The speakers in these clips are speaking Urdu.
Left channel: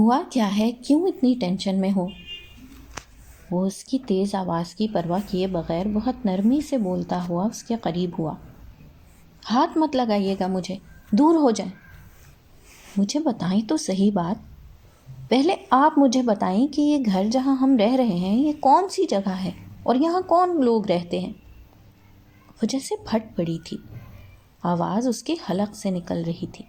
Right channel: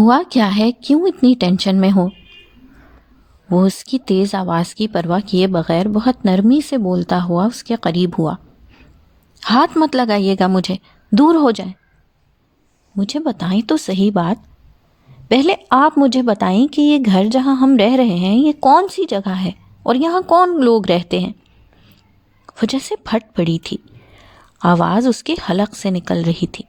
ہوا کیا ہے؟ کیوں اتنی ٹینشن میں ہو؟ وہ اس کی تیز آواز کی پرواہ کیے بغیر بہت نرمی سے بولتا ہوا اس کے قریب ہوا۔ ہاتھ مت لگائیے گا مجھے، دور ہو جائیں۔ مجھے بتائیں تو صحیح بات، پہلے آپ مجھے بتائیں کہ یہ گھر جہاں ہم رہ رہے ہیں یہ کون سی جگہ ہے اور یہاں کون لوگ رہتے ہیں؟ وہ جیسے پھٹ پڑی تھی، آواز اس کے حلق سے نکل رہی تھی۔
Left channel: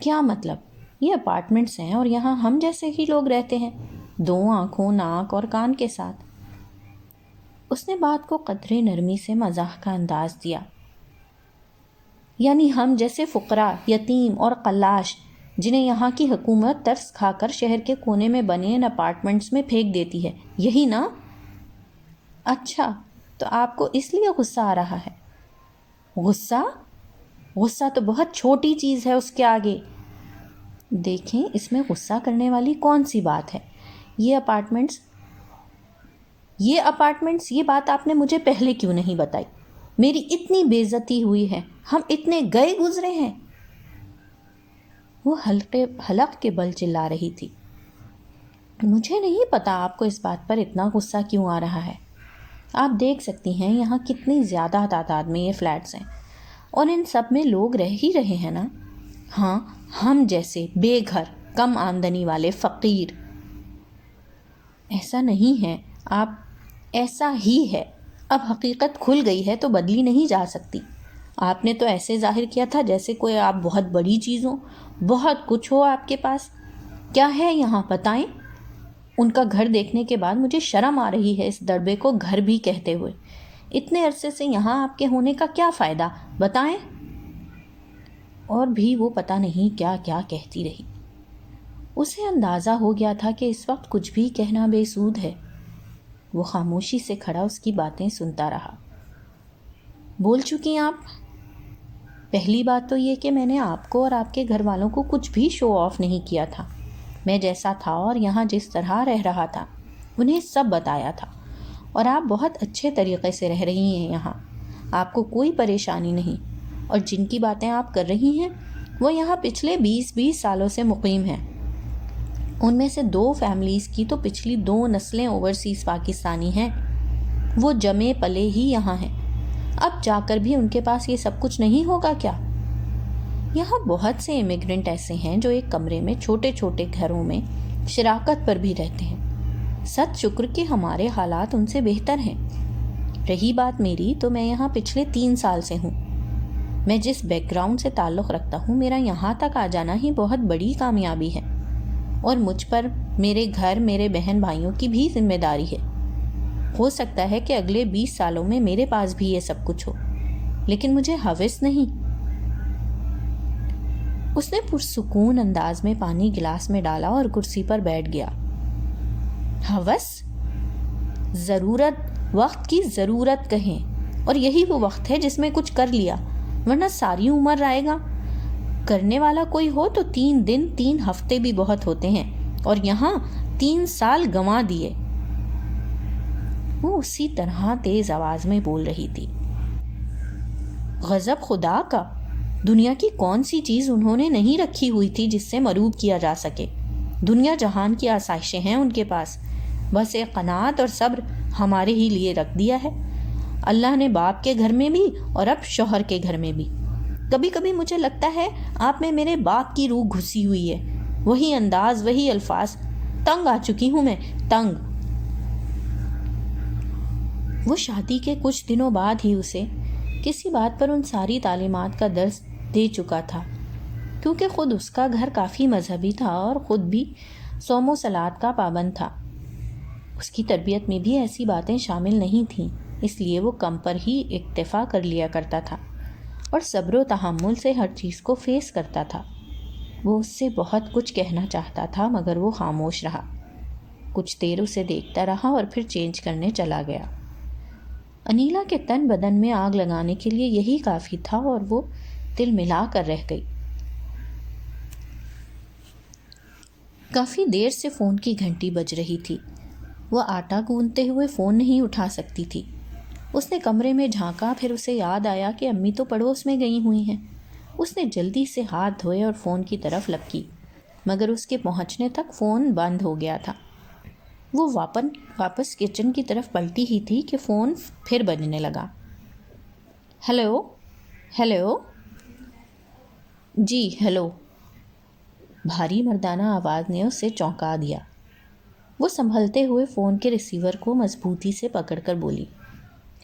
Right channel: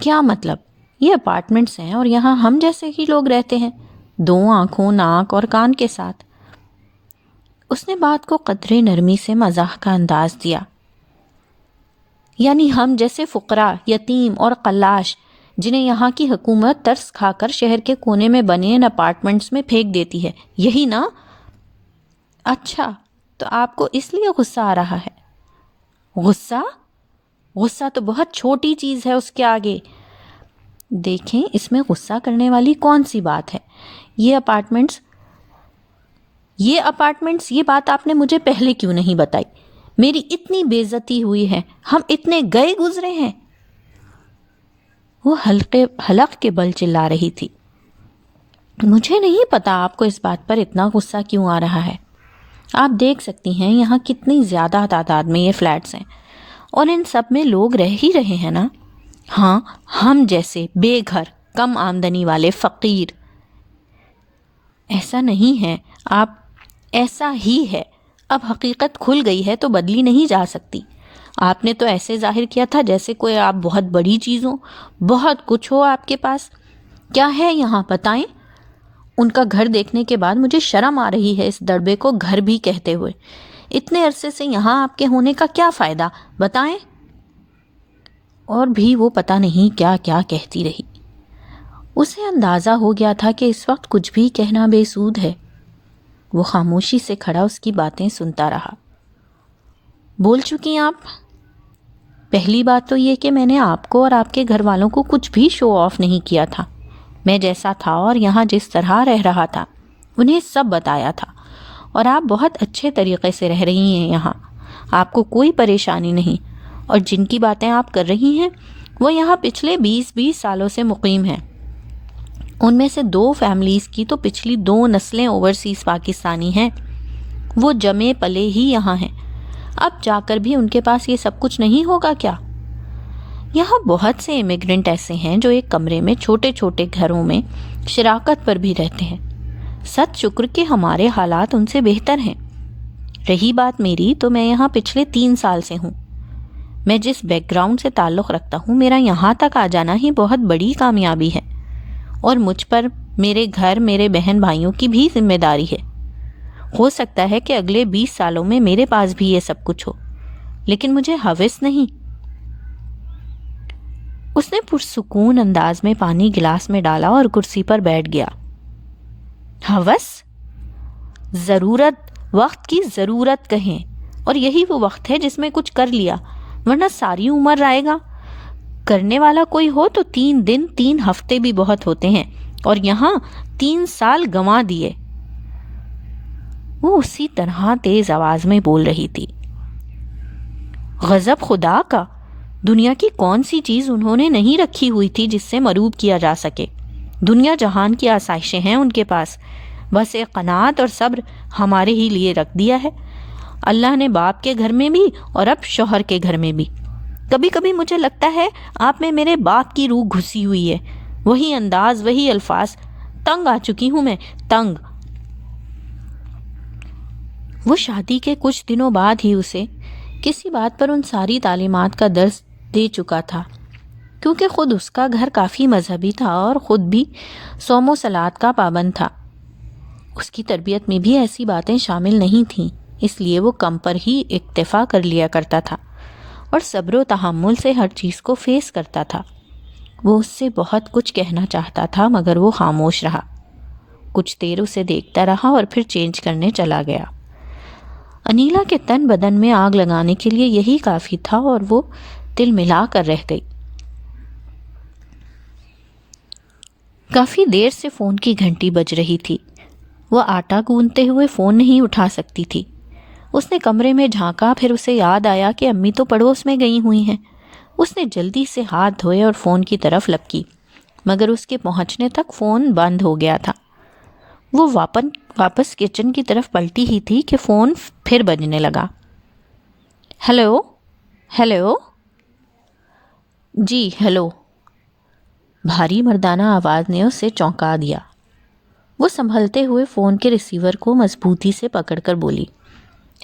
کیا مطلب؟ یہ اپارٹمنٹس ہیں اور یہاں ہم جیسے ہی لوگ رہتے ہیں، دو آنکھوں، ناک اور کان کے ساتھ۔ اس نے بات کو قدرے نرمی سے مزاح کا انداز دیا۔ یعنی ہم جیسے فقراء، یتیم اور قلاش جنہیں یہاں کی حکومت ترس کھا کر شہر کے کونے میں بنے ان اپارٹمنٹس میں پھینک دیتی ہے، یہی نا؟ اچھا، تو آپ کو اس لیے غصہ آ رہا ہے؟ غصہ؟ غصہ تو بہت چھوٹی چیز ہے اس کے آگے۔ دیکھیں، اس میں غصہ کرنے والی کون سی بات ہے؟ یہ اپارٹمنٹس، یہ بات آپ نے مجھے پہلے کیوں نہیں بتائی؟ میری اتنی بے عزتی ہوئی ہے، ہم اتنے گئے گزرے ہیں۔ وہ حلق کے بل چلا رہی تھی۔ مجھے نہیں پتا آپ کو اس بات پر اتنا غصہ کیوں آ رہا ہے۔ آپ دیکھ سکتی ہیں یہاں کتنی زیادہ تعداد میں یہ فلیٹس ہیں اور ان سب میں لوگ رہ ہی رہے ہیں نا؟ ہاں، ہم جیسے بے گھر، کم آمدنی والے فقیر۔ ایسا نہیں ہے آپ، ایسا ہی ہے۔ اب حقیقت کھل گئی ہے تو بدلی نہیں جا سکتی۔ آپ نے تو ایسے ظاہر کیا تھا جیسے کوئی آپ بہت بڑی چیز ہو، بہت کچھ ہو آپ کے پاس۔ کیا ہے یہاں بتائیں؟ ان کا گھر دیکھنے کے بعد مجھے شرم آ رہی ہے اس دڑبے کو گھر بھی کہتے ہوئے۔ اتنے عرصے سے یہاں آپ کے ہونے کا کیا فائدہ، بتائیں؟ اور بھی وہ پتہ نہیں کیا کیا کہتی رہی۔ اسے اندازہ ہو گیا تھا کہ اس وقت کچھ بھی کہنا بے سود ہے۔ وہ خاموشی سے کھڑا اس کی باتیں سنتا رہا۔ بول چکی آپ؟ پہلی بات تو یہ کہ میں نے آپ کو اور آپ کے گھر والوں کو کچھ بھی شو آف نہیں کیا تھا۔ میں جیسا تھا اور یہاں جس طرح رہ رہا تھا انہیں سب بتایا تھا، اور آپ بہت اچھے طریقے سے رہ رہی ہیں یہاں، آپ کو کوئی پریشانی نہیں۔ اور جن کی باتیں آپ کر رہی ہیں وہ یہاں پچھلے 20 سالوں سے مقیم ہیں۔ ان میں سے 2 فیملیز کی تو پچھلی 2 نسلیں اوورسیز پاکستانی ہیں، وہ جمے پلے ہی یہاں ہیں۔ اب جا کر بھی ان کے پاس یہ سب کچھ نہیں ہوگا کیا؟ یہاں بہت سے امیگرنٹ ایسے ہیں جو ایک کمرے میں چھوٹے چھوٹے گھروں میں شراکت پر بھی رہتے ہیں۔ ست شکر کہ ہمارے حالات ان سے بہتر ہیں۔ رہی بات میری، تو میں یہاں پچھلے 3 سال سے ہوں۔ میں جس بیک گراؤنڈ سے تعلق رکھتا ہوں، میرا یہاں تک آ جانا ہی بہت بڑی کامیابی ہے، اور مجھ پر میرے گھر، میرے بہن بھائیوں کی بھی ذمہ داری ہے۔ ہو سکتا ہے کہ اگلے 20 سالوں میں میرے پاس بھی یہ سب کچھ ہو، لیکن مجھے ہوس نہیں۔ اس نے پرسکون انداز میں پانی گلاس میں ڈالا اور کرسی پر بیٹھ گیا۔ ہوس؟ ضرورت، وقت کی ضرورت کہیں، اور یہی وہ وقت ہے جس میں کچھ کر لیا، ورنہ ساری عمر رہے گا۔ کرنے والا کوئی ہو تو 3 دن 3 ہفتے بھی بہت ہوتے ہیں، اور یہاں 3 سال گنوا دیے۔ وہ اسی طرح تیز آواز میں بول رہی تھی۔ غضب خدا کا! دنیا کی کون سی چیز انہوں نے نہیں رکھی ہوئی تھی جس سے مروب کیا جا سکے؟ دنیا جہان کی آسائشیں ہیں ان کے پاس، بس ایک قناعت اور صبر ہمارے ہی لیے رکھ دیا ہے۔ اللہ نے باپ کے گھر میں بھی اور اب شوہر کے گھر میں بھی۔ کبھی کبھی مجھے لگتا ہے آپ میں میرے باپ کی روح گھسی ہوئی ہے، وہی انداز، وہی الفاظ۔ تنگ آ چکی ہوں میں، تنگ۔ وہ شادی کے کچھ دنوں بعد ہی اسے کسی بات پر ان ساری تعلیمات کا درس دے چکا تھا، کیونکہ خود اس کا گھر کافی مذہبی تھا اور خود بھی صوم و صلات کا پابند تھا۔ اس کی تربیت میں بھی ایسی باتیں شامل نہیں تھیں، اس لیے وہ کم پر ہی اکتفا کر لیا کرتا تھا اور صبر و تحمل سے ہر چیز کو فیس کرتا تھا۔ وہ اس سے بہت کچھ کہنا چاہتا تھا مگر وہ خاموش رہا۔ کچھ دیر اسے دیکھتا رہا اور پھر چینج کرنے چلا گیا۔ انیلا کے تن بدن میں آگ لگانے کے لیے یہی کافی تھا، اور وہ دل ملا کر رہ گئی۔ کافی دیر سے فون کی گھنٹی بج رہی تھی۔ وہ آٹا گوندتے ہوئے فون نہیں اٹھا سکتی تھی۔ اس نے کمرے میں جھانکا، پھر اسے یاد آیا کہ امی تو پڑوس میں گئی ہوئی ہیں۔ اس نے جلدی سے ہاتھ دھوئے اور فون کی طرف لپکی۔ مگر اس کے پہنچنے تک فون بند ہو گیا تھا۔ وہ واپس کچن کی طرف پلٹی ہی تھی کہ فون پھر بجنے لگا۔ ہیلو ہیلو، جی ہیلو۔ بھاری مردانہ آواز نے اسے چونکا دیا۔ وہ سنبھلتے ہوئے فون کے ریسیور کو مضبوطی سے پکڑ کر بولی،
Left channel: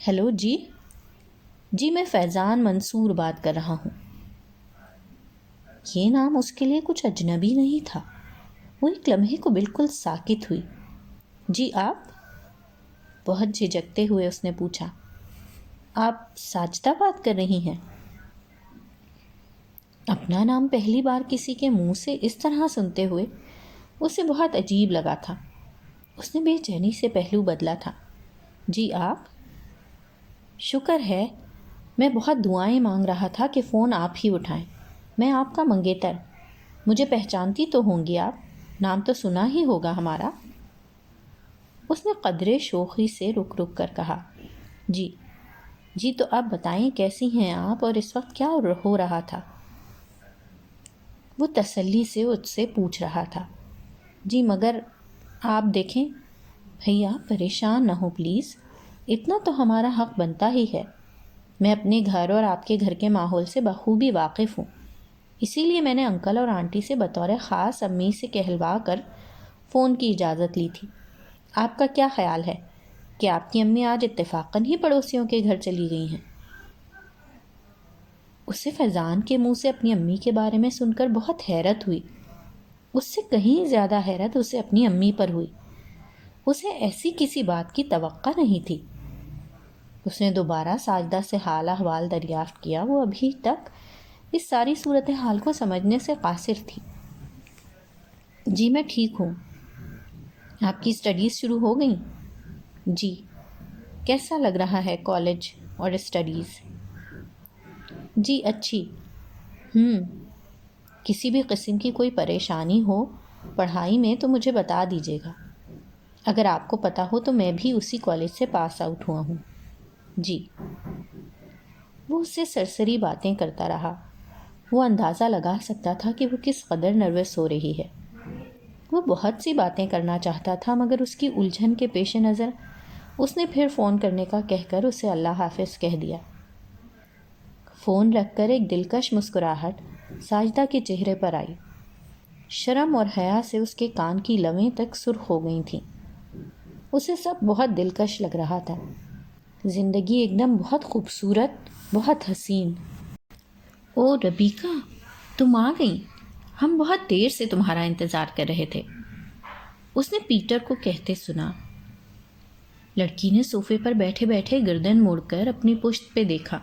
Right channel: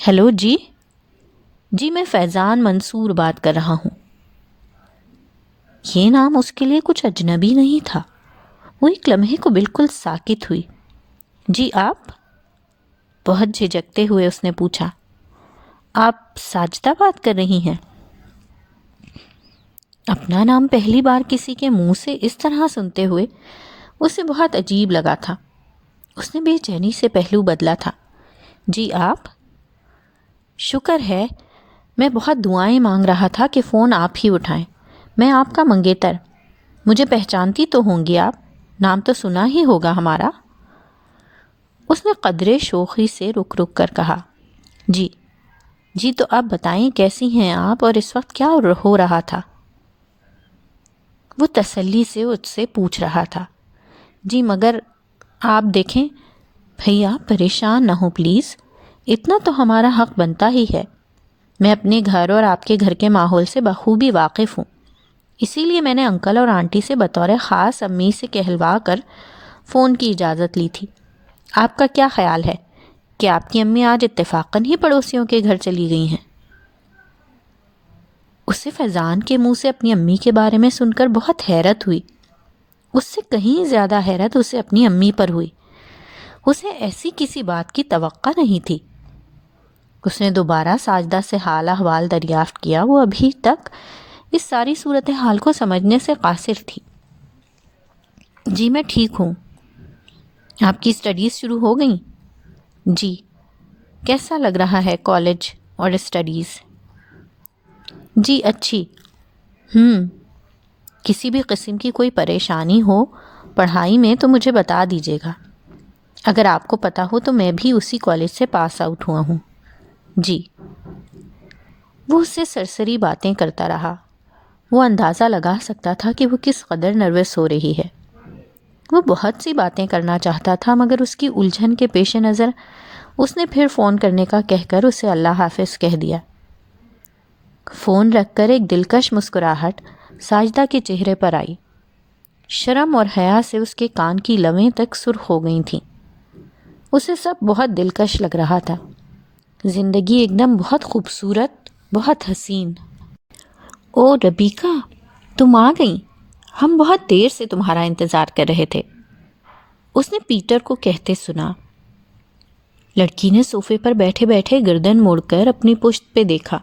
ہیلو جی، جی میں فیضان منصور بات کر رہا ہوں۔ یہ نام اس کے لیے کچھ اجنبی نہیں تھا۔ وہ ایک لمحے کو بالکل ساکت ہوئی۔ جی آپ؟ بہت جھجکتے ہوئے اس نے پوچھا۔ آپ ساجدہ بات کر رہی ہیں؟ اپنا نام پہلی بار کسی کے منہ سے اس طرح سنتے ہوئے اسے بہت عجیب لگا تھا۔ اس نے بے چینی سے پہلو بدلا تھا۔ جی آپ؟ شکر ہے، میں بہت دعائیں مانگ رہا تھا کہ فون آپ ہی اٹھائیں۔ میں آپ کا منگیتر، مجھے پہچانتی تو ہوں گی آپ، نام تو سنا ہی ہوگا ہمارا۔ اس نے قدرے شوخی سے رک رک کر کہا، جی جی، تو آپ بتائیں کیسی ہیں آپ اور اس وقت کیا ہو رہا تھا؟ وہ تسلی سے اس سے پوچھ رہا تھا۔ جی مگر آپ دیکھیں بھیا، پریشان نہ ہو پلیز، اتنا تو ہمارا حق بنتا ہی ہے۔ میں اپنے گھر اور آپ کے گھر کے ماحول سے بخوبی واقف ہوں، اسی لیے میں نے انکل اور آنٹی سے بطور خاص امی سے کہلوا کر فون کی اجازت لی تھی۔ آپ کا کیا خیال ہے کہ آپ کی امی آج اتفاقاً ہی پڑوسیوں کے گھر چلی گئی ہیں؟ اسے فیضان کے منہ سے اپنی امی کے بارے میں سن کر بہت حیرت ہوئی۔ اس سے کہیں زیادہ حیرت اسے اپنی امی پر ہوئی۔ اسے ایسی کسی بات کی توقع نہیں تھی۔ اس نے دوبارہ ساجدہ سے حال احوال دریافت کیا۔ وہ ابھی تک اس ساری صورتحال کو سمجھنے سے قاصر تھی۔ جی میں ٹھیک ہوں۔ آپ کی اسٹڈیز شروع ہو گئیں؟ جی۔ کیسا لگ رہا ہے کالج اور اسٹڈیز؟ جی اچھی۔ کسی بھی قسم کی کوئی پریشانی ہو پڑھائی میں تو مجھے بتا دیجیے گا۔ اگر آپ کو پتہ ہو تو میں بھی اسی کالج سے پاس آؤٹ ہوا ہوں۔ جی۔ وہ اس سے سرسری باتیں کرتا رہا۔ وہ اندازہ لگا سکتا تھا کہ وہ کس قدر نروس ہو رہی ہے۔ وہ بہت سی باتیں کرنا چاہتا تھا مگر اس کی الجھن کے پیش نظر اس نے پھر فون کرنے کا کہہ کر اسے اللہ حافظ کہہ دیا۔ فون رکھ کر ایک دلکش مسکراہٹ ساجدہ کے چہرے پر آئی۔ شرم اور حیا سے اس کے کان کی لویں تک سرخ ہو گئی تھیں۔ اسے سب بہت دلکش لگ رہا تھا۔ زندگی ایک دم بہت خوبصورت، بہت حسین۔ او ربیکا، تم آ گئی؟ ہم بہت دیر سے تمہارا انتظار کر رہے تھے، اس نے پیٹر کو کہتے سنا۔ لڑکی نے صوفے پر بیٹھے بیٹھے گردن موڑ کر اپنی پشت پہ دیکھا۔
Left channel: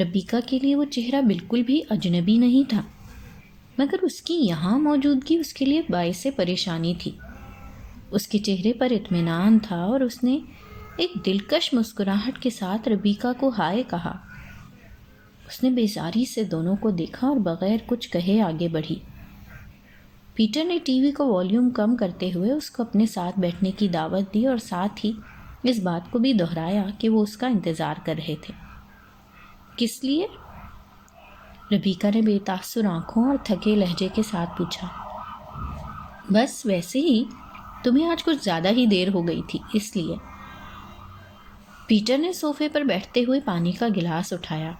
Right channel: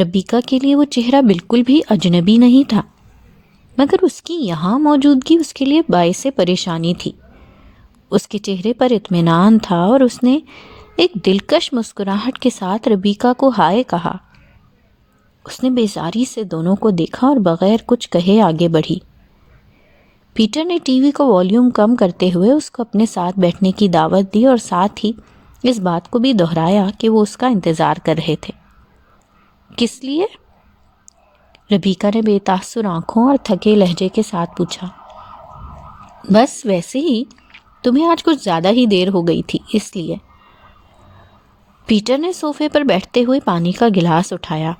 ربیکا کے لیے وہ چہرہ بالکل بھی اجنبی نہیں تھا، مگر اس کی یہاں موجودگی اس کے لیے باعث پریشانی تھی۔ اس کے چہرے پر اطمینان تھا اور اس نے ایک دلکش مسکراہٹ کے ساتھ ربیکا کو ہائے کہا۔ اس نے بیزاری سے دونوں کو دیکھا اور بغیر کچھ کہے آگے بڑھی۔ پیٹر نے ٹی وی کو والیوم کم کرتے ہوئے اس کو اپنے ساتھ بیٹھنے کی دعوت دی اور ساتھ ہی اس بات کو بھی دہرایا کہ وہ اس کا انتظار کر رہے تھے۔ کس لیے؟ ربیکا نے بے تاثر آنکھوں اور تھکے لہجے کے ساتھ پوچھا۔ بس ویسے ہی، تمہیں آج کچھ زیادہ ہی دیر ہو گئی تھی اس لیے۔ پیٹر نے صوفے پر بیٹھتے ہوئے پانی کا گلاس اٹھایا۔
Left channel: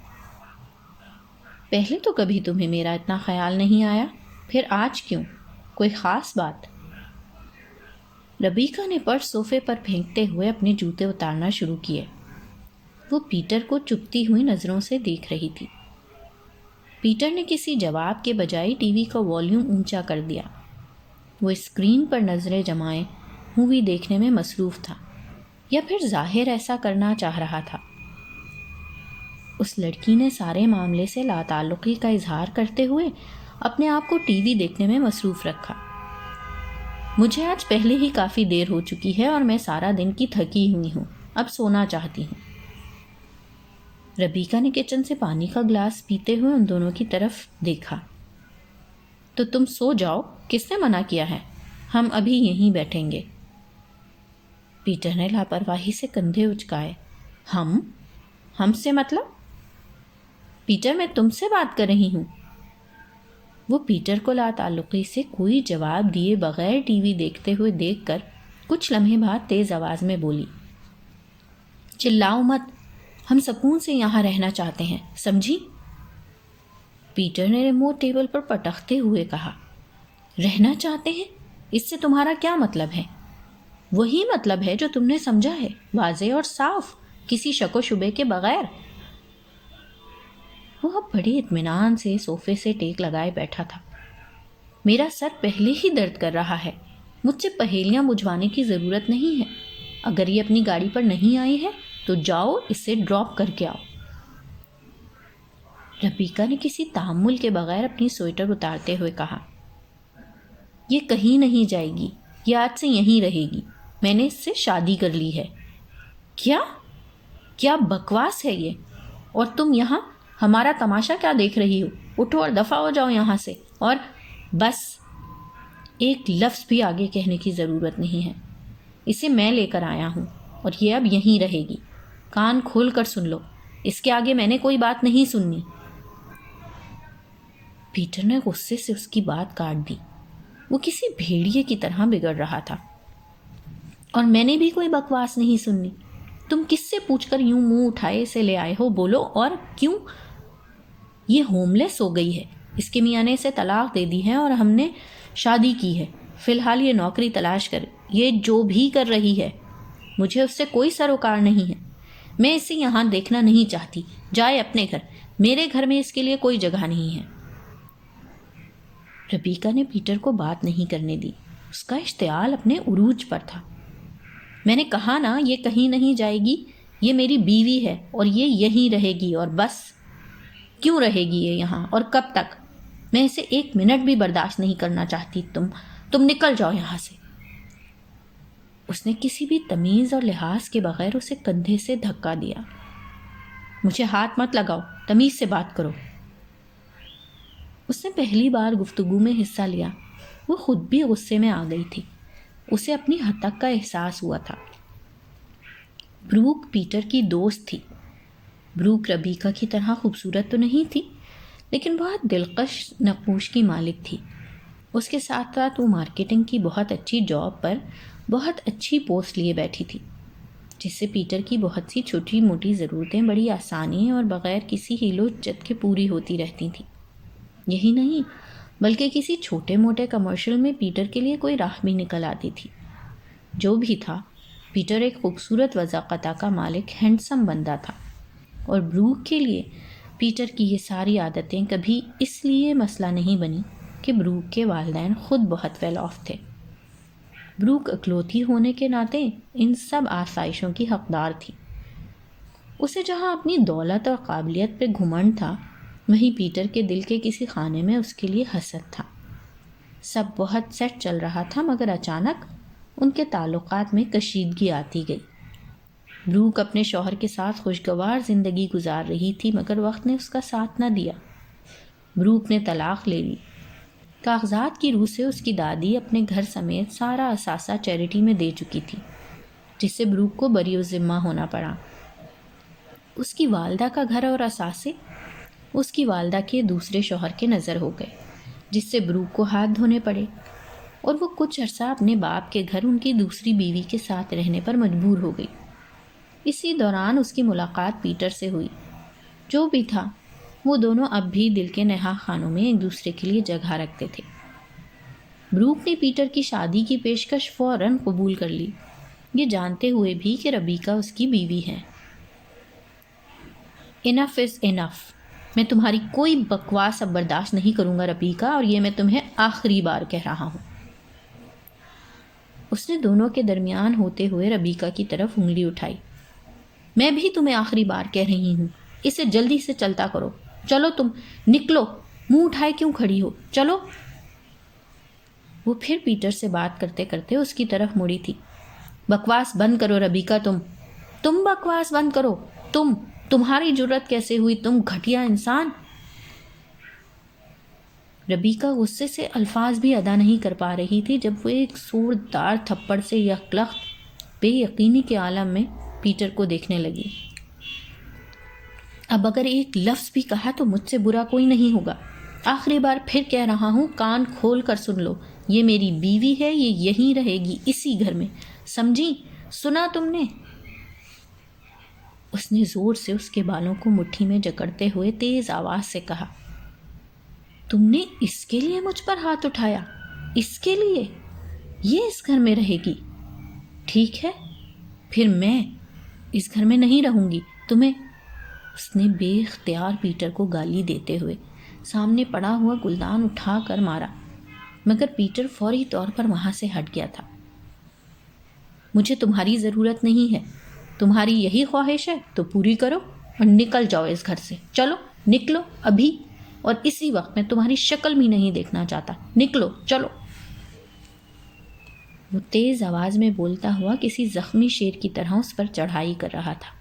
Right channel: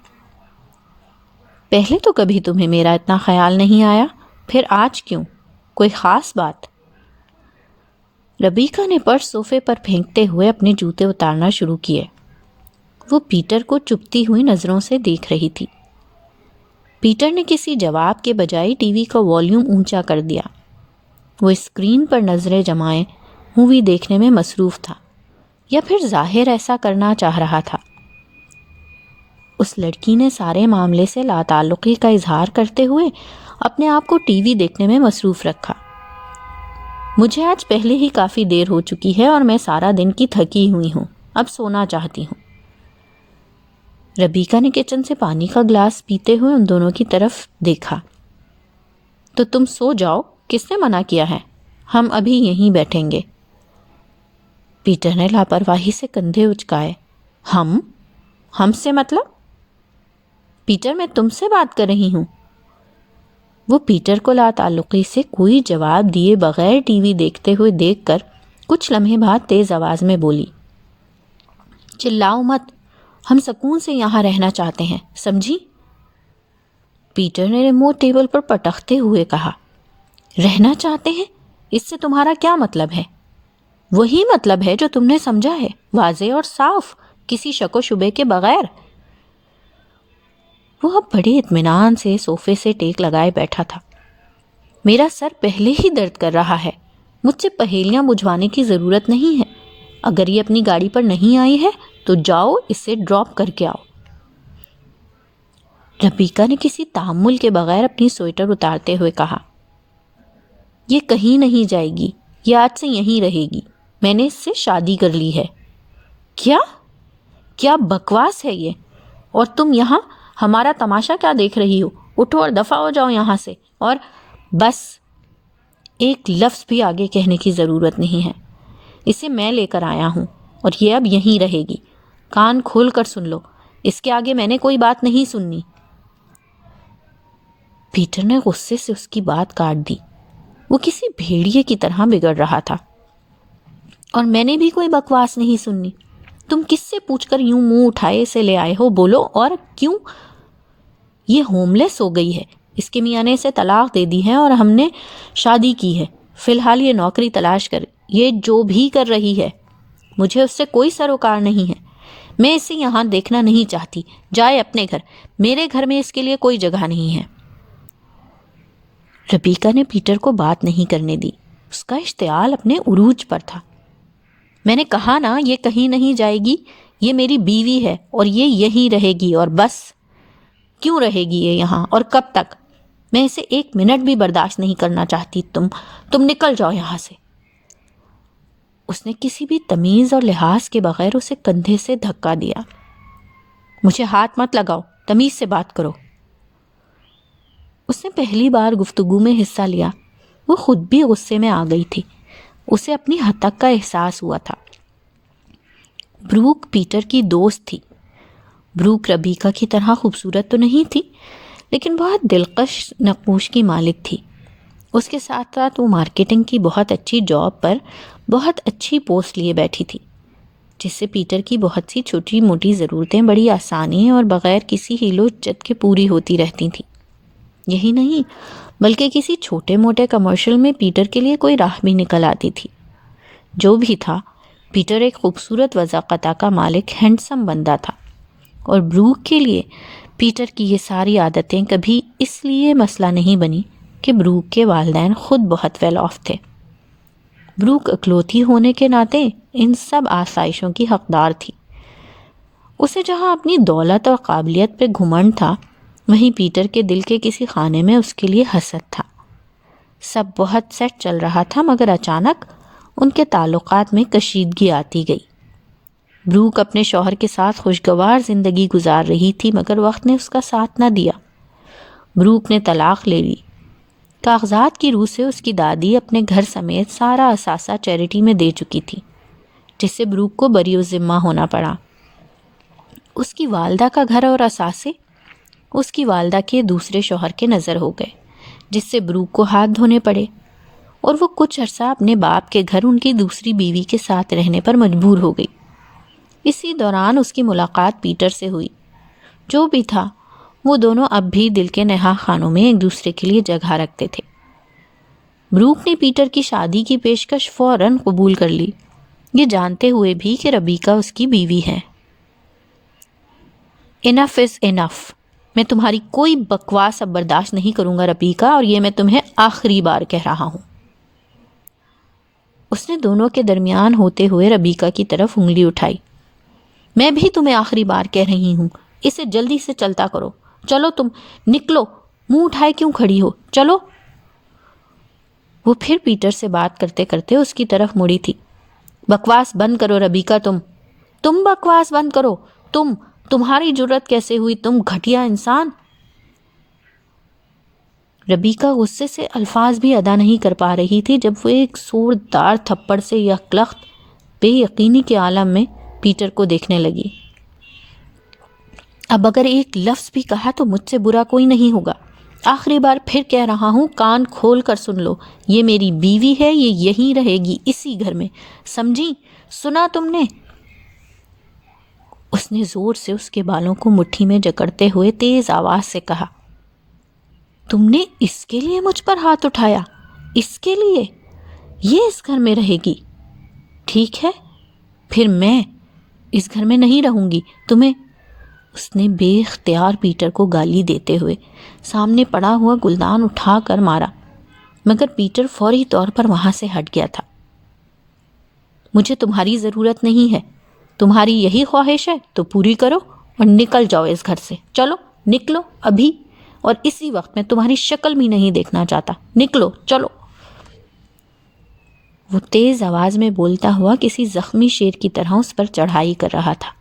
پہلے تو کبھی تمہیں میرا اتنا خیال نہیں آیا، پھر آج کیوں؟ کوئی خاص بات؟ ربیکا نے پرس صوفے پر پھینکتے ہوئے اپنے جوتے اتارنا شروع کیے۔ وہ پیٹر کو چپتی ہوئی نظروں سے دیکھ رہی تھی۔ پیٹر نے کسی جواب کے بجائے ٹی وی کا والیوم اونچا کر دیا۔ وہ اسکرین پر نظریں جمائے مووی دیکھنے میں مصروف تھا، یا پھر ظاہر ایسا کرنا چاہ رہا تھا۔ اس لڑکی نے سارے معاملے سے لا تعلقی کا اظہار کرتے ہوئے اپنے آپ کو ٹی وی دیکھنے میں مصروف رکھا۔ مجھے آج پہلے ہی کافی دیر ہو چکی ہے اور میں سارا دن کی تھکی ہوئی ہوں، اب سونا چاہتی ہوں۔ ربیکا نے کچن سے پانی کا گلاس پیتے ہوئے ان دونوں کی طرف دیکھا۔ تو تم سو جاؤ، کس نے منع کیا ہے؟ ہم ابھی یہیں بیٹھیں گے۔ پیٹر نے لاپرواہی سے کندھے اچکائے۔ ہم سے مطلب؟ پیٹر میں تم سے بات کر رہی ہوں۔ وہ پیٹر کو لا تعلقی سے کوئی جواب دیے بغیر ٹی وی دیکھتے ہوئے دیکھ کر کچھ لمحے بعد تیز آواز میں بولی، چلاؤ مت، ہم سکون سے یہاں رہنا چاہتے ہیں، سمجھی؟ پیٹر نے ریموٹ ٹیبل پر پٹختے ہوئے کہا، رہنا چاہتے ہیں؟ اس سے تمہارا کیا مطلب ہے؟ وہی مطلب ہے جو تم نے سمجھا ہے، واضح اور صاف، کسی شک و شبے کے بغیر۔ وہ اب بڑے اطمینان سے صوفے سے ٹیک لگائے بیٹھا تھا۔ میرا سر پہلے ہی درد کر رہا ہے، مجھ سے پہیلیاں بجھوانے کی ضرورت نہیں ہے۔ اگر یہ اپنی گاڑی پر نہیں آئی ہے تو جاؤ اسے ڈراپ کر کے آؤ۔ ربیکا نے کسی تحمل کے بغیر اپنی سویٹر اتارتے ہوئے کہا، یہ کہیں نہیں جائے گی، یہ آج سے یہیں رہے گی، میں نے اس سے شادی کر لی ہے۔ کیا بکواس ہے یہ؟ اور تم یہاں ہمارا تماشا کیا دیکھ رہی ہو؟ اٹھو اور دفع ہو جاؤ یہاں سے۔ اور بس، ایک لفظ بھی آگے کہنے کی ضرورت نہیں ہے، اسے میں لے کر آیا ہوں اور یہ اب یہیں رہے گی۔ کان کھول کر سن لو، اس کے آگے میں نے کوئی بات نہیں سننی۔ پیٹر نے غصے سے اس کی بات کاٹ دی۔ وہ کسی بھیڑیے کی طرح بگڑ رہا تھا۔ اور میں نے بھی کوئی بکواس نہیں سننی۔ تم کس سے پوچھ کر یوں منہ اٹھائے اسے لے آئے ہو؟ بولو، اور کیوں؟ یہ ہوم لیس ہو گئی ہے، اس کے میاں نے اسے طلاق دے دی ہے اور ہم نے شادی کی ہے۔ فی الحال یہ نوکری تلاش کر، یہ جو بھی کر رہی ہے، مجھے اس سے کوئی سروکار نہیں ہے۔ میں اسے یہاں دیکھنا نہیں چاہتی، جائے اپنے گھر، میرے گھر میں اس کے لیے کوئی جگہ نہیں ہے۔ ربیکا نے پیٹر کو بات نہیں کرنے دی، اس کا اشتعال اپنے عروج پر تھا۔ میں نے کہا نا، یہ کہیں نہیں جائے گی، یہ میری بیوی ہے اور یہ یہیں رہے گی، اور بس۔ کیوں رہے گی یہ یہاں، اور کب تک؟ میں اسے ایک منٹ بھی برداشت نہیں کرنا چاہتی۔ تم نکل جاؤ یہاں سے۔ اس نے کسی بھی تمیز اور لحاظ کے بغیر اسے کندھے سے دھکا دیا۔ مجھے ہاتھ مت لگاؤ، تمیز سے بات کرو۔ اس نے پہلی بار گفتگو میں حصہ لیا، وہ خود بھی غصے میں آ گئی تھی، اسے اپنی ہتک کا احساس ہوا تھا۔ بروک پیٹر کی دوست تھی۔ بروک ربیکا کی طرح خوبصورت تو نہیں تھی، لیکن بہت دلکش نقوش کی مالک تھی۔ اس کے ساتھ ساتھ وہ مارکیٹنگ کی بہت اچھی جاب پر بہت اچھی پوسٹ لیے بیٹھی تھی، جس سے پیٹر کی بہت سی چھوٹی موٹی ضرورتیں بڑی آسانی اور بغیر کسی ہیل و جت کے پوری ہوتی رہتی تھیں۔ یہی نہیں بلکہ کسی چھوٹے موٹے کمرشل میں پیٹر کے لیے کوئی راہ بھی نکل آتی تھی۔ جو بھی تھا، پیٹر ایک خوبصورت وضاقتہ کا مالک، ہینڈسم بندہ تھا، اور بروک کے لیے پیٹر کی یہ ساری عادتیں کبھی اس لیے مسئلہ نہیں بنی کہ بروک کے والدین خود بہت ویل آف تھے۔ بروک اکلوتی ہونے کے ناطے ان سب آسائشوں کی حقدار تھی۔ اسے جہاں اپنی دولت اور قابلیت پہ گھمنڈ تھا، وہیں پیٹر کے دل کے کسی خانے میں اس کے لیے حسد تھا۔ سب بہت سیٹ چل رہا تھا، مگر اچانک ان کے تعلقات میں کشیدگی آتی گئی۔ بروک اپنے شوہر کے ساتھ خوشگوار زندگی گزار رہی تھی، مگر وقت نے اس کا ساتھ نہ دیا۔ بروک نے طلاق لے لی۔ کاغذات کی روح سے اس کی دادی اپنے گھر سمیت سارا اثاثہ چیریٹی میں دے چکی تھی، جس سے بروک کو بری ذمہ ہونا پڑا۔ اس کی والدہ کا گھر اور اثاثے اس کی والدہ کے دوسرے شوہر کے نظر ہو گئے، جس سے بروک کو ہاتھ دھونے پڑے، اور وہ کچھ عرصہ اپنے باپ کے گھر ان کی دوسری بیوی کے ساتھ رہنے پر مجبور ہو گئی۔ اسی دوران اس کی ملاقات پیٹر سے ہوئی۔ جو بھی تھا، وہ دونوں اب بھی دل کے نہا خانوں میں ایک دوسرے کے لیے جگہ رکھتے تھے۔ بروک نے پیٹر کی شادی کی پیشکش فوراً قبول کر لی، یہ جانتے ہوئے بھی کہ ربیکا اس کی بیوی ہے۔ انف از انف، میں تمہاری کوئی بکواس اب برداشت نہیں کروں گا ربیکا، اور یہ میں تمہیں آخری بار کہہ رہا ہوں۔ اس نے دونوں کے درمیان ہوتے ہوئے ربیکا کی طرف انگلی اٹھائی۔ میں بھی تمہیں آخری بار کہہ رہی ہوں، اسے جلدی سے چلتا کرو۔ چلو تم، نکلو، منہ اٹھائے کیوں کھڑی ہو، چلو۔ وہ پھر پیٹر سے بات کرتے کرتے اس کی طرف مڑی تھی۔ بکواس بند کرو ربیکا، تم بکواس بند کرو، تمہاری جرت کیسے ہوئی، تم گھٹیا انسان۔ ربیکا غصے سے الفاظ بھی ادا نہیں کر پا رہی تھی جب وہ ایک زوردار تھپڑ سے یکلخت بے یقینی کے عالم میں پیٹر کو دیکھنے لگی۔ اب اگر ایک لفظ بھی کہا تو مجھ سے برا کوئی نہیں ہوگا، آخری بار پھر کہہ رہا ہوں، کان کھول کر سن لو، یہ میری بیوی ہے، یہ یہیں رہے گی اسی گھر میں، سمجھی؟ سنا تم نے؟ اس نے زور سے اس کے بالوں کو مٹھی میں جکڑتے ہوئے تیز آواز سے کہا، تم نے اس کے لیے مجھ پر ہاتھ اٹھایا؟ اس کے لیے؟ یہ اس گھر میں رہے گی؟ ٹھیک ہے، پھر میں اس گھر میں نہیں رہوں گی، تمہیں… اس نے بے اختیار پیٹر کو گالی دیتے ہوئے سامنے پڑا ہوا گلدان اٹھا کر مارا، مگر پیٹر فوری طور پر وہاں سے ہٹ گیا تھا۔ مجھے تمہاری ضرورت نہیں ہے، تمہاری یہی خواہش ہے تو پوری کرو اور نکل جاؤ اس گھر سے، چلو نکلو ابھی، اور اسی وقت میں تمہاری شکل بھی نہیں دیکھنا چاہتا، نکلو چلو۔ وہ تیز آواز میں بولتا ہوا کسی زخمی شیر کی طرح اس پر چڑھائی کر رہا تھا۔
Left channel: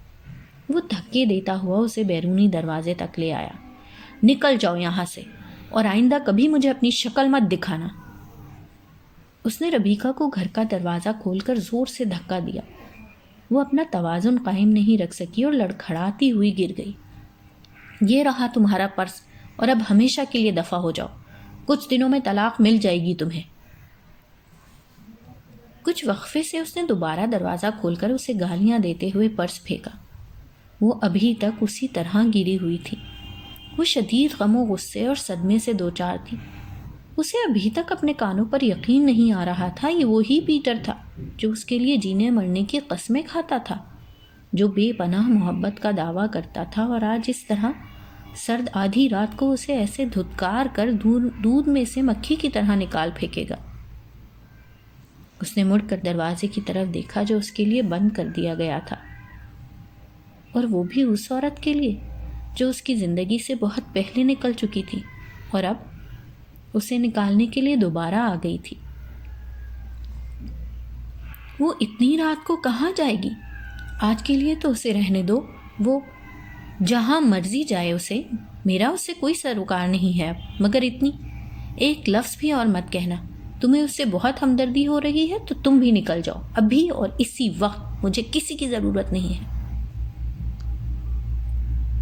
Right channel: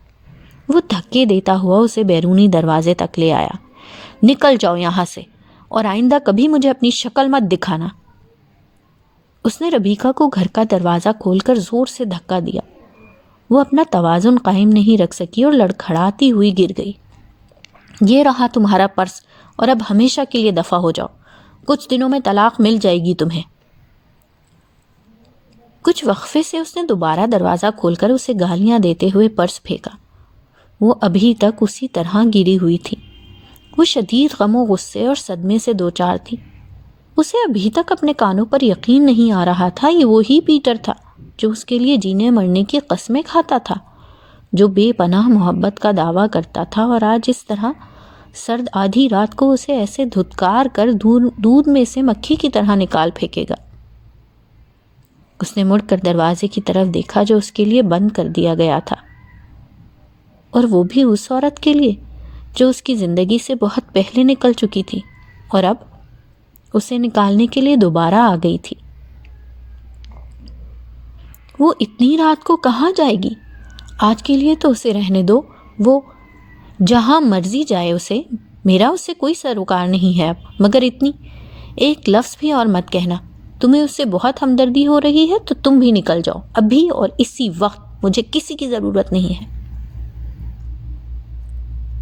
وہ دھکے دیتا ہوا اسے بیرونی دروازے تک لے آیا۔ نکل جاؤ یہاں سے، اور آئندہ کبھی مجھے اپنی شکل مت دکھانا۔ اس نے ربیکا کو گھر کا دروازہ کھول کر زور سے دھکا دیا۔ وہ اپنا توازن قائم نہیں رکھ سکی اور لڑکھڑاتی ہوئی گر گئی۔ یہ رہا تمہارا پرس، اور اب ہمیشہ کے لیے دفع ہو جاؤ، کچھ دنوں میں طلاق مل جائے گی تمہیں۔ کچھ وقفے سے اس نے دوبارہ دروازہ کھول کر اسے گالیاں دیتے ہوئے پرس پھینکا۔ وہ ابھی تک اسی طرح گری ہوئی تھی۔ وہ شدید غم و غصے اور صدمے سے دوچار تھی۔ اسے ابھی تک اپنے کانوں پر یقین نہیں آ رہا تھا، یہ وہی پیٹر تھا جو اس کے لیے جینے مرنے کی قسمیں کھاتا تھا، جو بے پناہ محبت کا دعویٰ کرتا تھا، اور آج اس طرح سرد آدھی رات کو اسے ایسے دھتکار کر دودھ میں سے مکھی کی طرح نکال پھینکے گا۔ اس نے مڑ کر دروازے کی طرف دیکھا جو اس کے لیے بند کر دیا گیا تھا، اور وہ بھی اس عورت کے لیے جو اس کی زندگی سے بہت پہلے نکل چکی تھی اور اب اسے نکالنے کے لیے دوبارہ آ گئی تھی۔ وہ اتنی رات کو کہاں جائے گی؟ آج کے لیے تو اسے رہنے دو، وہ جہاں مرضی جائے، اسے میرا اس سے کوئی سروکار نہیں ہے اب، مگر اتنی ایک لفظ بھی اور مت کہنا۔ تمہیں اس سے بہت ہمدردی ہو رہی ہے تو تم بھی نکل جاؤ ابھی اور اسی وقت، مجھے کسی کی ضرورت نہیں ہے۔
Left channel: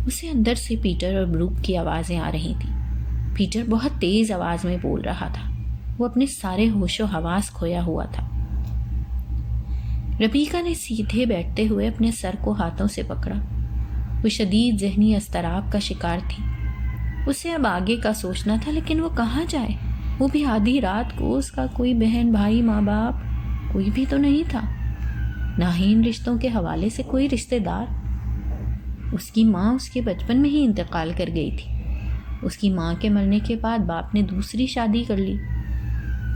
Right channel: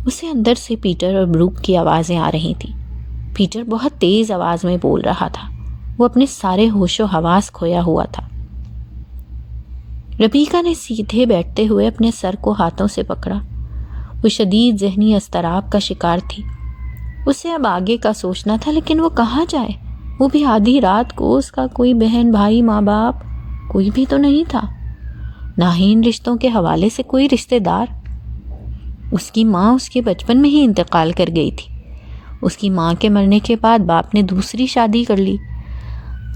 اسے اندر سے پیٹر اور بروک کی آوازیں آ رہی تھیں۔ پیٹر بہت تیز آواز میں بول رہا تھا، وہ اپنے سارے ہوش و حواس کھویا ہوا تھا۔ ربیکا نے سیدھے بیٹھتے ہوئے اپنے سر کو ہاتھوں سے پکڑا۔ وہ شدید ذہنی اضطراب کا شکار تھی۔ اسے اب آگے کا سوچنا تھا، لیکن وہ کہاں جائے؟ وہ بھی آدھی رات کو، اس کا کوئی بہن بھائی ماں باپ کوئی بھی تو نہیں تھا، نہ ہی ان رشتوں کے حوالے سے کوئی رشتہ دار۔ اس کی ماں اس کے بچپن میں ہی انتقال کر گئی تھی۔ اس کی ماں کے مرنے کے بعد باپ نے دوسری شادی کر لی۔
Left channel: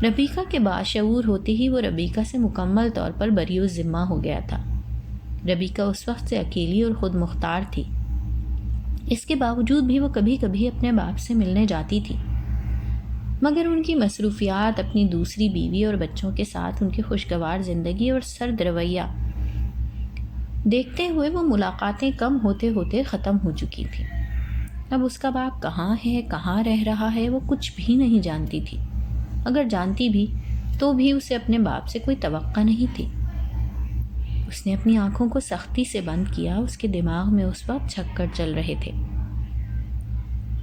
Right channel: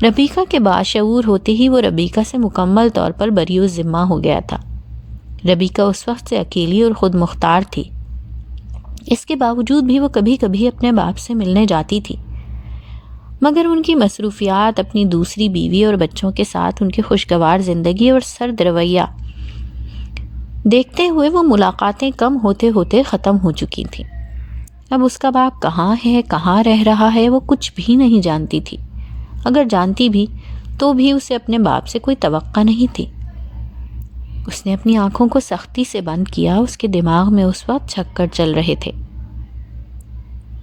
ربیکا کے باشعور ہوتے ہی وہ ربیکا سے مکمل طور پر بری الذمہ ہو گیا تھا۔ ربیکا اس وقت سے اکیلی اور خود مختار تھی۔ اس کے باوجود بھی وہ کبھی کبھی اپنے باپ سے ملنے جاتی تھی، مگر ان کی مصروفیات، اپنی دوسری بیوی اور بچوں کے ساتھ ان کی خوشگوار زندگی اور سرد رویہ دیکھتے ہوئے وہ ملاقاتیں کم ہوتے ہوتے ختم ہو چکی تھیں۔ اب اس کا باپ کہاں ہے، کہاں رہ رہا ہے، وہ کچھ بھی نہیں جانتی تھی۔ اگر جانتی بھی تو بھی اسے اپنے باپ سے کوئی توقع نہیں تھی۔ اس نے اپنی آنکھوں کو سختی سے بند کیا۔ اس کے دماغ میں اس وقت چکر چل رہے تھے۔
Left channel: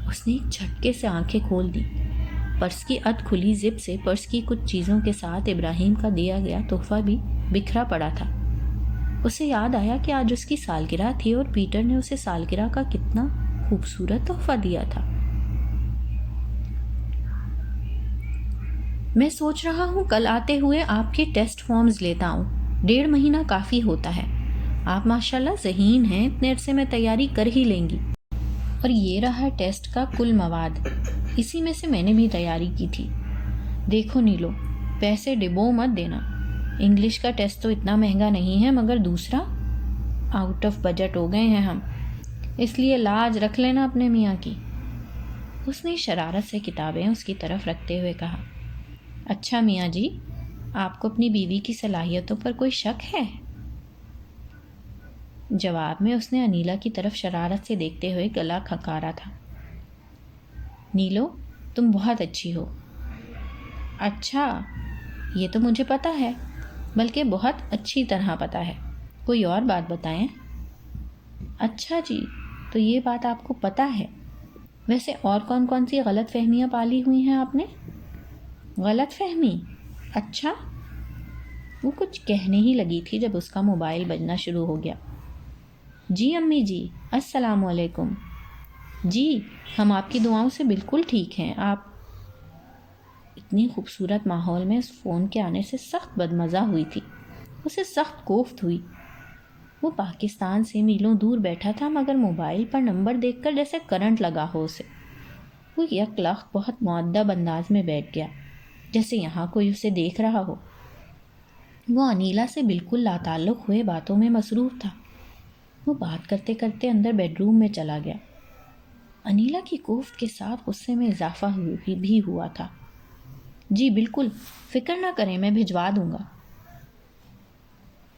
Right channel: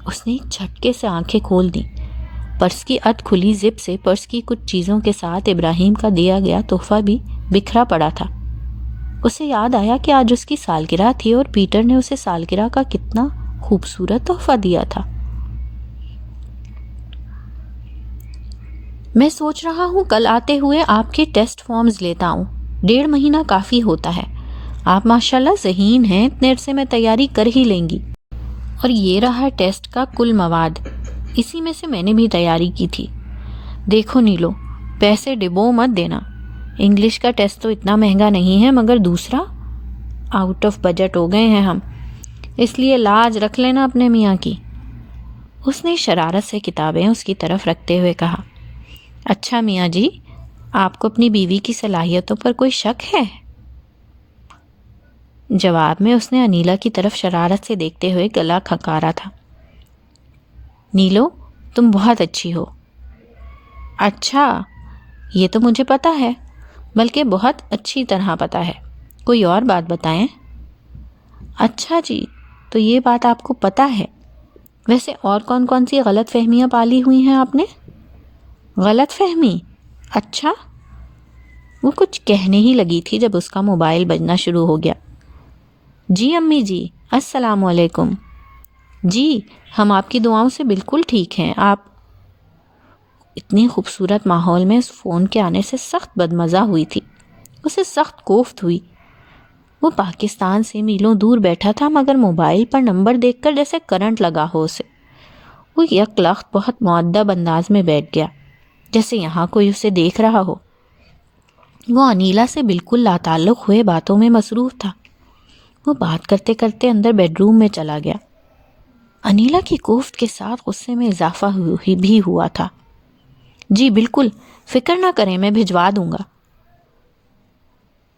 اس نے ایک جھٹکے سے آنکھیں کھول دیں۔ پرس کی اد کھلی زپ سے پرس کی کچھ چیزوں کے ساتھ ابراہیم کا دیا گیا تحفہ بھی بکھرا پڑا تھا۔ اسے یاد آیا کہ آج اس کی سالگرہ تھی اور پیٹر نے اسے سالگرہ کا کتنا خوبصورت تحفہ دیا تھا۔ میں سوچ رہا ہوں کل آتے ہوئے آپ کے ٹیسٹ فارمز لیتا ہوں، 1.5 مہینہ کافی ہوتا ہے۔ آپ ماشاءاللہ ذہین ہیں، اتنے عرصے میں تیاری کر ہی لیں گی۔ اور یہ رہا ٹیسٹ کا کل مواد، اسی میں سے میں نے بھی تیاری کی تھی۔ دیکھو نیلو، پیسے ڈبو مت دینا، انگلش کا ٹیسٹ تو اتنا مہنگا نہیں ہے، مگر دوسرا آؤٹ آف بجٹ ہو گئے ہیں ہم، اس لیے لاج رکھ لینا اپنے میاں کی۔ اس نے شرارت سے کتابیں اس کی طرف رکھتے ہوئے کہا، اچھا میاں جی، آپ کو اپنی بیوی کی صلاحیتوں پر کوئی شک ہے؟ جواب میں اس نے انیلا کی طرف شرارت سے دیکھتے ہوئے گلا کھنکارا تھا۔ نیلو، تم بہت اچھی ہو۔ اچھا، یہ تو مجھے پتا ہے، بلکہ بہت اچھی طرح پتا ہے، کوئی اور بات بتائیں۔ اچھا جی، تو یہ بات آپ کو پتا ہے؟ ویسے اور کون کون سی غلط فہمیاں پالی ہوئی ہیں آپ نے؟ غلط فہمی؟ اچھا۔ وہ کچھ کہنے ہی لگی تھی جب اس کا موبائل بجنا شروع ہو گیا۔ جی امی جی، السلام علیکم۔ جی ہم آپ کی دعاؤں سے بالکل ٹھیک ہیں۔ آپ اتنی خوبصورت ماحول میں اس فون کے آنے سے سخت بدمزہ ہوئی تھی، اسے سخت کوفت ہوئی۔ وہ پاکستان سے میلوں دور بیٹھا تھا مگر موبائل پر نمبر دیکھ کر جیسے کرنٹ لگا ہو اسے۔ وہ یک لخت بہت مؤدب انداز میں بیٹھ گیا، جیسے یہاں کوئی اسے دیکھ رہا ہو۔ وہ انیلا سے بالکل لاتعلق ہوئے باتوں میں مصروف تھا۔ وہ بات کرتے کرتے اندر بیڈ روم میں چلا گیا۔ انیلا کی کوفت کے ساتھ غصے میں اضافہ بھی ہوا تھا۔ جی بالکل، فکر نہ کریں، میں بھجوا دوں گا۔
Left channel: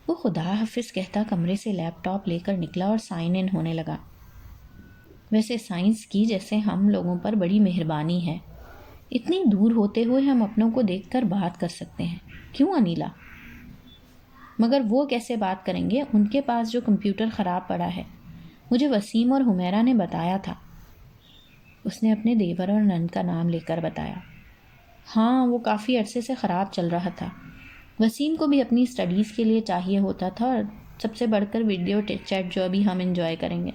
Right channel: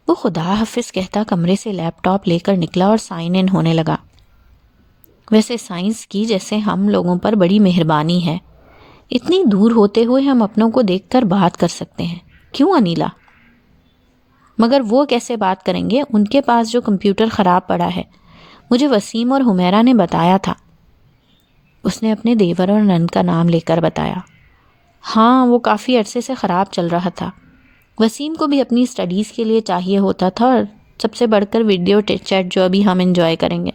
وہ خدا حافظ کہتا کمرے سے لیپ ٹاپ لے کر نکلا اور سائن ان ہونے لگا۔ ویسے سائنس کی جیسے ہم لوگوں پر بڑی مہربانی ہے، اتنی دور ہوتے ہوئے ہم اپنوں کو دیکھ کر بات کر سکتے ہیں، کیوں انیلا؟ مگر وہ کیسے بات کریں گے؟ ان کے پاس جو کمپیوٹر خراب پڑا ہے، مجھے وسیم اور حمیرہ نے بتایا تھا۔ اس نے اپنے دیور اور نند کا نام لے کر بتایا۔ ہاں وہ کافی عرصے سے خراب چل رہا تھا۔ وسیم کو بھی اپنی اسٹڈیز کے لیے چاہیے ہوتا تھا، اور سب سے بڑھ کر ویڈیو چیٹ جو ابھی ہم انجوائے کریں گے۔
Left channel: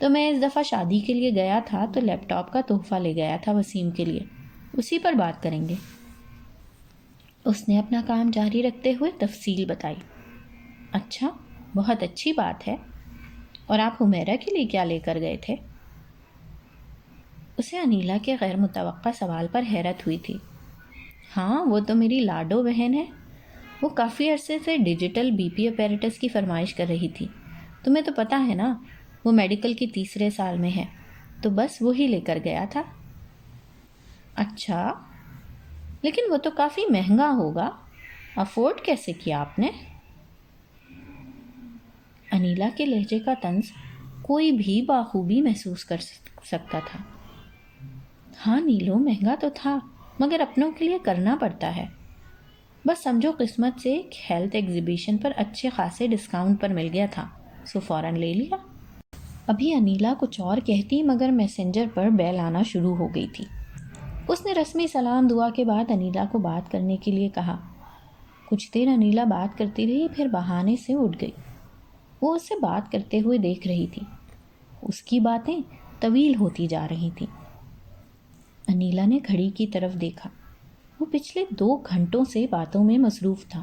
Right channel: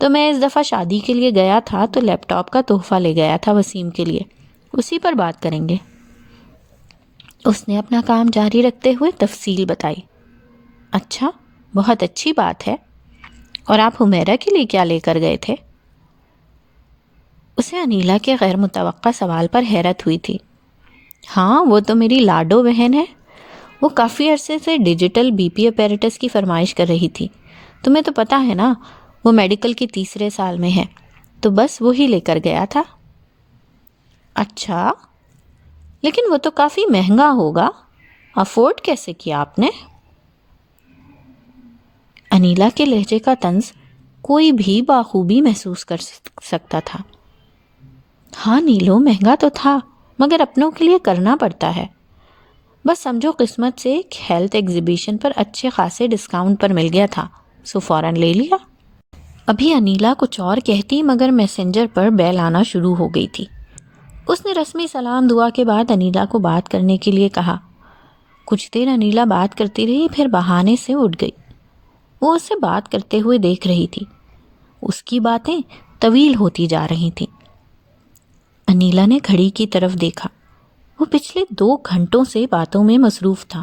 تو میں اس دفعہ شادی کے لیے گیا تھا تو لیپ ٹاپ کا تحفہ لے گیا تھا وسیم کے لیے، اسی پر بات کریں گے۔ اس نے اپنا کام جاری رکھتے ہوئے تفصیل بتائی۔ اچھا، بہت اچھی بات ہے۔ اور آپ حمیرہ کے لیے کیا لے کر گئے تھے؟ اسے انیلا کے غیر متوقع سوال پر حیرت ہوئی تھی۔ ہاں وہ تو میری لاڈو بہن ہے، وہ کافی عرصے سے ڈیجیٹل بی پی اپیریٹس کی فرمائش کر رہی تھی۔ تمہیں تو پتہ ہے نا، وہ میڈیکل کی تیسرے سال میں ہے، تو بس وہی لے کر گیا تھا۔ اچھا، لیکن وہ تو کافی مہنگا ہوگا، افورڈ کیسے کیا آپ نے؟ انیلا کے لہجے کا طنز کوئی بھی بخوبی محسوس کر سکتا تھا۔ ہاں نیلو، مہنگا تو تھا مگر اپنوں کے لیے کرنا پڑتا ہے۔ بس سمجھو قسمت سے ایک ہیلتھ ایگزیبیشن پر اچھے خاصے ڈسکاؤنٹ پر مل گیا تھا، سو فوراً لے لیا۔ ابھی انیلا کچھ اور کہتی مگر میسنجر پر بیل آنا شروع ہو گئی تھی۔ اس نے رسمی سلام دعا کے بعد انیلا کو بات کرنے کے لیے کہا۔ کچھ دیر انیلا بات کرتی رہی، پھر بہانے سے اٹھ گئی۔ وہ اسے بات کرتے ہوئے دیکھ رہی تھی، اس کی باتیں طویل ہوتی جا رہی تھیں۔ انیلا نے گھڑی کی طرف دیکھا، وہ پچھلے 2 گھنٹوں سے باتوں میں مصروف تھا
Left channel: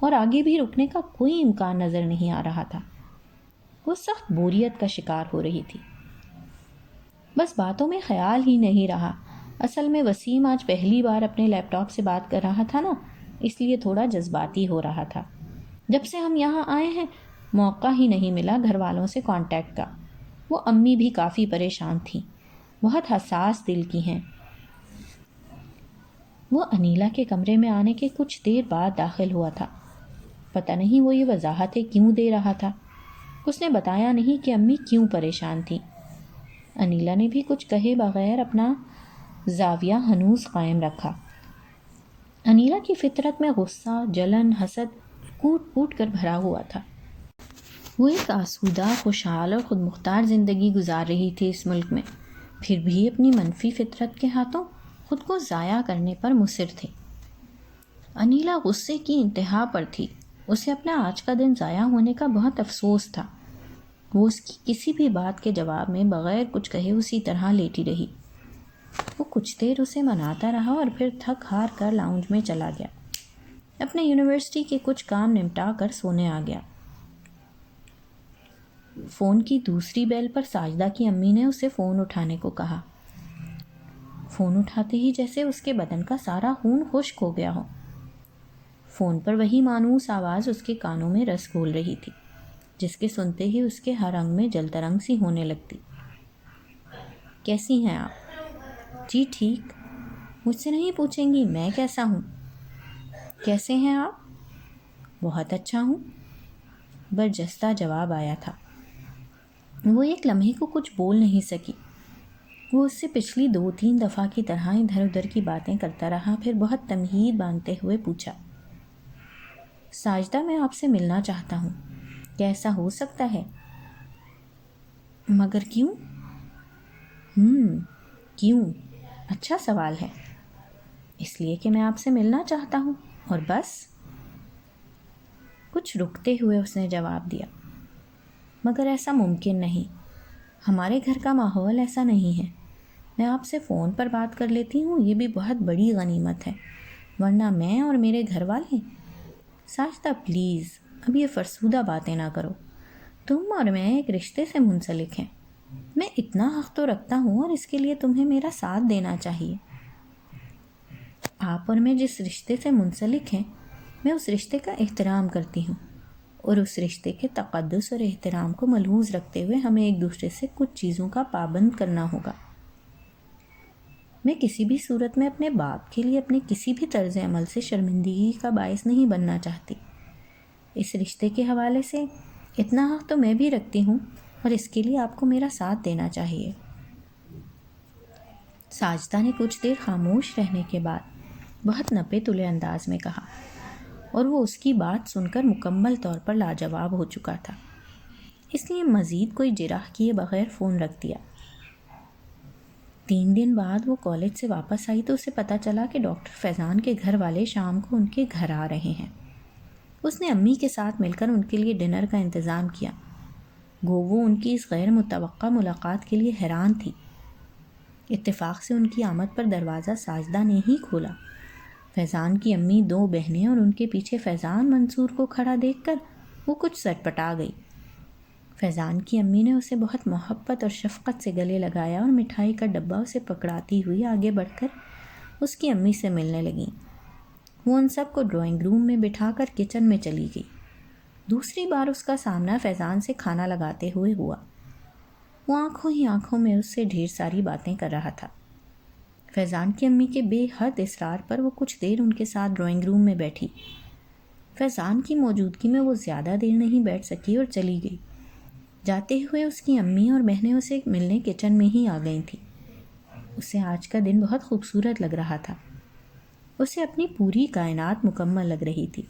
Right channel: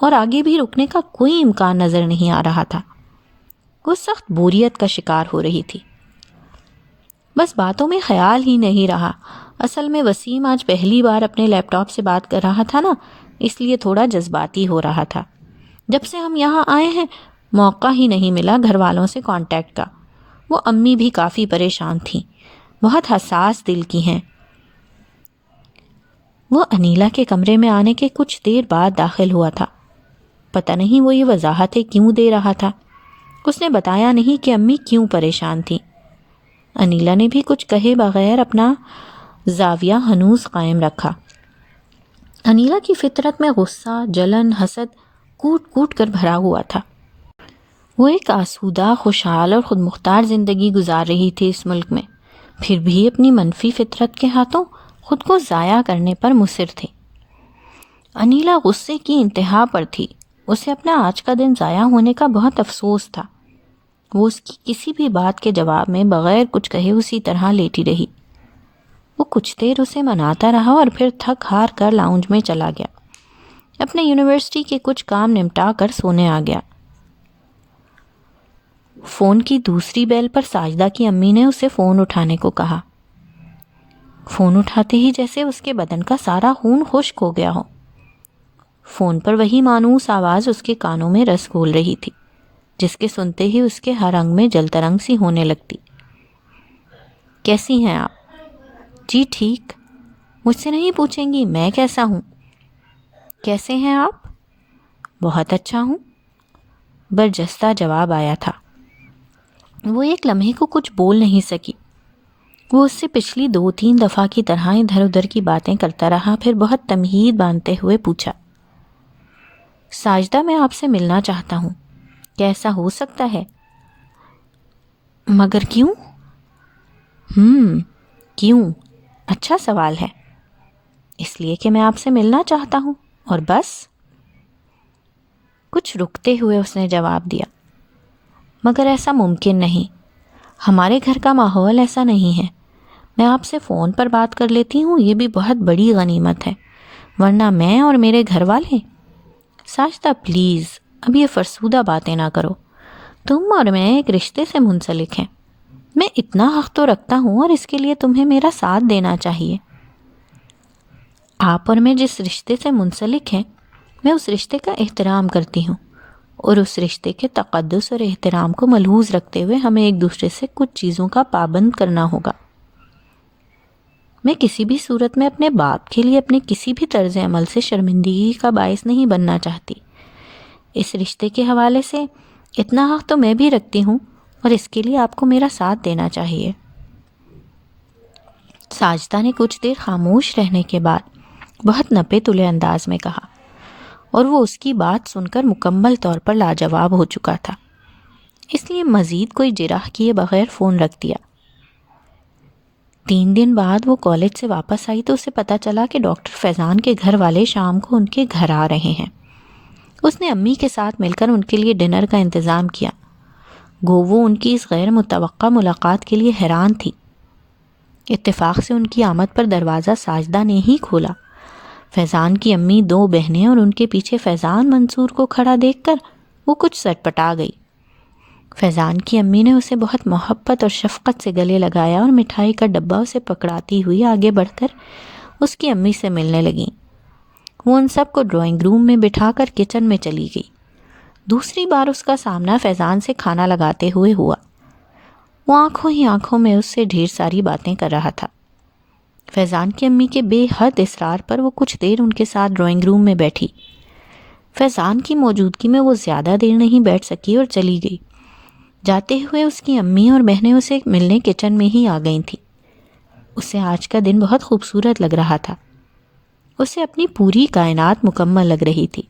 اور آگے بھی رکنے کا کوئی امکان نظر نہیں آ رہا تھا۔ وہ سخت بوریت کا شکار ہو رہی تھی۔ بس باتوں میں خیال ہی نہیں رہا۔ اصل میں وسیم آج پہلی بار اپنے لیپ ٹاپ سے بات کر رہا تھا نا، اس لیے تھوڑا جذباتی ہو رہا تھا۔ جب سے ہم یہاں آئے ہیں موقع ہی نہیں ملا گھر والوں سے کانٹیکٹ کا۔ وہ امی بھی کافی پریشان تھیں، بہت حساس دل کی ہیں۔ وہ انیلا کے کمرے میں آنے کے کچھ دیر بعد داخل ہوا تھا۔ پتہ نہیں وہ یہ وضاحتیں کیوں دے رہا تھا۔ اس نے بتایا نہیں کہ امی کیوں پریشان تھیں۔ انیلا نے بھی کچھ کہے بغیر اپنا زاویہ ہنوز قائم رکھا۔ انیلا کی فطرت میں غصہ، جلن، حسد کوٹ کوٹ کر بھرا ہوا تھا۔ وہ ایک آسودہ، خوشحال اور خود مختار زندگی گزار رہی تھی اس ملک میں، پھر بھی اپنی منفی فطرت کے ہاتھوں خود کو ضائع کرنے پر مصر تھی۔ انیلا غصے کی انتہا پر تھی۔ اسے اپنا آج کا دن ضائع ہونے کا بہت افسوس تھا۔ وہ اس کی کسی بھی بات کے جواب میں بغیر کچھ کہے اسی طرح لیٹی رہی۔ وہ کچھ دیر اسے مناتا رہا اور پھر تھک ہار کر لاؤنج میں چلا گیا۔ اپنے یونیورسٹی کے کچھ کام نمٹا کر سونے آ گیا۔ فون کی دوسری بیل پر ساجدہ کی امی نے اسے فون اٹھانے کو کہا۔ فون اٹھاتے ہی جیسے اس کے بدن کا سارا خون خشک ہو گیا ہو۔ فون پر وہی مانوس آواز اس کے کانوں میں رس گھول رہی تھی، جس کے سنتے ہی اس کے ہر انگ میں جل ترنگ سی ہونے لگتی۔ کیسی ہیں آپ؟ جی ٹھیک۔ مجھ سے نہیں پوچھیں گی میں کیسا ہوں؟ کیسے ہیں آپ؟ بہت اچھا ہوں، برجستہ جواب آیا تھا۔ وہ ایک لمحے کو کچھ بول نہیں سکی۔ وہ اس سے پچھلی 2-3 دفعہ کی طرح ادھر ادھر کی باتیں کرتا رہا، پھر بہت تمہید باندھتے ہوئے پوچھا، ساجدہ میں آپ سے ملنا چاہتا ہوں، کیا ایسا ہو سکتا ہے؟ مگر کیوں؟ کیوں؟ اچھا سوال ہے۔ اس لیے کہ میں آپ سے ملنا چاہتا ہوں، اور بس۔ کچھ رکتے ہوئے اس نے جواب دیا، مگر ایسا ممکن نہیں، ہمارے گھر کا ماحول ایسا نہیں ہے۔ میں آپ سے فون پر بات کر لیتی ہوں، یہ بھی بہت بڑی غنیمت ہے، ورنہ میں اور میرے گھر والے۔ ساجدہ پلیز، اب یہ فرسودہ باتیں نہ کرو، تم اور میں ایک رشتے سے منسلک ہیں، میں اتنا حق تو رکھتا ہوں، اور اس کے لیے تمہیں میرا ساتھ دینا چاہیے۔ آپ اور میں جس رشتے سے منسلک ہیں، میں اس رشتے کا احترام کرتی ہوں، اور اس رشتے کے تقدس اور احترام کو ملحوظ رکھتے ہوئے ہمیں ایک دوسرے سے کچھ چیزوں کا پابند کرنا ہوگا۔ میں کسی بھی صورت میں اپنے باپ کے لیے اپنے کسی بھی طرز عمل سے شرمندگی کا باعث نہیں بننا چاہتی۔ اس رشتے کے حوالے سے اتنا حق تو میں بھی رکھتی ہوں، اور اس کے لیے آپ کو میرا ساتھ دینا چاہیے۔ ساجدہ نے کچھ دیر خاموش رہنے کے بعد بہت نپے تلے انداز میں کہا، اور وہ اس کی بات سن کر مکمل طور پر لاجواب ہو چکا تھا، اس لیے مزید کوئی جرح کیے بغیر فون رکھ دیا۔ 3 دن بعد وہ کالج سے واپس آئی تو اسے پتہ چلا کہ ڈاکٹر فیضان کے گھر والے شام کو ان کے گھر آ رہے ہیں۔ اس نے امی کے ساتھ مل کر ان کے لیے ڈنر کا انتظام کیا، گو وہ ان کی اس غیر متوقع ملاقات کے لیے حیران تھی۔ اتفاق سے ان کی آمد پر دروازہ ساجدہ نے ہی کھولا۔ فیضان کی امی، 2 بہنیں اور ان کے پیچھے فیضان منصور کو کھڑا دیکھ کر وہ کچھ سٹپٹا گئی۔ فیضان کی امی نے اسے بہت محبت اور شفقت سے گلے لگایا اور مٹھائی کا ڈبہ اسے پکڑاتی ہوئی آگے بڑھ کر اس کی امی سے ملنے لگیں۔ وہ ان سب کو ڈرائنگ روم میں بٹھا کر کچن میں چلی گئی۔ دوسری بار اس کا سامنا فیضان سے کھانا لگاتے ہوئے ہوا۔ وہ آنکھوں ہی آنکھوں میں اس سے ڈھیر ساری باتیں کر رہا تھا۔ فیضان کی امی کے بے حد اصرار پر وہ کچھ دیر ان کے ساتھ ڈرائنگ روم میں بیٹھی۔ فیضان کی موجودگی میں وہ زیادہ دیر نہیں بیٹھ سکی اور چلی گئی۔ جاتے ہوئے اس کی امی اور بہنیں اسے ملنے کچن میں ہی آ گئی تھیں۔ اسے آج کا دن بہت خوبصورت لگ رہا تھا، اسے اپنی پوری کائنات مکمل لگ رہی تھی۔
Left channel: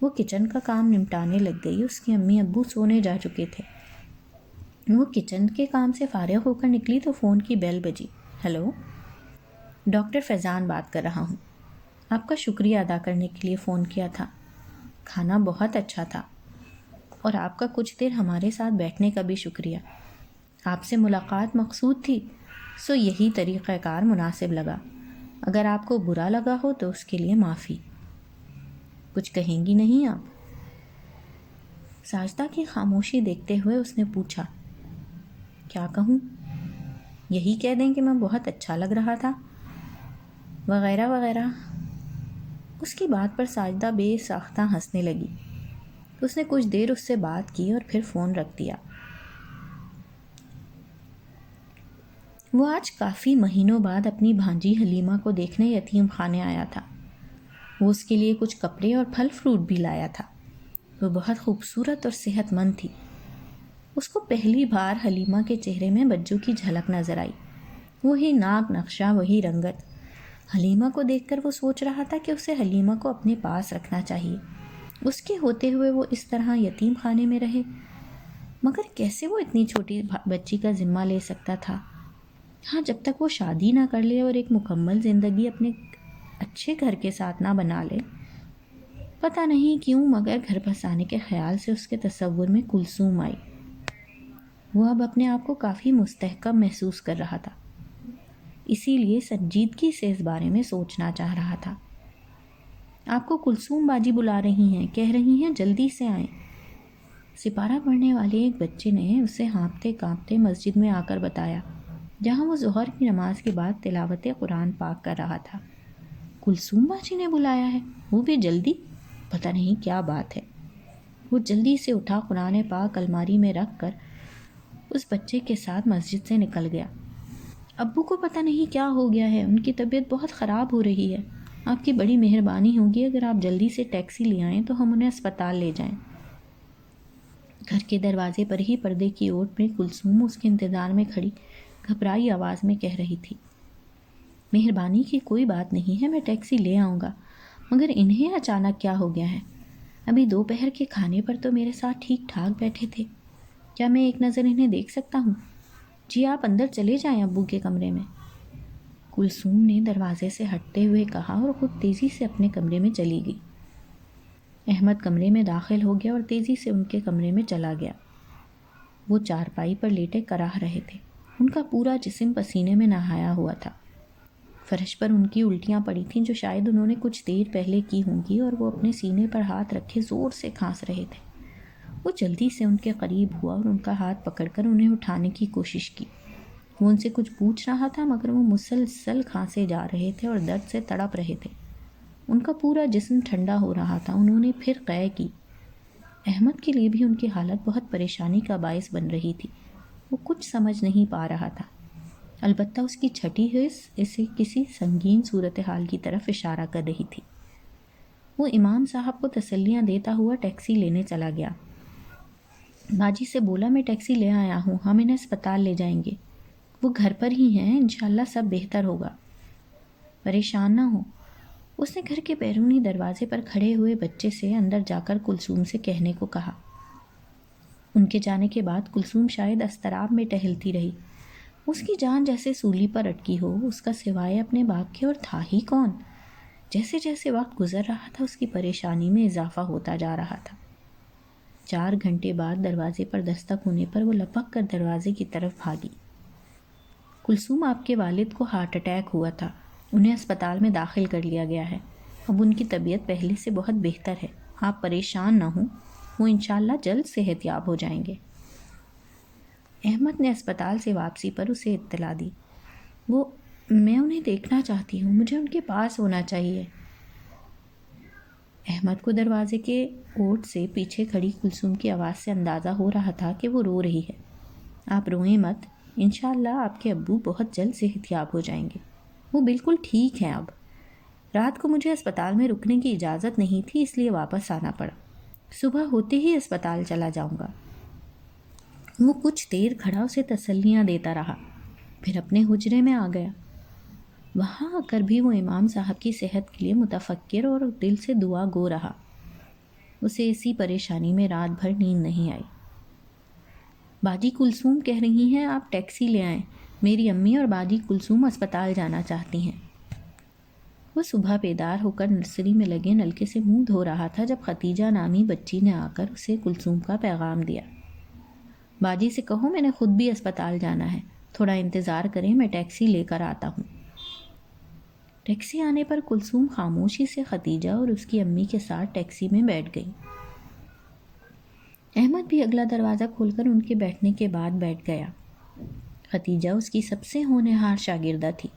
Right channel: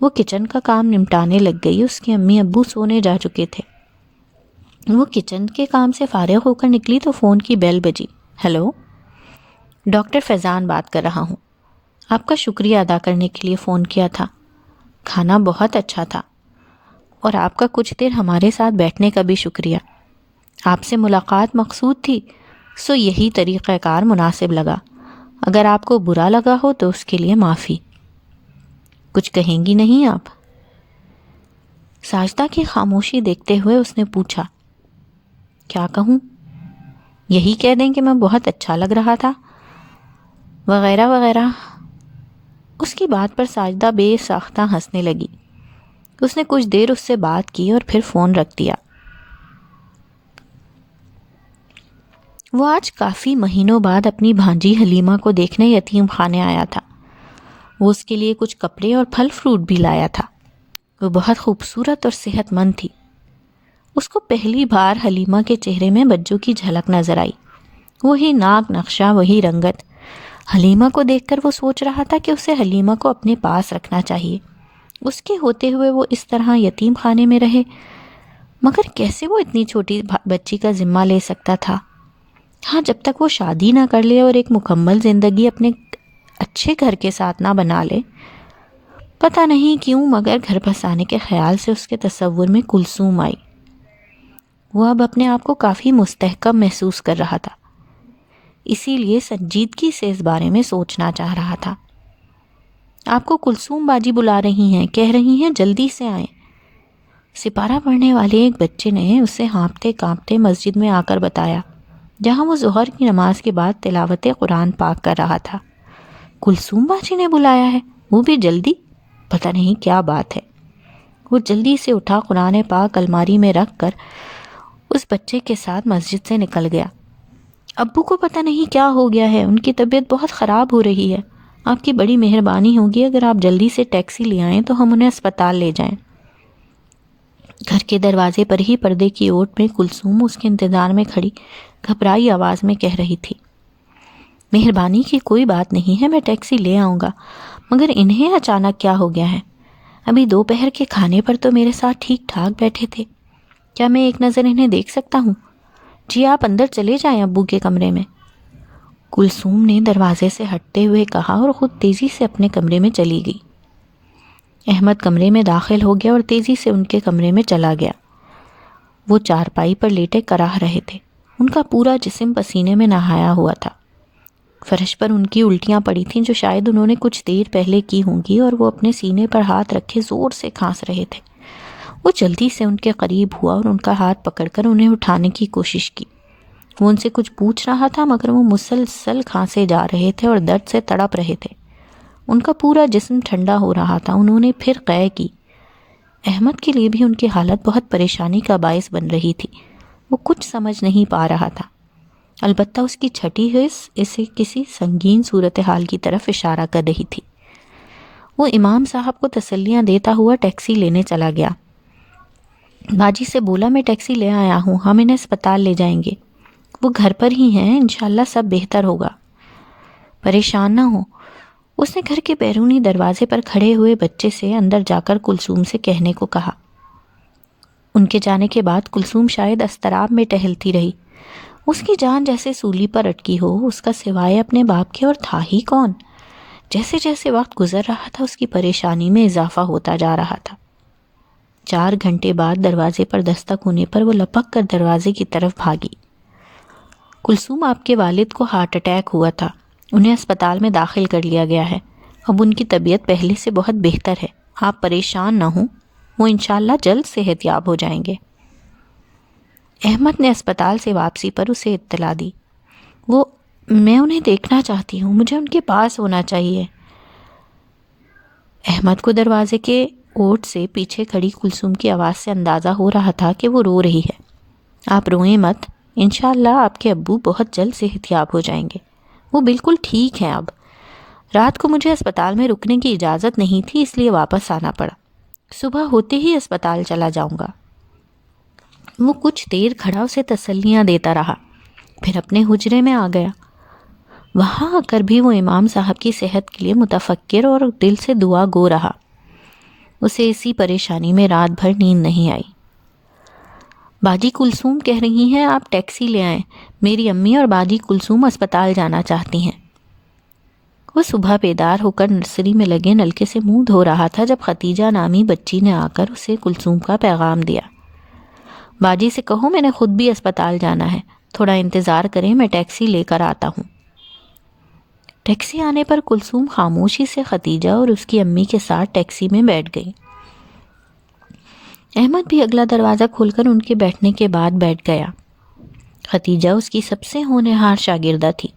وہ کچن کا کام نمٹانے لگ گئی۔ اس کے امی ابو سونے جا چکے تھے۔ وہ کچن کے کام سے فارغ ہو کر نکلی تو فون کی بیل بجی۔ ہیلو، ڈاکٹر فیضان بات کر رہا ہوں، آپ کا شکریہ ادا کرنے کے لیے فون کیا تھا۔ کھانا بہت اچھا تھا، اور آپ کا کچھ دیر ہمارے ساتھ بیٹھنے کا بھی شکریہ۔ آپ سے ملاقات مقصود تھی، سو یہی طریقہ کار مناسب لگا۔ اگر آپ کو برا لگا ہو تو اس کے لیے معافی۔ کچھ کہیں گی نہیں آپ؟ ساجدہ کی خاموشی دیکھتے ہوئے اس نے پوچھا، کیا کہوں؟ یہی کہہ دیں کہ میں بہت اچھا لگ رہا تھا، وغیرہ وغیرہ۔ اس کی بات پر ساجدہ بے ساختہ ہنسنے لگی۔ اس نے کچھ دیر اس سے بات کی اور پھر فون رکھ دیا۔ وہ آج کافی مہینوں بعد اپنی بھانجی حلیمہ کو دیکھنے یتیم خانے آیا تھا۔ وہ اس کے لیے کچھ کپڑے اور پھل فروٹ بھی لایا تھا۔ وہ بہت خوبصورت اور صحت مند تھی۔ اس کو پہلی بار حلیمہ کے چہرے میں بچوں کی جھلک نظر آئی۔ وہی ناک نقشہ، وہی رنگت۔ حلیمہ کو دیکھ کر وہ سوچ رہا تھا کہ اسے حلیمہ کو اپنے پاس رکھنا چاہیے۔ اس کے ہوتے ہوئے وہ اس طرح یتیم خانے میں رہے، مگر کیسے وہ اتنی چھوٹی بچی کا ذمہ لے سکتا تھا؟ ہاں، جب تک وہ شادی نہ کر لے اور ایک مکمل زندگی اپنے اچھے گھر کے ساتھ نہ بنا لے۔ پتہ نہیں کیوں، مگر گھر بسانے کے خیال سے اس کے تصور میں کلثوم آئی۔ وہ اب اپنے آپ کو کافی مستحکم محسوس کر رہا تھا، اسی لیے سنجیدگی سے اس بارے میں سوچنا چاہ رہا تھا۔ آپ کو کلثوم باجی بلا رہی ہیں، کہہ رہی ہیں جلدی سے آئیں۔ سپارہ پڑھنے والے ایک بچے نے اسے ہانپتے کانپتے مسجد میں آ کر بتایا، جہاں وہ ظہر کی نماز کے بعد تلاوت قرآن پاک کر رہا تھا۔ کلثوم باجی نے بلایا ہے، وہ بھی جلدی؟ پتہ نہیں کیا بات ہے۔ وہ جلدی سے اٹھا، قرآن پاک الماری میں رکھ کر اس بچے کے ساتھ مسجد سے نکل گیا۔ ابو کو پتہ نہیں کیا ہو گیا ہے، ان کی طبیعت بہت خراب ہو رہی ہے۔ آپ کی بڑی مہربانی ہوگی اگر آپ جلدی سے ٹیکسی لے آئیں تو ہم انہیں اسپتال لے جائیں۔ گھر کے دروازے پر ہی پردے کی اوٹ میں کلثوم اس کے انتظار میں کھڑی گھبرائی آواز میں کہہ رہی تھی، مہربانی کی کوئی بات نہیں ہے، میں ٹیکسی لے آؤں گا، مگر انہیں اچانک کیا ہو گیا ہے؟ ابھی دوپہر کے کھانے پر تو میرے ساتھ ٹھیک ٹھاک بیٹھے تھے، کیا میں ایک نظر انہیں دیکھ سکتا ہوں؟ جی آپ اندر چلے جائیں ابو کے کمرے میں، کلثوم نے دروازے سے ہٹتے ہوئے کہا اور خود تیزی سے اپنے کمرے میں چلی گئی۔ احمد کمرے میں داخل ہو گیا اور تیزی سے ان کے کمرے میں چلا گیا۔ وہ چارپائی پر لیٹے کراہ رہے تھے، ان کا پورا جسم پسینے میں نہایا ہوا تھا۔ فرش پر ان کی الٹیاں پڑی تھیں جو شاید انہوں نے کچھ دیر پہلے کی ہوں گی، اور وہ اپنے سینے پر ہاتھ رکھے زور سے کھانس رہے تھے۔ وہ جلدی سے ان کے قریب ہوا اور ان کا ہاتھ پکڑ کر انہیں اٹھانے کی کوشش کی۔ وہ ان سے کچھ پوچھ رہا تھا مگر وہ مسلسل کھانسے جا رہے تھے اور درد سے تڑپ رہے تھے۔ ان کا پورا جسم ٹھنڈا ہو رہا تھا۔ انہوں نے پھر قے کی۔ احمد کے لیے بھی ان کی حالت بہت پریشانی کا باعث بن رہی تھی۔ وہ کچھ سمجھ نہیں پا رہا تھا، البتہ اس کی چھٹی حس اسے کسی سنگین صورتحال کی طرف اشارہ کر رہی تھی۔ وہ امام صاحب کو تسلیاں دیتا ہوا ٹیکسی لینے چلا گیا۔ باجی سے بولا میں ٹیکسی لے آیا ہوں، ہم انہیں اسپتال لے جائیں گے، وہ گھر پر ہی ہیں، انشاءاللہ سب بہتر ہوگا، پریشان نہ ہو۔ اس نے گھر کے بیرونی دروازے پر کھڑے ہوئے بچے سے اندر جا کر کلثوم سے کہنے کو کہا۔ ان کے جانے کے بعد کلثوم شاید اضطراب میں ٹہلتی رہی۔ اس کی جان جیسے سولی پر اٹکی ہو، اس کا سوائے اپنے باپ کے اور تھا ہی کون؟ جیسے جیسے وقت گزر رہا تھا اس کی پریشانی میں اضافہ ہوتا جا رہا تھا۔ 4 گھنٹے بعد دروازے پر دستک ہونے پر وہ لپک کر دروازے کی طرف بھاگی۔ کلثوم آپ کے والد کو ہارٹ اٹیک ہوا تھا، انہیں اسپتال میں داخل کر لیا گیا ہے، اب ان کی طبیعت پہلے سے بہت بہتر ہے، آپ پریشان نہ ہوں، وہ انشاءاللہ جلد صحت یاب ہو جائیں گے۔ احمد نے اسپتال سے واپسی پر اسے اطلاع دی۔ میں انہیں دیکھنا چاہتی ہوں، مجھے ان کے پاس ہونا چاہیے۔ احمد کو دروازے کے اوٹ سے پیچھے کھڑی کلثوم کی آواز سے اندازہ ہو رہا تھا کہ وہ رو رہی ہے۔ آپ روئیں مت، انشاءاللہ آپ کے ابو بہت جلد صحت یاب ہو جائیں گے، وہ بالکل ٹھیک ہیں۔ اب رات کو مجھے اسپتال میں رکنے کی اجازت نہیں تھی، اس لیے واپس آنا پڑا، صبح ہوتے ہی اسپتال چلا جاؤں گا۔ وہ کچھ دیر کھڑا اسے تسلیاں دیتا رہا، پھر اپنے حجرے میں آ گیا۔ وہاں آ کر بھی وہ امام صاحب کی صحت کے لیے متفکر اور دل سے دعا گو رہا۔ اسے اسی پریشانی میں رات بھر نیند نہیں آئی۔ باجی کلثوم کہہ رہی ہیں آپ ٹیکسی لے آئیں، میری امی اور باجی کلثوم اسپتال جانا چاہتی ہیں۔ وہ صبح بیدار ہو کر نرسری میں لگے نلکے سے منہ دھو رہا تھا جب ختیجہ نامی بچی نے آ کر اسے کلثوم کا پیغام دیا۔ باجی سے کہو میں نے خود بھی اسپتال جانا ہے، تھوڑا انتظار کریں، میں ٹیکسی لے کر آتا ہوں۔ ٹیکسی آنے پر کلثوم خاموشی سے ختیجہ اور اس کی امی کے ساتھ ٹیکسی میں بیٹھ گئی۔ احمد بھی اگلا دروازہ کھول کر ان کے بیٹھنے کے بعد بیٹھ گیا۔ ختیجہ اس کی سب سے ہونہار شاگردہ تھی۔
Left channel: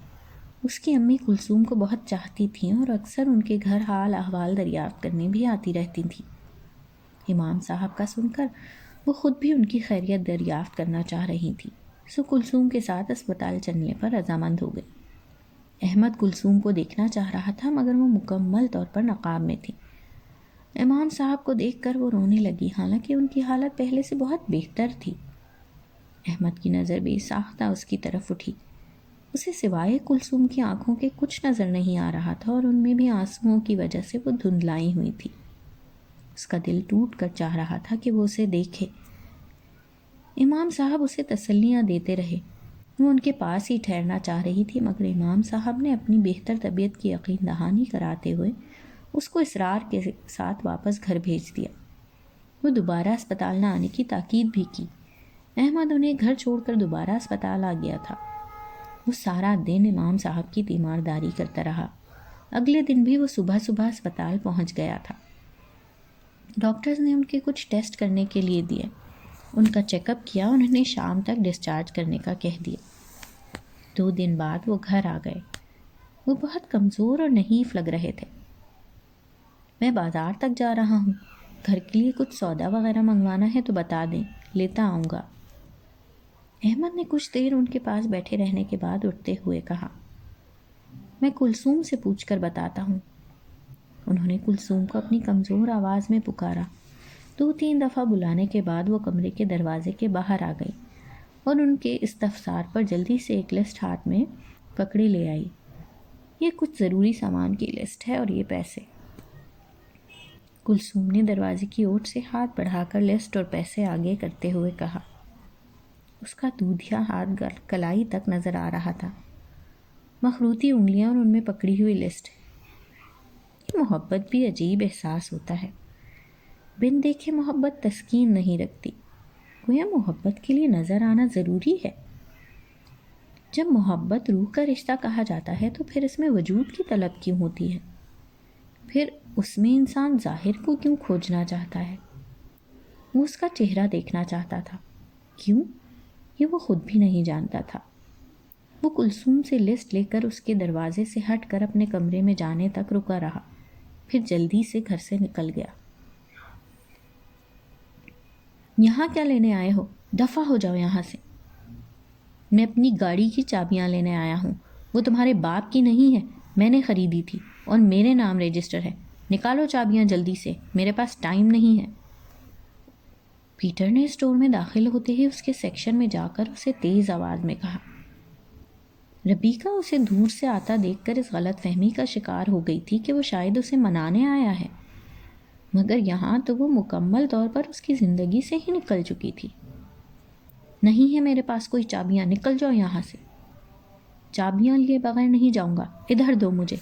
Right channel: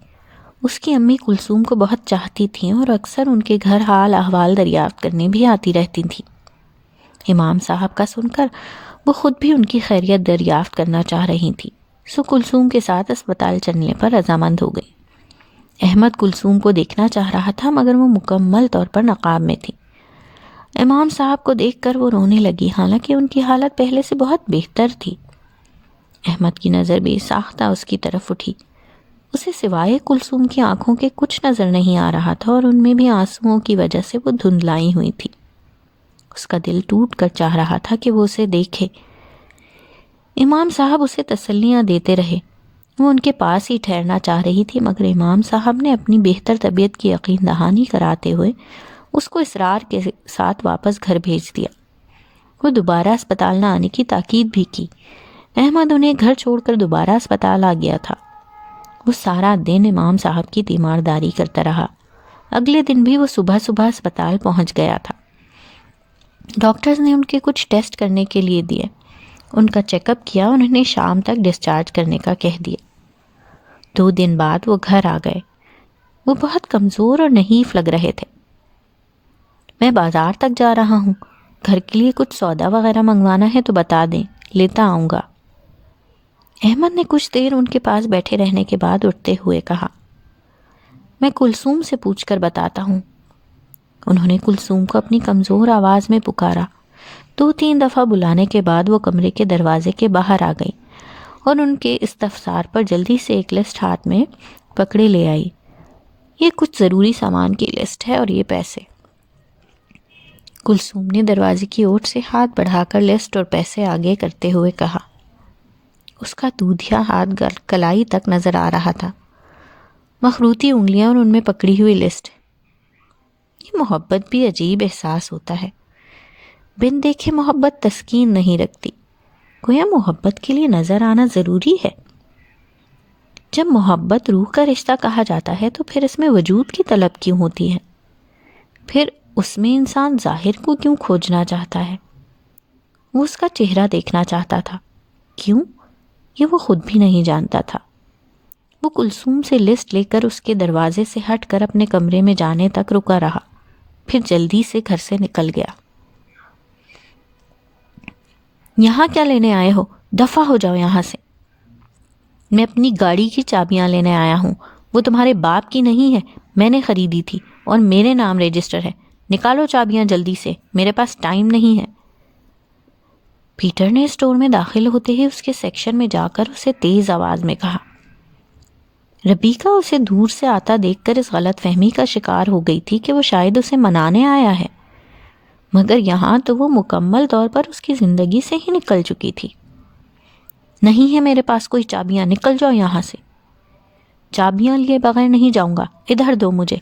اس کی امی کلثوم کو بہت چاہتی تھیں اور اکثر ان کے گھر حال احوال دریافت کرنے بھی آتی رہتی تھیں۔ امام صاحب کا سن کر وہ خود بھی ان کی خیریت دریافت کرنا چاہ رہی تھی، سو کلثوم کے ساتھ اسپتال چلنے پر رضامند ہو گئی۔ احمد کلثوم کو دیکھنا چاہ رہا تھا مگر وہ مکمل طور پر نقاب میں تھی۔ امام صاحب کو دیکھ کر وہ رونے لگی، حالانکہ ان کی حالت پہلے سے بہت بہتر تھی۔ احمد کی نظر بے ساختہ اس کی طرف اٹھی۔ اسے سوائے کلثوم کی آنکھوں کے کچھ نظر نہیں آ رہا تھا اور ان میں بھی آنسوؤں کی وجہ سے وہ دھندلائی ہوئی تھی۔ اس کا دل ٹوٹ کر چاہ رہا تھا کہ وہ اسے دیکھے۔ امام صاحب اسے تسلیاں دیتے رہے۔ وہ ان کے پاس ہی ٹھہرنا چاہ رہی تھی مگر امام صاحب نے اپنی بہتر طبیعت کی یقین دہانی کراتے ہوئے اس کو اصرار کے ساتھ واپس گھر بھیج دیا۔ وہ دوبارہ اسپتال نہ آنے کی تاکید بھی کی۔ احمد انہیں گھر چھوڑ کر دوبارہ اسپتال آ گیا تھا۔ وہ سارا دن امام صاحب کی تیمارداری کرتا رہا۔ اگلے دن بھی وہ صبح صبح اسپتال پہنچ گیا تھا۔ ڈاکٹرز نے ان کے کچھ ٹیسٹ کرنے کے لیے دیے، ان کا چیک اپ کیا اور انہیں شام تک ڈسچارج کرنے کا کہہ دیا۔ 2 دن بعد وہ گھر آ گئے۔ وہ بہت کمزور اور نحیف لگ رہے تھے۔ میں بازار تک جا رہا ہوں، گھر کے لیے کچھ سودا وغیرہ منگوانا ہے تو بتا دیں، لیتا آؤں گا۔ احمد نے کچھ دیر ان کے پاس بیٹھے رہنے کے بعد اٹھتے ہوئے کہا، میں کلثوم سے پوچھ کر بتاتا ہوں۔ انہوں نے کلثوم کو اپنی کمزور آواز میں پکارا۔ 2-3 دفعہ بلانے کے بعد وہ کمرے کے دروازے کے باہر آ گئی اور ان کے استفسار پر جلدی سے ایک لسٹ ہاتھ میں پکڑے لے آئی۔ یہ کچھ ضروری سامان کی لسٹ ہے اور یہ پیسے۔ کلثوم نے دروازے کی اوٹ سے ہاتھ بڑھا کر لسٹ اور پیسے آگے کرتے ہوئے کہا۔ اس کا دودھیا ہاتھ کلائی تک نظر آ رہا تھا، مخروطی انگلیاں اور ان میں پکڑی ہوئی لسٹ۔ یہ محبت بھی عجیب احساس ہوتا ہے، بن دیکھے محبت تسکین نہیں رکھتی، گویا محبت کے لیے نظر آنا ضروری ہے۔ جب محبت روح کا رشتہ کہا جاتا ہے تو پھر اس میں وجود کی طلب کیوں ہوتی ہے؟ پھر اس میں انسان ظاہر کو کیوں کھوجنا چاہتا ہے؟ وہ اس کا چہرہ دیکھنا چاہتا تھا، کیوں؟ یہ وہ خود بھی نہیں جانتا تھا۔ وہ کلثوم سے لسٹ لے کر اس کے دروازے سے ہٹ کر اپنے کمرے میں جانے تک رکا رہا، پھر جلدی سے گھر سے نکل گیا۔ یہاں کیا لینے آئے ہو؟ دفع ہو جاؤ یہاں سے۔ میں اپنی گاڑی کی چابیاں لینے آیا ہوں، وہ تمہارے باپ کی نہیں ہے، میں نے خریدی تھی اور میرے نام رجسٹر ہے۔ نکالو چابیاں جلدی سے، میرے پاس ٹائم نہیں ہے۔ پیٹر نے اسٹور میں داخل ہوتے ہی اس کے سیکشن میں جا کر اسے تیز آواز میں کہا۔ ربیکہ اسے دور سے آتا دیکھ کر اس غلط فہمی کا شکار ہو گئی تھی کہ وہ شاید اسے منانے آیا ہے، مگر یہاں تو وہ مکمل طور پر اس کی زندگی سے ہی نکل چکی تھی۔ نہیں ہے میرے پاس کوئی چابیاں، نکل جاؤ یہاں سے۔ چابیاں لیے بغیر نہیں جاؤں گا، ادھر دو مجھے۔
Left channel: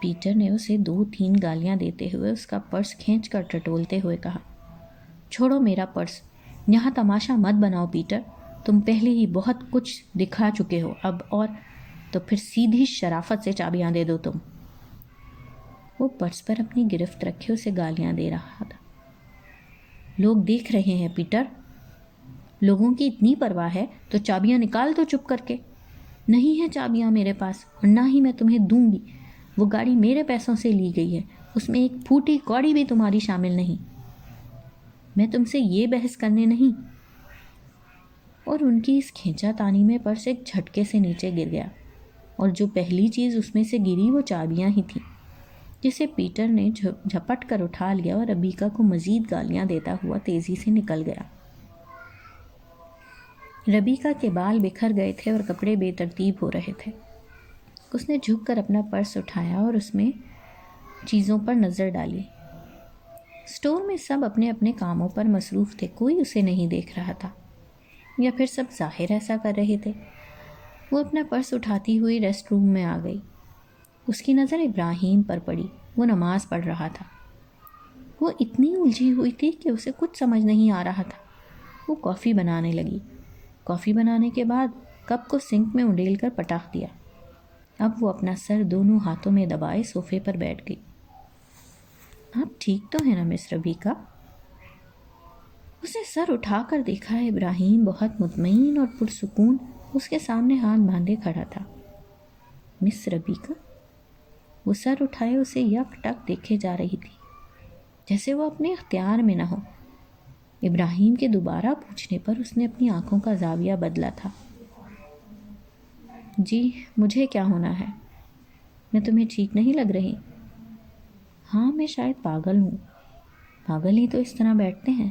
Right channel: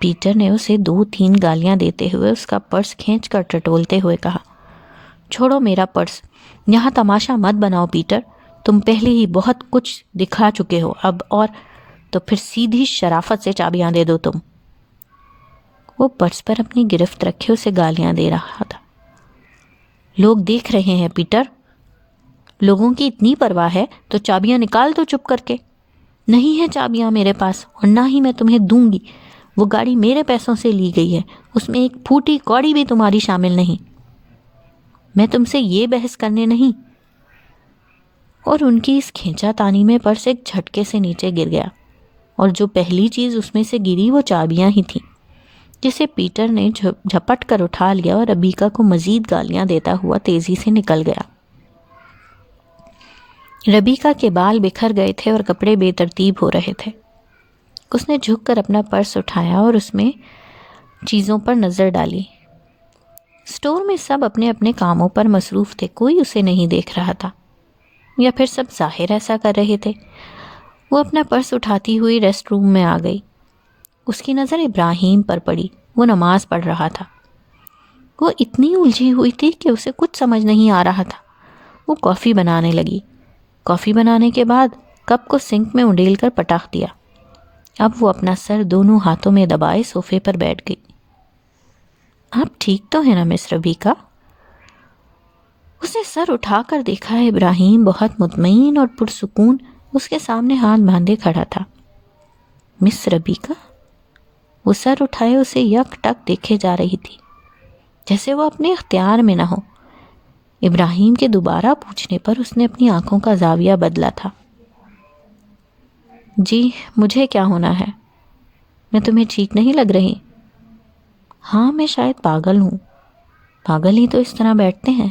پیٹر نے اسے 2-3 گالیاں دیتے ہوئے اس کا پرس کھینچ کر ٹٹولتے ہوئے کہا، چھوڑو میرا پرس، یہاں تماشا مت بناؤ پیٹر، تم پہلے ہی بہت کچھ دکھا چکے ہو اب، اور تو پھر سیدھی شرافت سے چابیاں دے دو تم۔ وہ پرس پر اپنی گرفت رکھے اسے گالیاں دے رہا تھا۔ لوگ دیکھ رہے ہیں پیٹر، لوگوں کی اتنی پرواہ ہے تو چابیاں نکال دو چپ کر کے۔ نہیں ہے چابیاں میرے پاس، اور نہ ہی میں تمہیں دوں گی، وہ گاڑی میرے پیسوں سے لی گئی ہے، اس میں ایک پھوٹی کوڑی بھی تمہاری شامل نہیں، میں تم سے یہ بحث کرنے نہیں۔ اور ان کی اس کھینچا تانی میں پرس ایک جھٹکے سے نیچے گر گیا، اور جو پہلی چیز اس میں سے گری وہ چابیاں ہی تھیں، جسے پیٹر نے جھپٹ کر اٹھا لیا اور ربیکہ کو مزید گالیاں دیتا ہوا تیزی سے نکل گیا۔ ربیکہ کے بال بکھر گئے تھے اور کپڑے بے ترتیب ہو رہے تھے۔ اس نے جھک کر اپنا پرس اٹھایا اور اس میں چیزوں پر نظر ڈالی۔ اسٹور میں سب اپنے اپنے کاموں پر مصروف تھے، کوئی اسے نہیں دیکھ رہا تھا، یا پھر سب ظاہر ایسا کر رہے تھے۔ وہ اپنا پرس اٹھاتی ہوئی ریسٹ روم میں آ گئی۔ اس کی نظر ابراہیم پر پڑی، وہ نماز پڑھ رہا تھا۔ وہ اتنی الجھی ہوئی تھی کہ اسے کچھ سمجھ نہیں آ رہا تھا۔ وہ کافی بنانے لگی۔ کافی بنانے کے بعد کپ کو سنک میں انڈیل کر پٹاخ دیا۔ اب وہ اپنا سر دونوں ہاتھوں میں دبائے صوفے پر بیٹھ گئی۔ آپ ٹھیک تو ہیں نا مس ربیکہ؟ اس نے سر اٹھا کر دیکھا، ابراہیم بہت مطمئن اور پرسکون اس کے سامنے ہاتھ باندھے کھڑا تھا۔ مس ربیکہ؟ وہ سر اٹھائے اسے یک ٹک دیکھے جا رہی تھی، جیسے وہ اپنے اختیار میں نہ ہو۔ ابراہیم کے دوبارہ پوچھنے پر اس نے اپنی آنکھوں کا زاویہ بدلا تھا۔ جی مجھے کیا ہونا ہے؟ میں تمہیں ٹھیک نہیں لگ رہی؟ ہاں میں شاید پاگل ہوں۔ پاگل ہی تو اس طرح بیٹھتے ہیں۔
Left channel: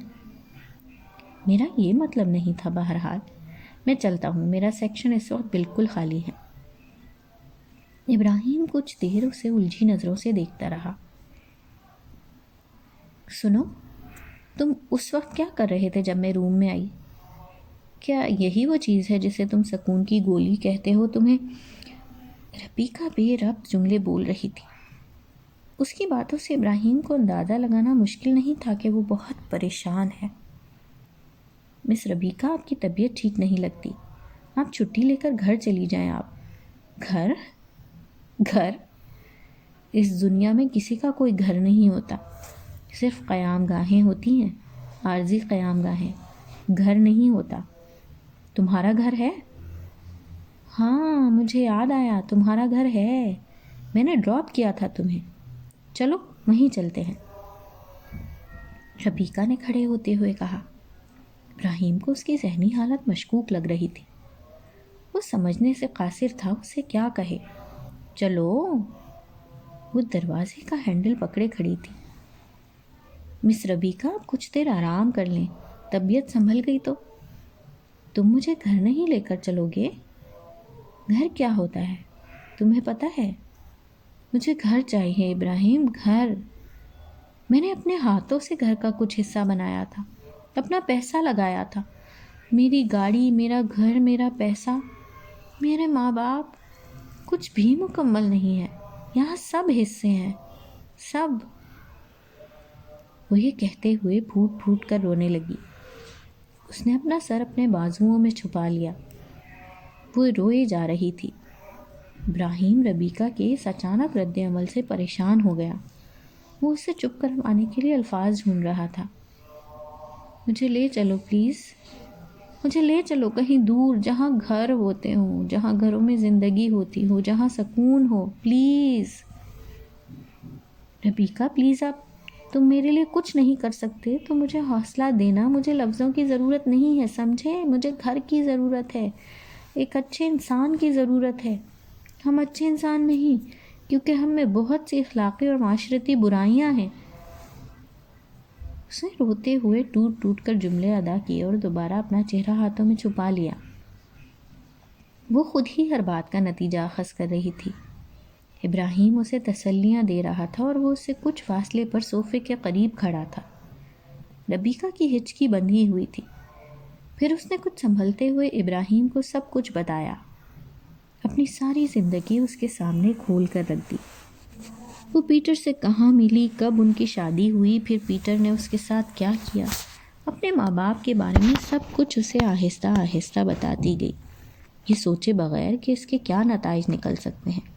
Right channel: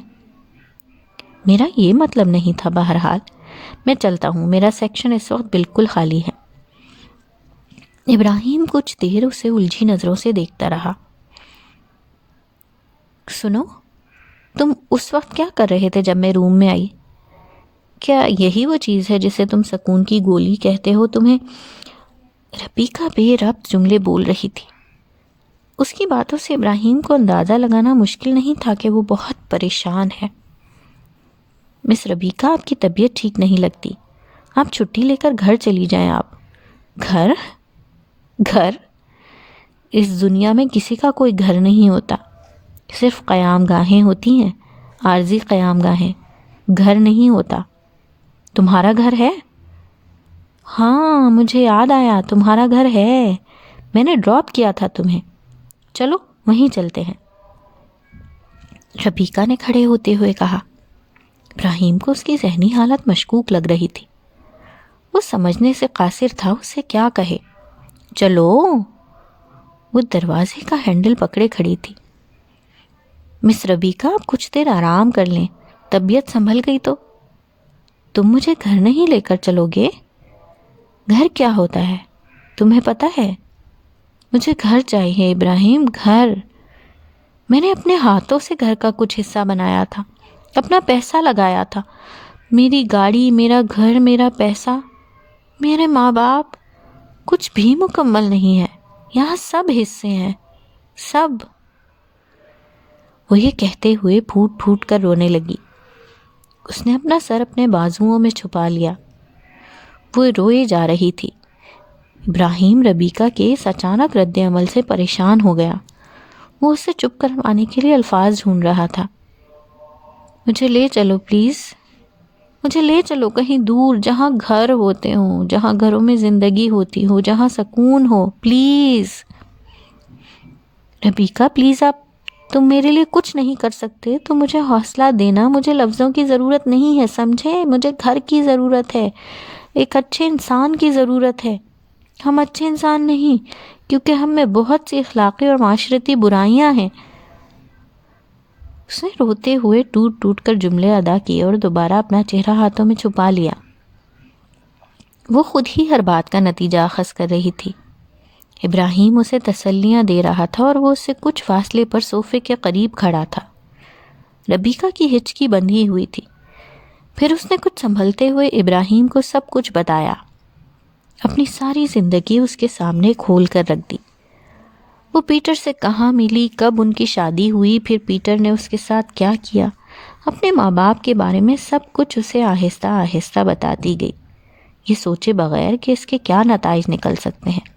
میرا یہ مطلب نہیں تھا، بہرحال میں چلتا ہوں، میرا سیکشن اس وقت بالکل خالی ہے۔ ابراہیم کچھ دیر اسے الجھی نظروں سے دیکھتا رہا۔ سنو، تم اس وقت کیا کر رہے تھے جب میں روم میں آئی؟ کیا یہی وہ چیز ہے جسے تم سکون کی گولی کہتے ہو؟ تمہیں؟ ربیکہ بے ربط جملے بول رہی تھی۔ اس کی باتوں سے ابراہیم کو اندازہ لگانا مشکل نہیں تھا کہ وہ بہت پریشان ہے۔ مس ربیکہ، آپ کی طبیعت ٹھیک نہیں لگتی، آپ چھٹی لے کر گھر چلی جائیں۔ آپ گھر؟ گھر؟ اس دنیا میں کسی کا کوئی گھر نہیں ہوتا، صرف قیام گاہیں ہوتی ہیں، عارضی قیام گاہیں، گھر نہیں ہوتا۔ تمہارا گھر ہے؟ ہاں مجھے یاد آیا، تمہارا گھر ہے، میں نے ڈراپ کیا تھا تمہیں، چلو وہیں چلتے ہیں، ربیکہ نے کھڑے ہوتے ہوئے کہا۔ ابراہیم کو اس کی ذہنی حالت مشکوک لگ رہی تھی۔ وہ سمجھنے سے قاصر تھا اسے کیا کہے۔ چلو، وہ دروازے کا ہینڈل پکڑے کھڑی تھی۔ مس ربیکہ، آپ کچھ دیر آرام کر لیں، طبیعت سنبھل گئی تو۔ تم مجھے گھر نہیں لے کر چلو گے؟ گھر کیا ہوتا ہے تمہیں پتہ ہے؟ مجھے گھر چاہیے ابراہیم، گھر۔ میں نے اپنے ہاتھوں سے گھر کا کچھ حصہ بنایا تھا، اپنا پیسہ لگایا تھا، میری گاڑی، میرا گھر، میرا پیسہ، میرے ماں باپ، کچھ بھی مکمل نہیں ہے. یہاں سب حصے ہیں، سب. وہ یہ کہتے ہوئے پھوٹ پھوٹ کر رونے لگی. اس نے اپنا سر اپنے بازوؤں میں چھپا لیا. وہ روئے جا رہی تھی. ابراہیم ربیکہ کے اس اچانک رد عمل سے پریشان ہو گیا. وہ اسے چپ کروانے کے لیے الفاظ ڈھونڈ رہا تھا. مجھے لے چلو پلیز، مجھے لے چلو کہیں دور، جہاں گھر ہوتے ہوں، جہاں گھروں میں زندگی ہوتی ہو، جہاں سکون ہو، پلیز. ربیکہ پلیز، تم میرے لیے کچھ نہیں کر سکتے تو مجھے حوصلہ دینا. مجھے لفظوں کی ضرورت نہیں ہے، سمجھے؟ مجھے گھر کی ضرورت ہے، ایک اچھے انسان کی ضرورت ہے. ہم اچھے انسان نہیں، کیونکہ ہم میں بہت سی اخلاقی اور معاشرتی برائیاں ہیں. اس نے روتے ہوئے ٹوٹ ٹوٹ کر جملے ادا کیے اور دوبارہ اپنا چہرہ ہاتھوں میں چھپا لیا. وہ خود ہی ہر بات کا نتیجہ اخذ کر رہی تھی. ابراہیم اسے تسلیاں دے رہا تھا اور وہ اس سے کچھ فاصلے پر صوفے کے قریب کھڑا تھا. ربیکہ کی ہچکی بندھی ہوئی تھی. پھر اس نے کچھ سنبھلتے ہوئے ابراہیم کو سب کچھ بتایا. اپنی ساری زندگی اس کے سامنے کھول کر رکھ دی. وہ پیٹر سے کہاں ملی، کب ان کی شادی ہوئی، پھر پیٹر نے اس کے ساتھ کیا کیا، اپنے ماں باپ کے بارے میں سب کچھ اسے آہستہ آہستہ بتاتی گئی، یہ سوچے بغیر کہ اس کے کیا نتائج نکل سکتے ہیں.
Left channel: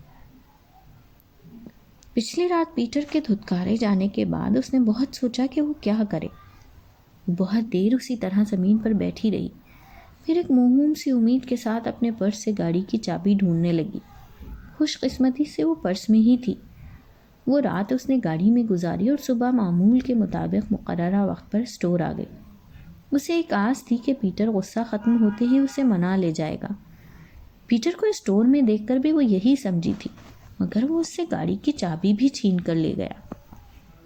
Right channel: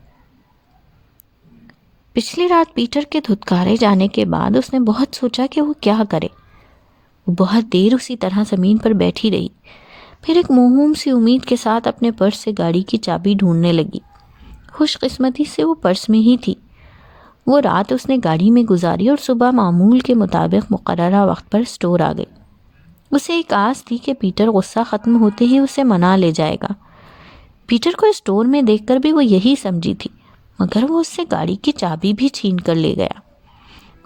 پچھلی رات پیٹر کے دھتکارے جانے کے بعد اس نے بہت سوچا کہ وہ کیا کرے. وہ بہت دیر اسی طرح زمین پر بیٹھی رہی. پھر ایک موہوم سی امید کے ساتھ اپنے پرس سے گاڑی کی چابی ڈھونڈنے لگی. خوش قسمتی سے وہ پرس میں ہی تھی. وہ رات اس نے گاڑی میں گزاری اور صبح معمول کے مطابق مقررہ وقت پر اسٹور آ گئی. اسے ایک آس تھی کہ پیٹر غصہ ختم ہوتے ہی اسے منا لے جائے گا. پیٹر کو اسٹور میں دیکھ کر بھی وہ یہی سمجھی تھی، مگر وہ اس سے گاڑی کی چابی بھی چھین کر لے گیا.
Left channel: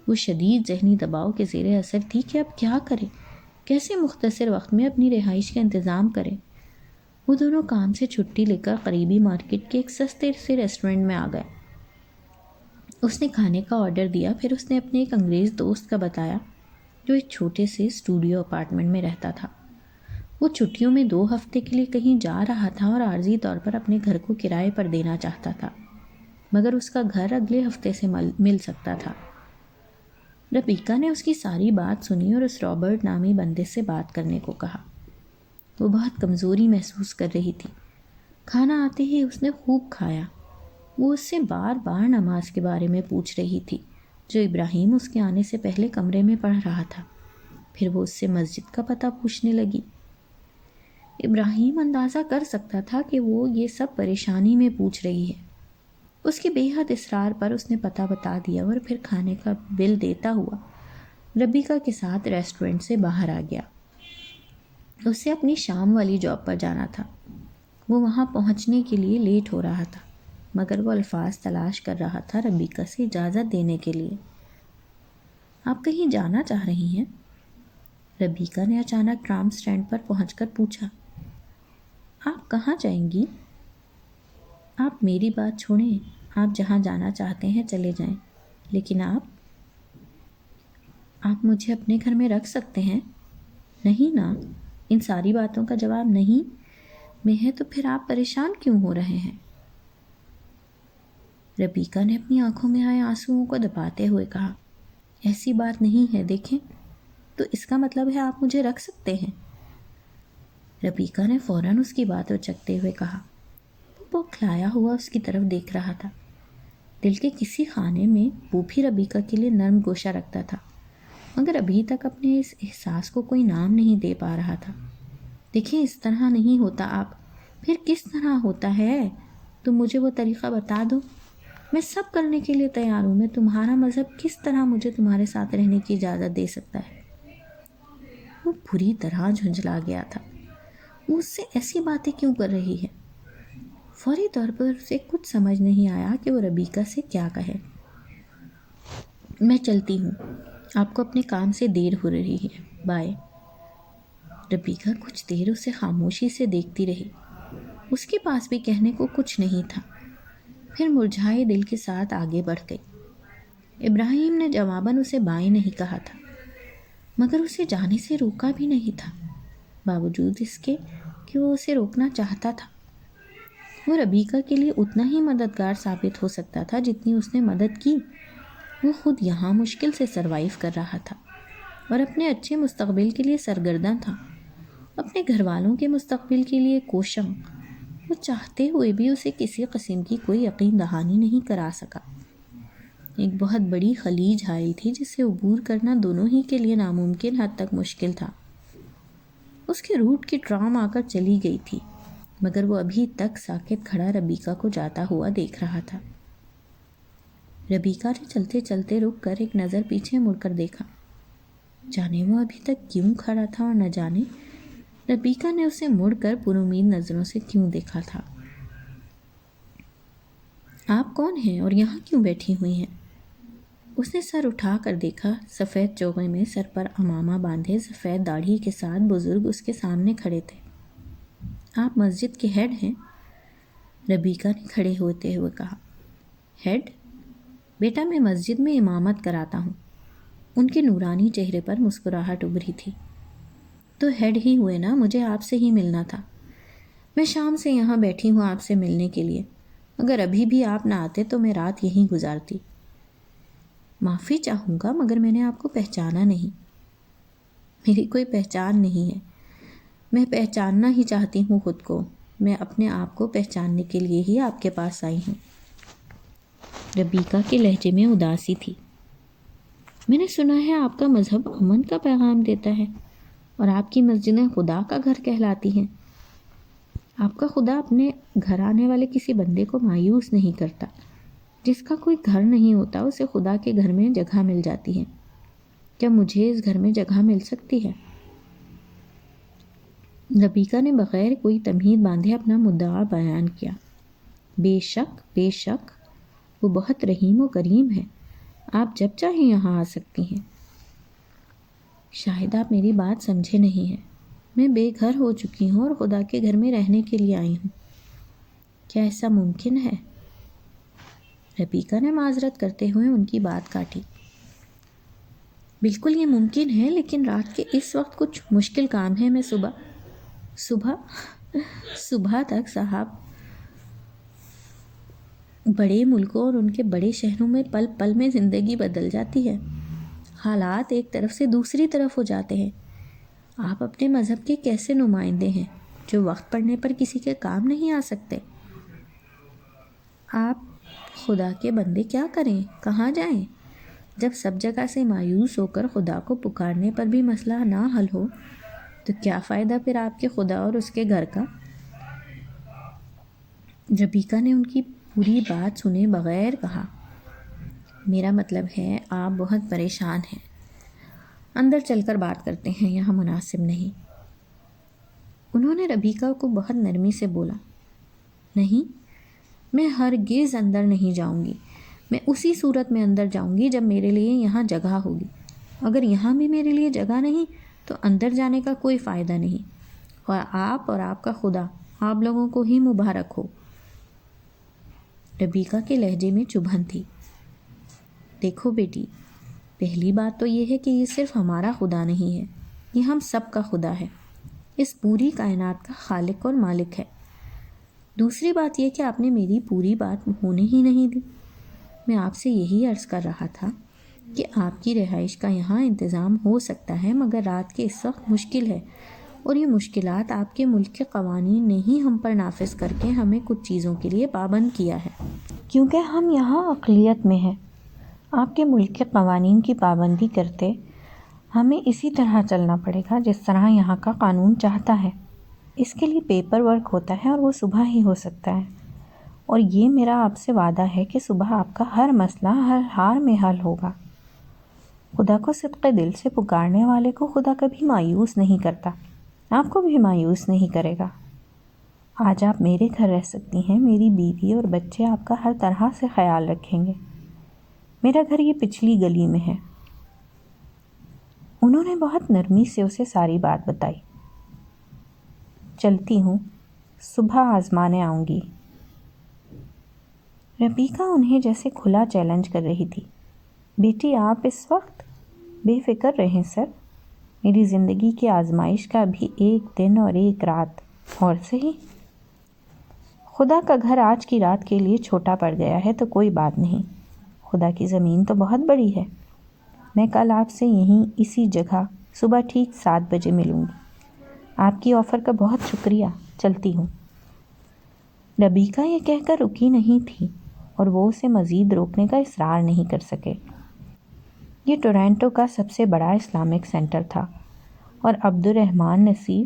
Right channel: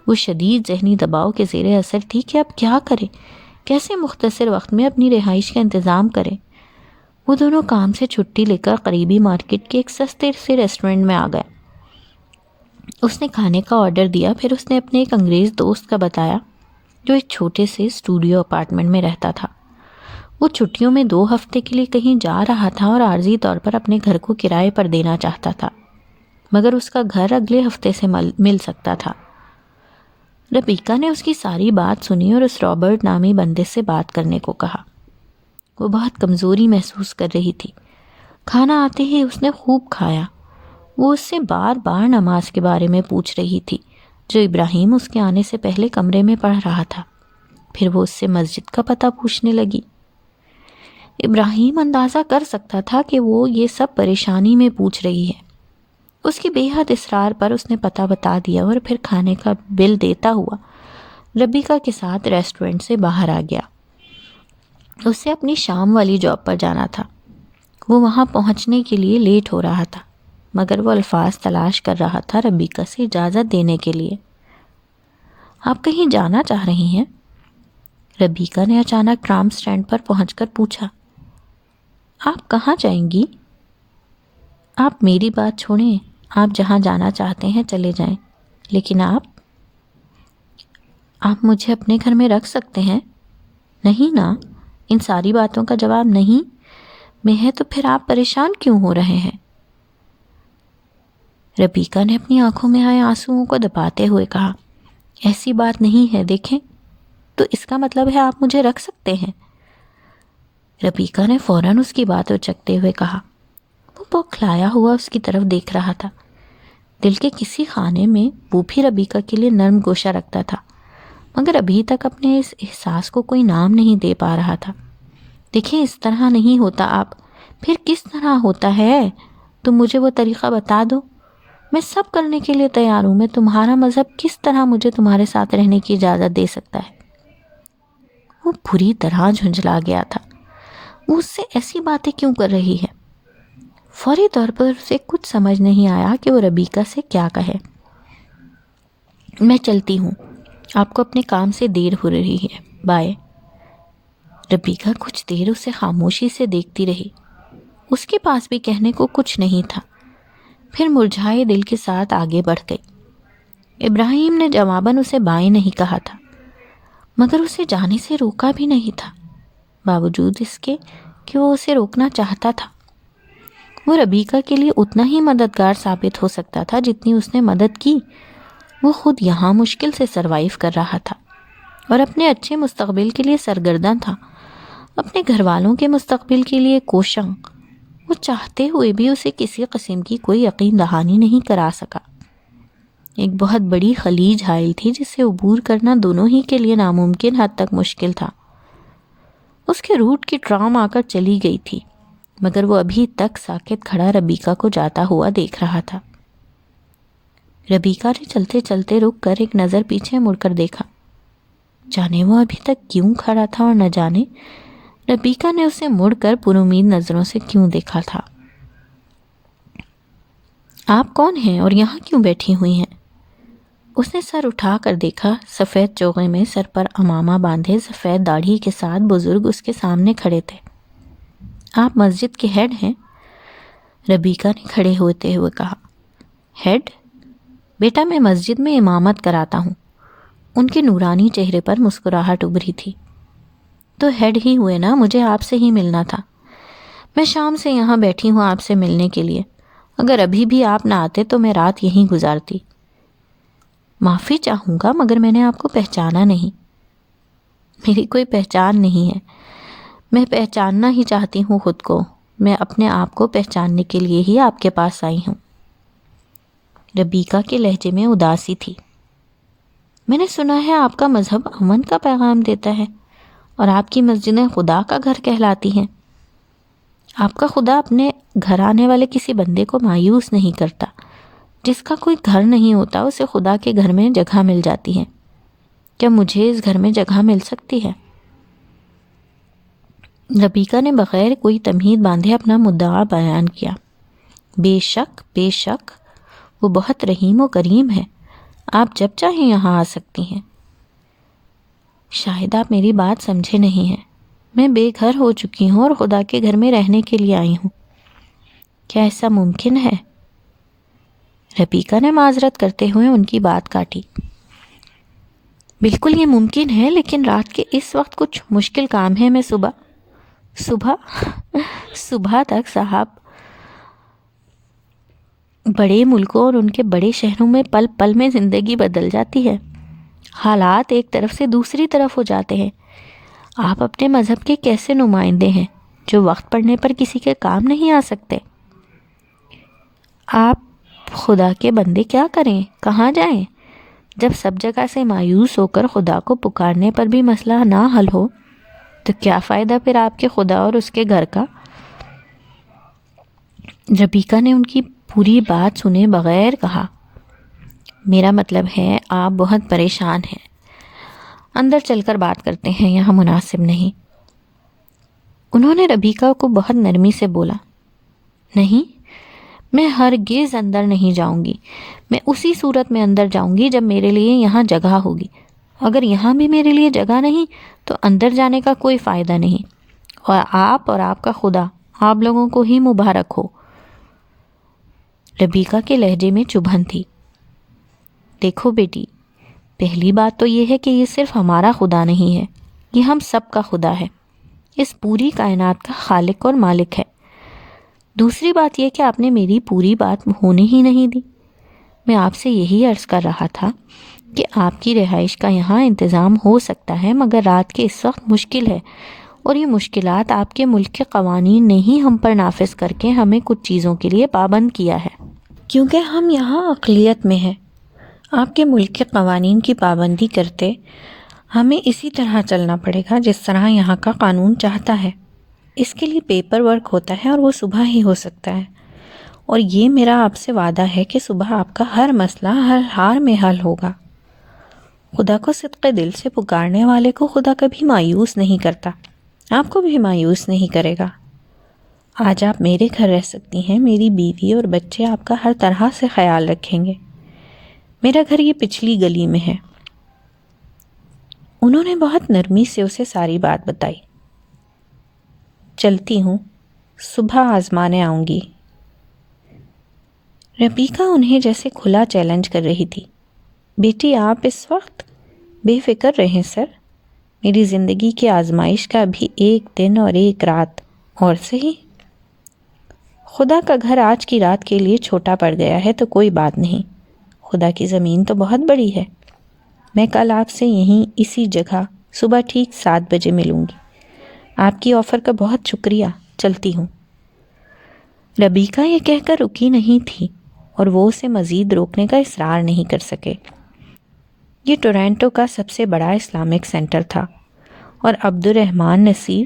وہ شدید ذہنی دباؤ کے زیر اثر تھی کہ اب کیا کرے، کیسے مختصر وقت میں اپنی رہائش کا انتظام کرے. وہ دونوں کام سے چھٹی لے کر قریبی مارکیٹ کے ایک سستے سے ریسٹورنٹ میں آ گیا. اس نے کھانے کا آرڈر دیا. پھر اس نے اپنے ایک انگریز دوست کا بتایا جو ایک چھوٹے سے اسٹوڈیو اپارٹمنٹ میں رہتا تھا. وہ چھٹیوں میں 2 ہفتے کے لیے کہیں جا رہا تھا اور عارضی طور پر اپنے گھر کو کرائے پر دینا چاہتا تھا، مگر اس کا گھر اگلے ہفتے سے مل سکتا تھا. ربیکہ نے اس کی ساری بات سنی اور اس رابرٹ نامی بندے سے بات کرنے کو کہا. وہ بہت کمزوری محسوس کر رہی تھی. کھانا آتے ہی اس نے خوب کھایا. وہ اس سے بار بار نماز کے بارے میں پوچھ رہی تھی جو ابراہیم اس کے آنے سے پہلے کمرے میں پڑھ رہا تھا. پھر وہ اس سے مسجد کا پتہ پوچھنے لگی. ابراہیم اندازہ کر سکتا تھا کہ وہ یہ سب پریشانی میں پوچھ رہی ہے. اس کی بے حد اصرار پر اس نے پتہ بتا دیا اور پھر کھانے کا بل دیتا ہوا ربیکہ کے ساتھ ریسٹورنٹ سے باہر آ گیا. اسے اپنی شام والی جاب پر جانا تھا. وہ وہاں پہنچنے کے لیے لیٹ ہو رہا تھا، مگر وہ الفاظ تلاش کر رہا تھا ربیکہ سے اجازت دینے کے لیے. آپ کہیں جانا چاہ رہی ہیں؟ ربیکہ نے اچانک ٹرام سٹینڈ پر پہنچ کر پوچھا. آپ کہاں جائیں گی؟ آپ میری بات چھوڑیں، آپ جہاں جانا چاہتے ہیں چلے جائیں، لیکن آپ مجھے اپنے گھر میں رکھ سکتے ہیں؟ نہیں نا، ان ساری باتوں کا جواب نہیں میں ہے تو پھر آپ پریشان کیوں ہو رہے ہیں؟ ربیکہ نے اپنی آنکھوں میں آئے آنسوؤں کو دباتے ہوئے کہا. ایسی بات نہیں ہے، دیکھیں تو اس کا مطلب ہے آپ مجھے رکھ سکتے ہیں. ربیکہ نے فوراً اس کی بات اچکتے ہوئے کہا. وہ بوکھلایا ہوا اس کی طرف دیکھ رہا تھا. دل کے کسی خانے میں وہ بھی ربیکہ کے لیے نرم گوشہ رکھتا تھا، مگر ابھی تک اپنے اس احساس کو کوئی نام نہیں دے پا رہا تھا. دیکھیں اس طرح نہیں ہوتا. آپ پھر کس طرح ہوتا ہے؟ تم مجھے وہ طریقہ بتا دو، میں سب کرنے کے لیے تیار ہوں. میں تمہارا مذہب کس طرح مجھے تمہارے ساتھ رہنے کی اجازت دے سکتا ہے؟ وہ بری طرح جھنجھلا گیا تھا. وہ اس سے ایسی باتیں کیوں کر رہی ہے؟ فوری طور پر اسے کچھ سمجھ نہیں آیا کہ وہ ربیکہ سے کیا کہے. میں چلتی ہوں، آپ کو اپنے کام سے دیر ہو رہی ہے، بائے. ربیکہ کچھ دیر اسے خاموشی سے دیکھتی رہی. اس کے پاس بھی کہنے کو کچھ نہیں تھا. پھر مرجھائے دل کے ساتھ آگے بڑھ گئی. ابراہیم نے جواباً اسے بائے نہیں کہا تھا، مگر اسے جانے سے روکا بھی نہیں تھا. باوجود اس کے کہ وہ اسے روکنا چاہتا تھا۔ وہ ربیکہ کے لیے اتنا ہی مددگار ثابت ہو سکتا تھا جتنی اس نے مدد کی۔ وہ خود یہاں مشکل سے سروائیو کر رہا تھا اور اپنے اچھے مستقبل کے لیے سرگرداں تھا، اپنے گھر والوں کے مستقبل کے لیے کوشاں۔ وہ چاہتے ہوئے بھی اسے کسی قسم کی کوئی یقین دہانی نہیں کرا سکا۔ ایک بہت بڑی خلیج حائل تھی جس سے عبور کرنا دونوں ہی کے لیے ناممکن حد تک مشکل تھا۔ اس کے روٹ کی ٹرام آ کر چلی گئی تھی، مگر وہ ابھی تک ساکت کھڑا ربیکہ کو جاتا ہوا دیکھ رہا تھا۔ ربیکہ نے چلتے چلتے رک کر ایک نظر پیچھے مڑ کر دیکھا۔ جانے وہ ابھی تک کیوں کھڑا تھا اور نہ جانے ربیکہ نے اسے مڑ کر پرامید نظروں سے کیوں دیکھا تھا۔ آپ کون ہیں اور یہاں کیوں بیٹھی ہوئی ہیں؟ اس نے سر اٹھا کر دیکھا۔ سفید چوغے میں سر پر عمامہ باندھے سفید داڑھی کے ساتھ بزرگ اس کے سامنے کھڑے تھے۔ آپ مسجد کے ہیڈ ہیں؟ ربیکہ نے کھڑے ہوتے ہوئے کہا۔ ہیڈ؟ بیٹا میں مسجد میں امامت کراتا ہوں۔ ان کے نورانی چہرے پر مسکراہٹ ابھری تھی۔ تو ہیڈ ہی ہوئے نا، مجھے آپ سے ہی ملنا تھا۔ میں شام سے یہاں بیٹھی ہوں آپ سے ملنے کے لیے۔ اگر ابھی بھی آپ نہ آتے تو میں رات یہیں گزارتی۔ معافی چاہوں گا مگر میں نے آپ کو پہچانا نہیں۔ میری کوئی پہچان نہیں ہے، میں پہچاننا ہی چاہتی ہوں خود کو۔ میں اپنے آپ کو پہچاننے کے لیے ہی آپ کے پاس آئی ہوں۔ ربیکہ کے لہجے میں اداسی تھی۔ میں نے سنا ہے آپ کا مذہب امن کا پیغام دیتا ہے اور آپ کی مسجدیں خدا کا گھر کہلاتی ہیں۔ آپ کا خدا اپنے گھر آنے والے کسی بندے کو مایوس نہیں کرتا۔ جس کا کوئی گھر نہیں ہوتا اسے خدا کے گھر میں جگہ مل جاتی ہے۔ کیا مجھے اس گھر میں جگہ مل سکتی ہے؟ ربیکہ نے بغیر کوئی تمہید باندھے اپنا مدعا بیان کیا۔ بے شک بے شک، وہ بہت رحیم و کریم ہے، آپ جب چاہیں یہاں آ سکتی ہیں۔ شاید آپ میری بات سمجھے نہیں ہیں۔ میں بے گھر ہو چکی ہوں اور خدا کے گھر میں رہنے کے لیے آئی ہوں۔ کیا ایسا ممکن ہے؟ ربیکہ نے معذرت کرتے ہوئے ان کی بات کاٹی۔ بالکل یہ ممکن ہے، لیکن رات کے اس وقت کچھ مشکل کام ہے۔ میں صبح تک صاحب، بڑے ملکوں اور ان کے بڑے شہروں میں پل پل میں زندگی بدل جاتی ہے۔ حالات ایک طرف سے دوسری طرف ہو جاتے ہیں۔ آپ اپنے مذہب کے کیسے نمائندے ہیں جو وقت پڑنے پر کسی کے کام نہیں آ سکتے؟ آپ خدا کے بندے کیا کریں، کہاں جائیں؟ جب سب جگہ سے مایوس ہو کر خدا کو پکارنے پر بھی مسئلہ نہ حل ہو تو کیا فائدہ پھر آپ کے خدا اور اس کے گھر کا؟ ربیکہ نے ان کی پوری بات سنے بغیر کہا، میرا مطلب ہے آپ بہت پریشان ہیں، اندر چل کر بات کرتے ہیں، یہاں مناسب نہیں۔ انہوں نے ربیکہ کو بہت نرمی سے بولا، نہیں، میں ہرگز اندر نہیں جاؤں گی۔ میں اسی صورت میں اندر جاؤں گی جب میرے لیے یہاں جگہ ہوگی۔ اگر یہاں بھی میرے لیے جگہ نہیں تو اندر جانے کا کوئی فائدہ نہیں۔ اور آپ کا خدا آپ لوگوں کو ہی مبارک ہو۔ ربیکہ کے لہجے میں چبھن تھی۔ دیکھو بیٹی، پہلی بات تو یہ ہے کہ یہ صرف ہمارا خدا نہیں ہے، یہ ہم سب کا خدا ہے، اس پوری کائنات کا خالق اور مالک ہے۔ دوسری بات یہ کہ آپ نے میری پوری بات ہونے ہی نہیں دی۔ میں آپ سے یہی عرض کر رہا تھا کہ آپ کی رہائش کا یہاں انتظام ہو سکتا ہے، مگر رات کے اس وقت مشکل ہے، اور یہ مشکلات آپ کے ملک کے قوانین نے ہی ہم پر نافذ کر کے ہمیں کچھ چیزوں کے لیے پابند کیا ہے، کیونکہ ہم یہاں اقلیت میں ہیں۔ آپ کے ملک کے قوانین کی پابندی کرتے ہمیں اسی طرح چلنا پڑے گا جس طرح یہاں کا قانون چاہتا ہے۔ اس کے لیے پیپر ورک ہوتا ہے اور وہ صبح ہی ہو سکتا ہے، اور یہ میرا آپ سے وعدہ ہے کہ صبح آپ کا ہر مسئلہ ہر حال میں حل ہوگا۔ خدا کو صدقے دل سے پکارنے والے کو خدا کبھی مایوس نہیں کرتا، آپ کو بھی مایوس نہیں کرے گا۔ آج آپ میرے گھر رہ سکتی ہیں، میری بیوی اور بچے آپ کا ہر طرح سے خیال رکھیں گے۔ میرا گھر یہ پچھلی گلی میں ہے۔ انہوں نے بہت نرمی سے اسے ساری بات بتائی۔ چلتی ہوں، صبح آزمانے آؤں گی۔ ربیکہ انہیں جیسے کھلا چیلنج کر رہی تھی۔ بیٹی آپ اس وقت بے فکر رہیں سر، میری زندگی کی آزمائش کا بھی ایک دن اور ایک رات اور صحیح۔ خدا کا گھر آج کی رات کے لیے چھوٹا پڑ گیا ہے تو کوئی بات نہیں، خدا کی زمین تو بہت بڑی ہے۔ میں کل آپ سے یہیں اسی جگہ صبح ٹھیک 7 بجے ملوں گی۔ آپ کی آفر کا بہت شکریہ، چلتی ہوں۔ ربیکہ یہ کہہ کر رکی نہیں تھی اور وہ اسے مزید روکنے کا اصرار نہیں کر سکے۔ یہ ٹورنٹو کا سب سے بڑا اسلامک سینٹر تھا اور عبد الرحمن نصیر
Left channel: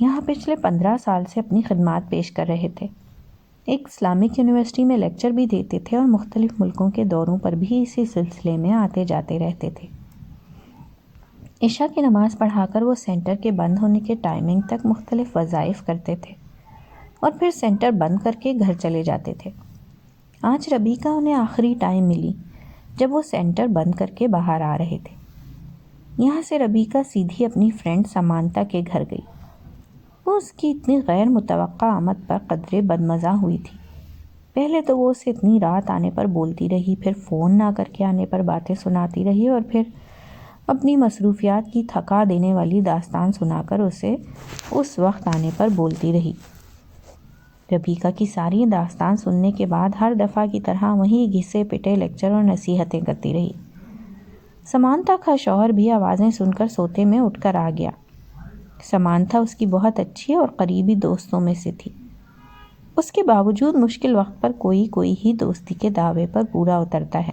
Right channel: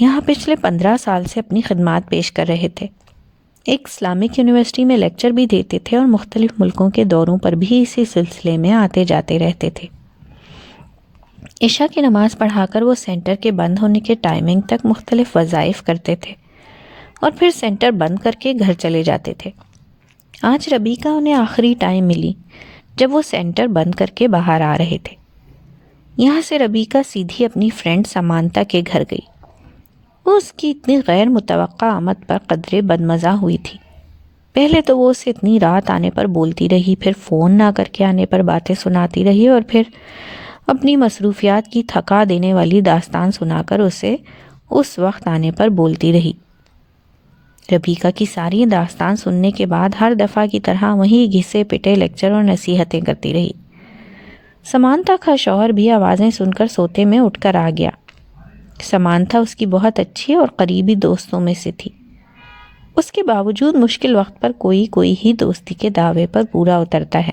یہاں پچھلے 15 سال سے اپنی خدمات پیش کر رہے تھے۔ ایک اسلامک یونیورسٹی میں لیکچر بھی دیتے تھے اور مختلف ملکوں کے دوروں پر بھی اسی سلسلے میں آتے جاتے رہتے تھے۔ عشاء کی نماز پڑھا کر وہ سینٹر کے بند ہونے کے ٹائمنگ تک مختلف وظائف کرتے تھے اور پھر سینٹر بند کر کے گھر چلے جاتے تھے۔ آج ربیکہ انہیں آخری ٹائم ملی جب وہ سینٹر بند کر کے باہر آ رہے تھے۔ یہاں سے ربیکہ سیدھی اپنی فرینڈ سمانتا کے گھر گئی۔ وہ اس کی اتنی غیر متوقع آمد پر قدرے بدمزہ ہوئی تھی۔ پہلے تو وہ اسے اتنی رات آنے پر بولتی رہی، پھر فون نہ کر کے آنے پر باتیں سناتی رہی اور پھر اپنی مصروفیات کی تھکا دینے والی داستان سنا کر اسے اس وقت آنے پر بولتی رہی۔ ربیکہ کی ساری داستان سننے کے بعد ہر دفعہ کی طرح وہی گھسے پٹے لیکچر اور نصیحتیں کرتی رہی۔ سمانتا کا شوہر بھی آوازیں سن کر سوتے میں اٹھ کر آ گیا۔ سمانتا اس کی بہت اچھی اور قریبی دوستوں میں سے تھی۔ اس کے باوجود مشکل وقت پر کوئی ہی دوستی کے دعوے پر پورا اترتا ہے۔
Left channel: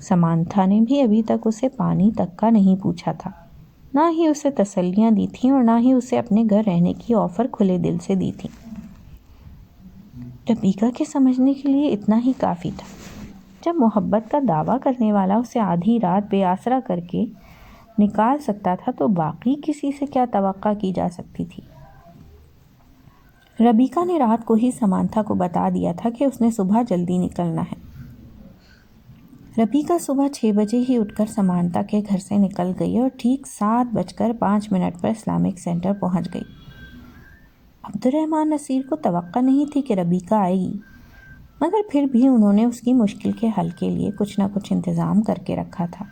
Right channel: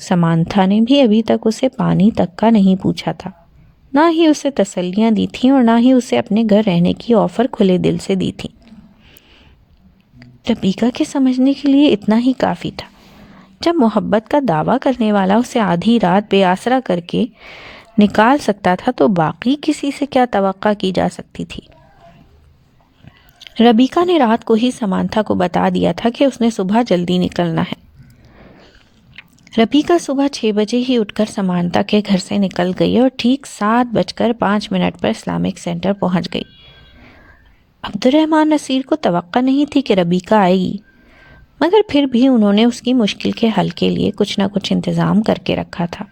سمانتا نے بھی ابھی تک اسے پانی تک کا نہیں پوچھا تھا، نہ ہی اسے تسلیاں دی تھیں اور نہ ہی اسے اپنے گھر رہنے کی آفر کھلے دل سے دی تھی۔ ربیکہ کے سمجھنے کے لیے اتنا ہی کافی تھا۔ جب محبت کا دعویٰ کرنے والا اسے آدھی رات بے آسرا کر کے نکال سکتا تھا تو باقی کسی سے کیا توقع کی جا سکتی تھی۔ ربیکہ نے رات کو ہی سمانتا کو بتا دیا تھا کہ اس نے صبح جلدی نکلنا ہے۔ ربیکہ صبح 6 بجے ہی اٹھ کر سمانتا کے گھر سے نکل گئی اور ٹھیک 7:05 پر اسلامک سینٹر پہنچ گئی۔ عبد الرحمن نصیر کو توقع نہیں تھی کہ ربیکہ آئے گی، مگر پھر بھی انہوں نے اس کی مشکل کے حل کے لیے کچھ نہ کچھ انتظام کر کے رکھا تھا۔